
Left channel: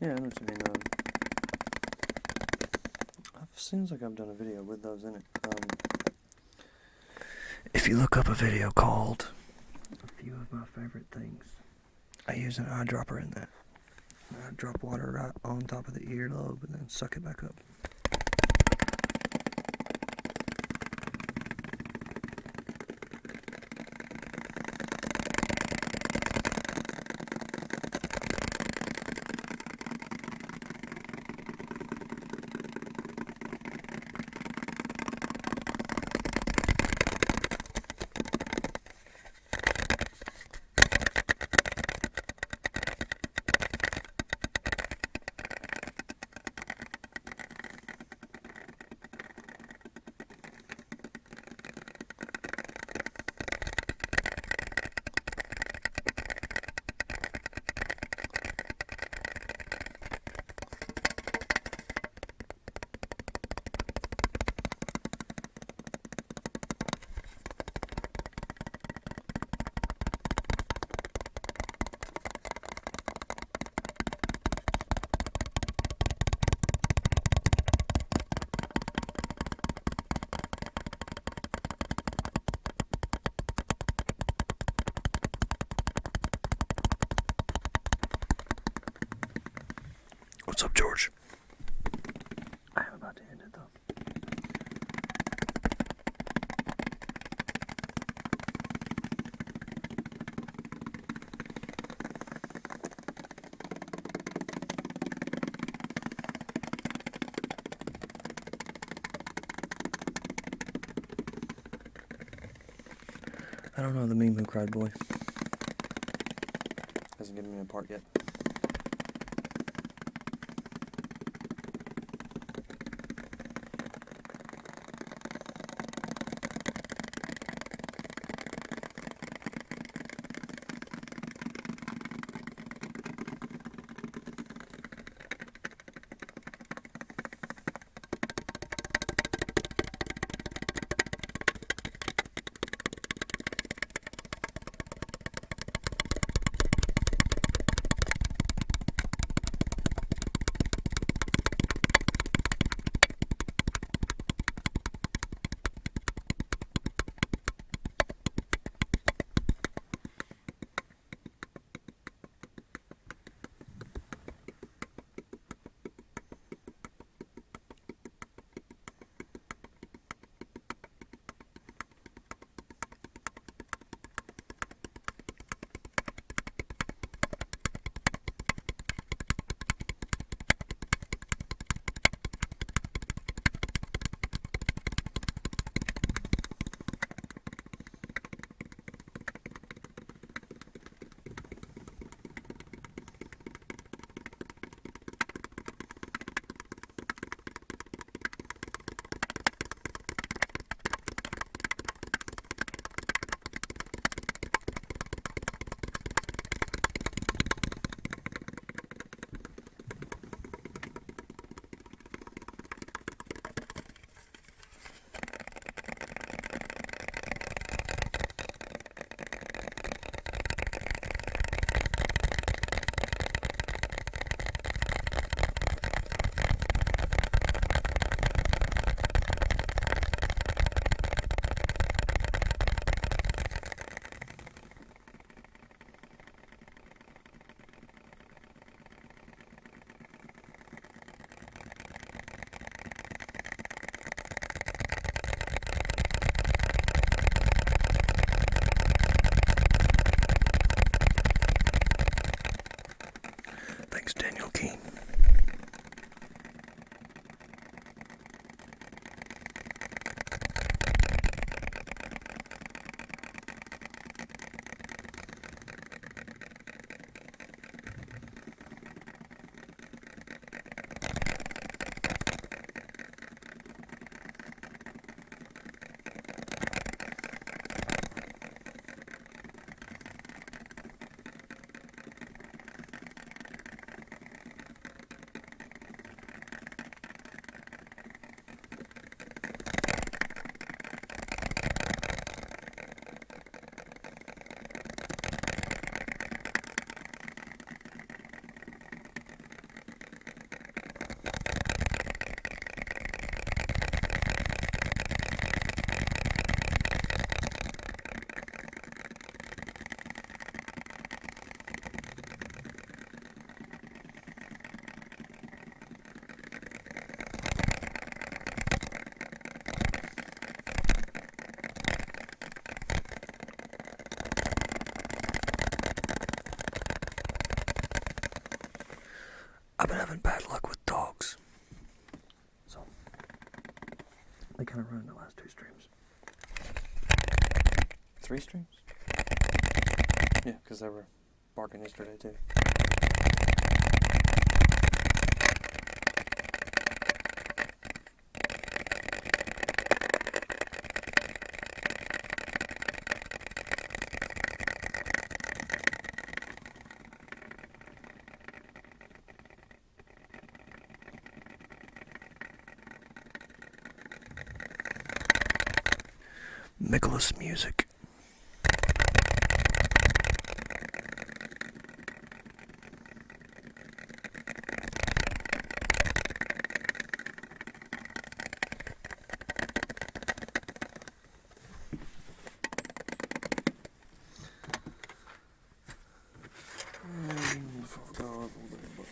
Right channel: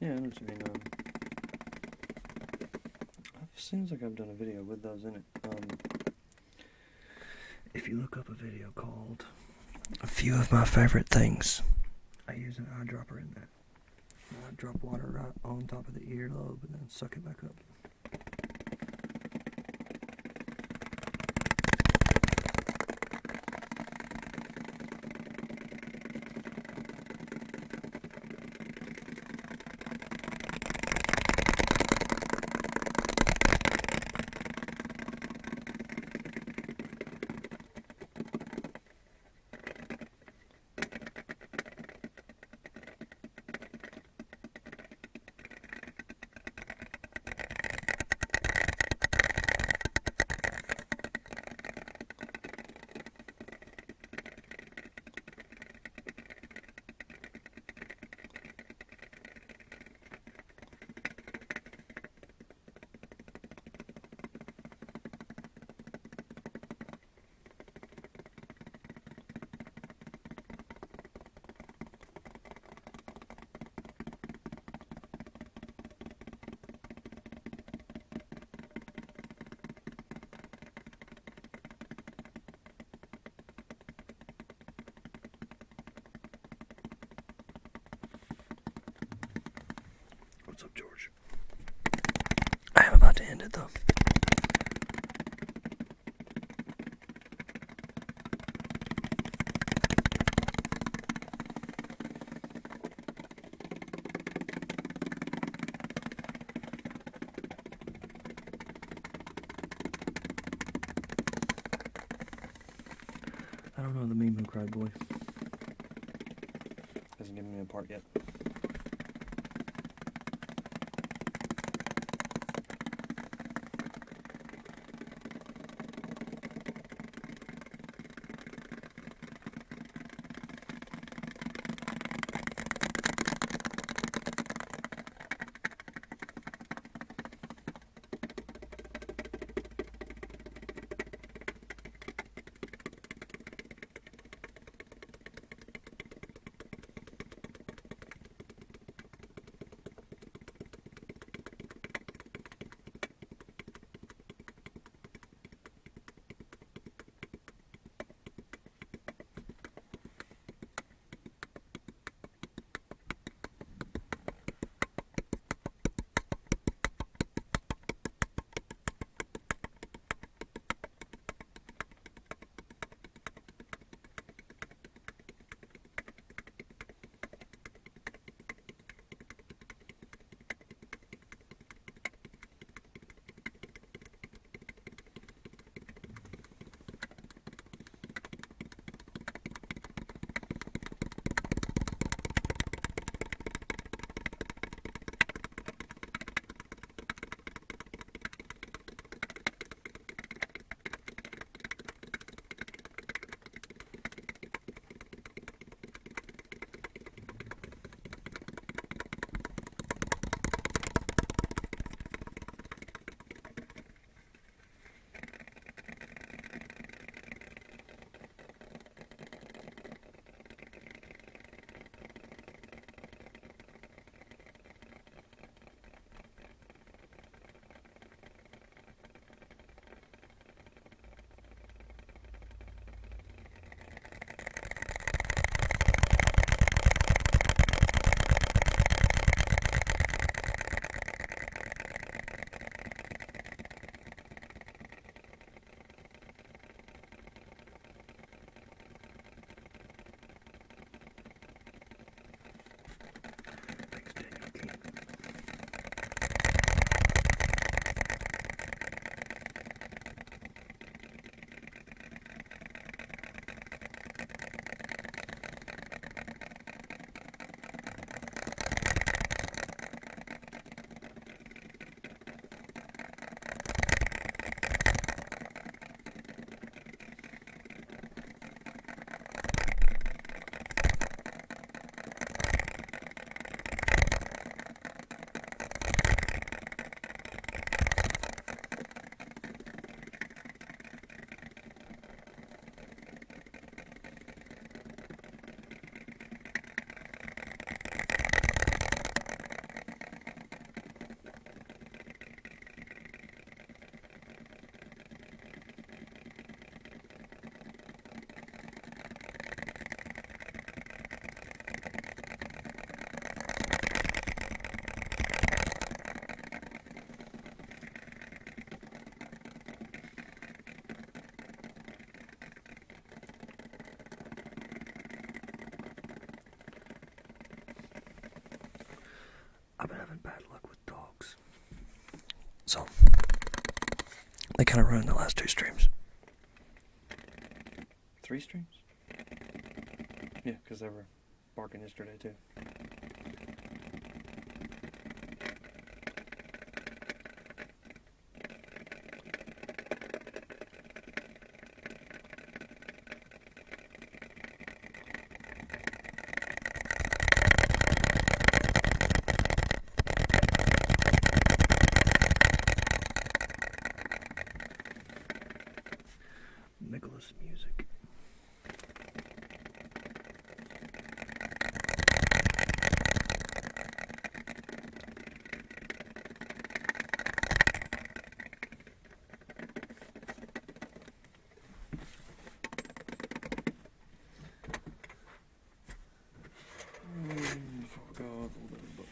Yeah, I know what you mean. It seems like I've done a video with those in it. If you look up a video called "A Few of My Favorite Things," I use an eyedropper in that. I drop water right on top of the earlobe and then suck it back up. What's up, George? I am about to end it, though. I don't know the meme who cried boy. Hasn't given me a part yet. I've been having bad luck with dogs. So, they kind of ruined the last 2 streams. 3 streams? Yeah, because they were barking yesterday too. Nicholas music. Before we go, I'll open the book.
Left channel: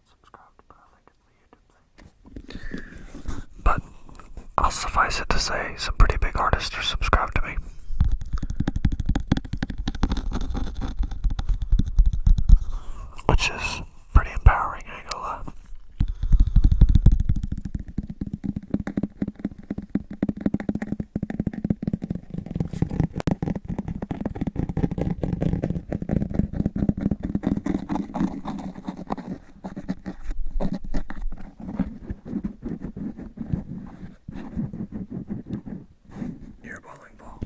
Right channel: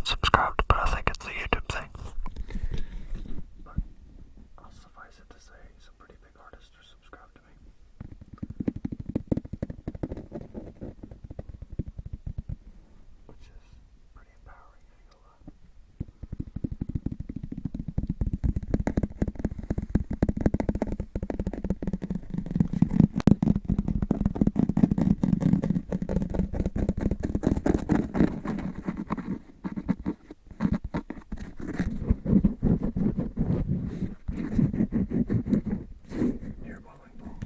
unsubscribed, but I think it's the YouTube thing. But I'll suffice it to say some pretty big artists are subscribed to me. Which is pretty empowering, I ain't gonna lie. You're a bowling ball.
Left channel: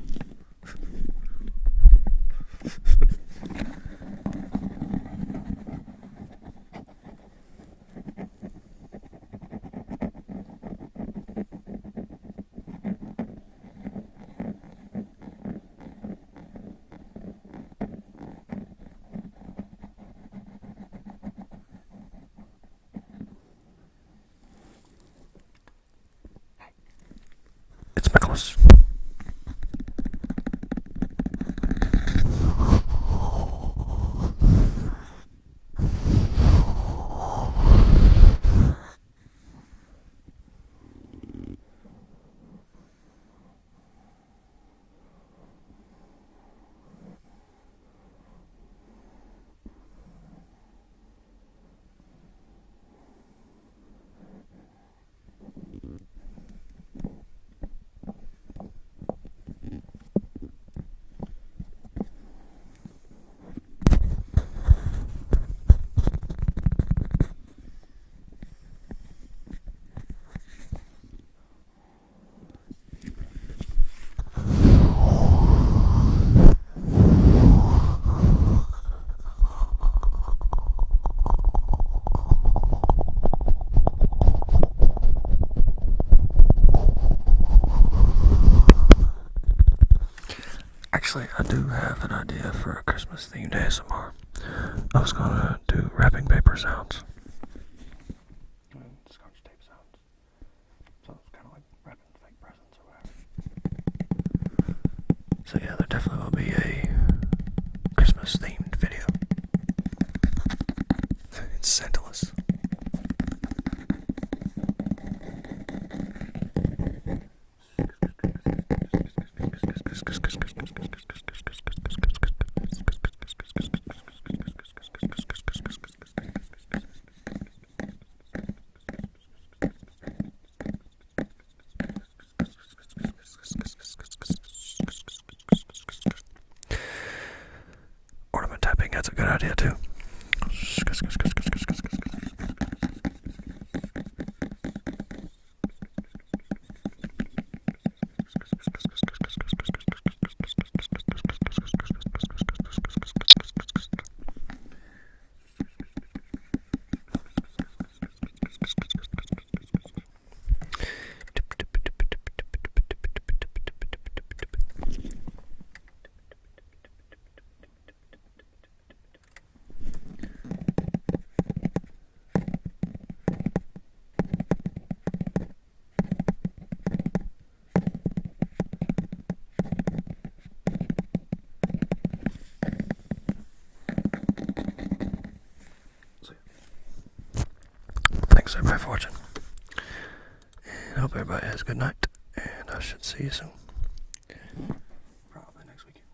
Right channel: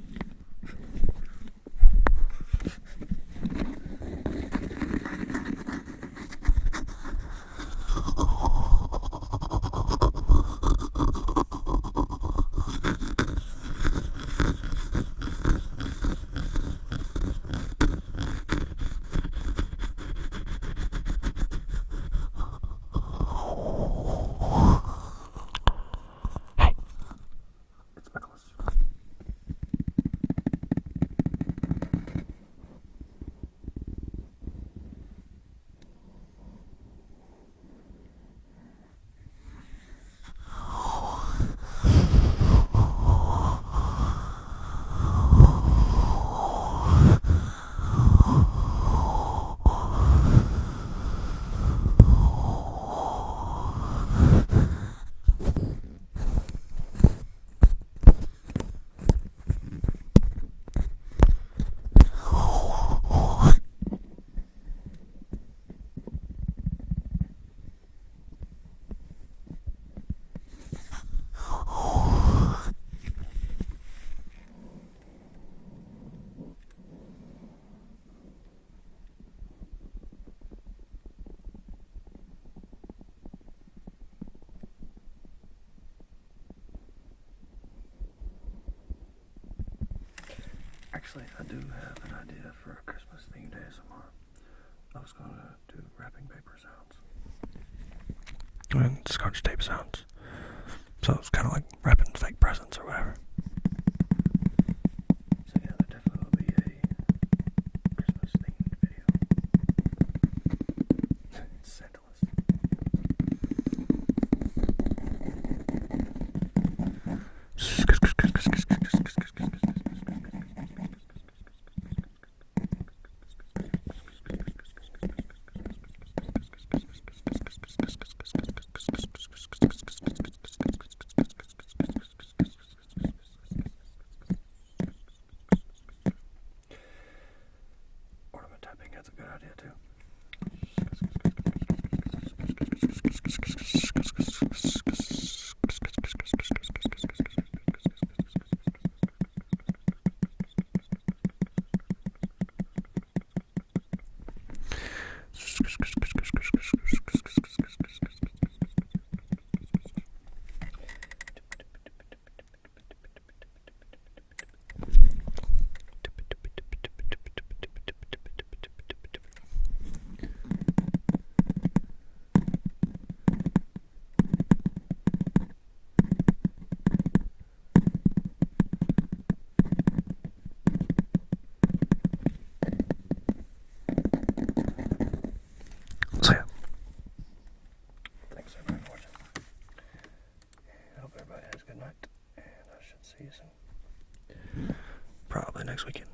Hey, it's Nicholas. Actually, I do have an idea for a Christmas themed ASMR. I was gonna do wrapping paper sounds and scotch tape sounds. So it's kind of like wrapping fake presents or whatever. So yeah, there definitely will be a Christmas themed video. It's scentless. Ornament tapping, that's a good idea too. So yeah, thanks everybody for watching, and I hope everybody has a good night, and I should see you soon, probably next weekend.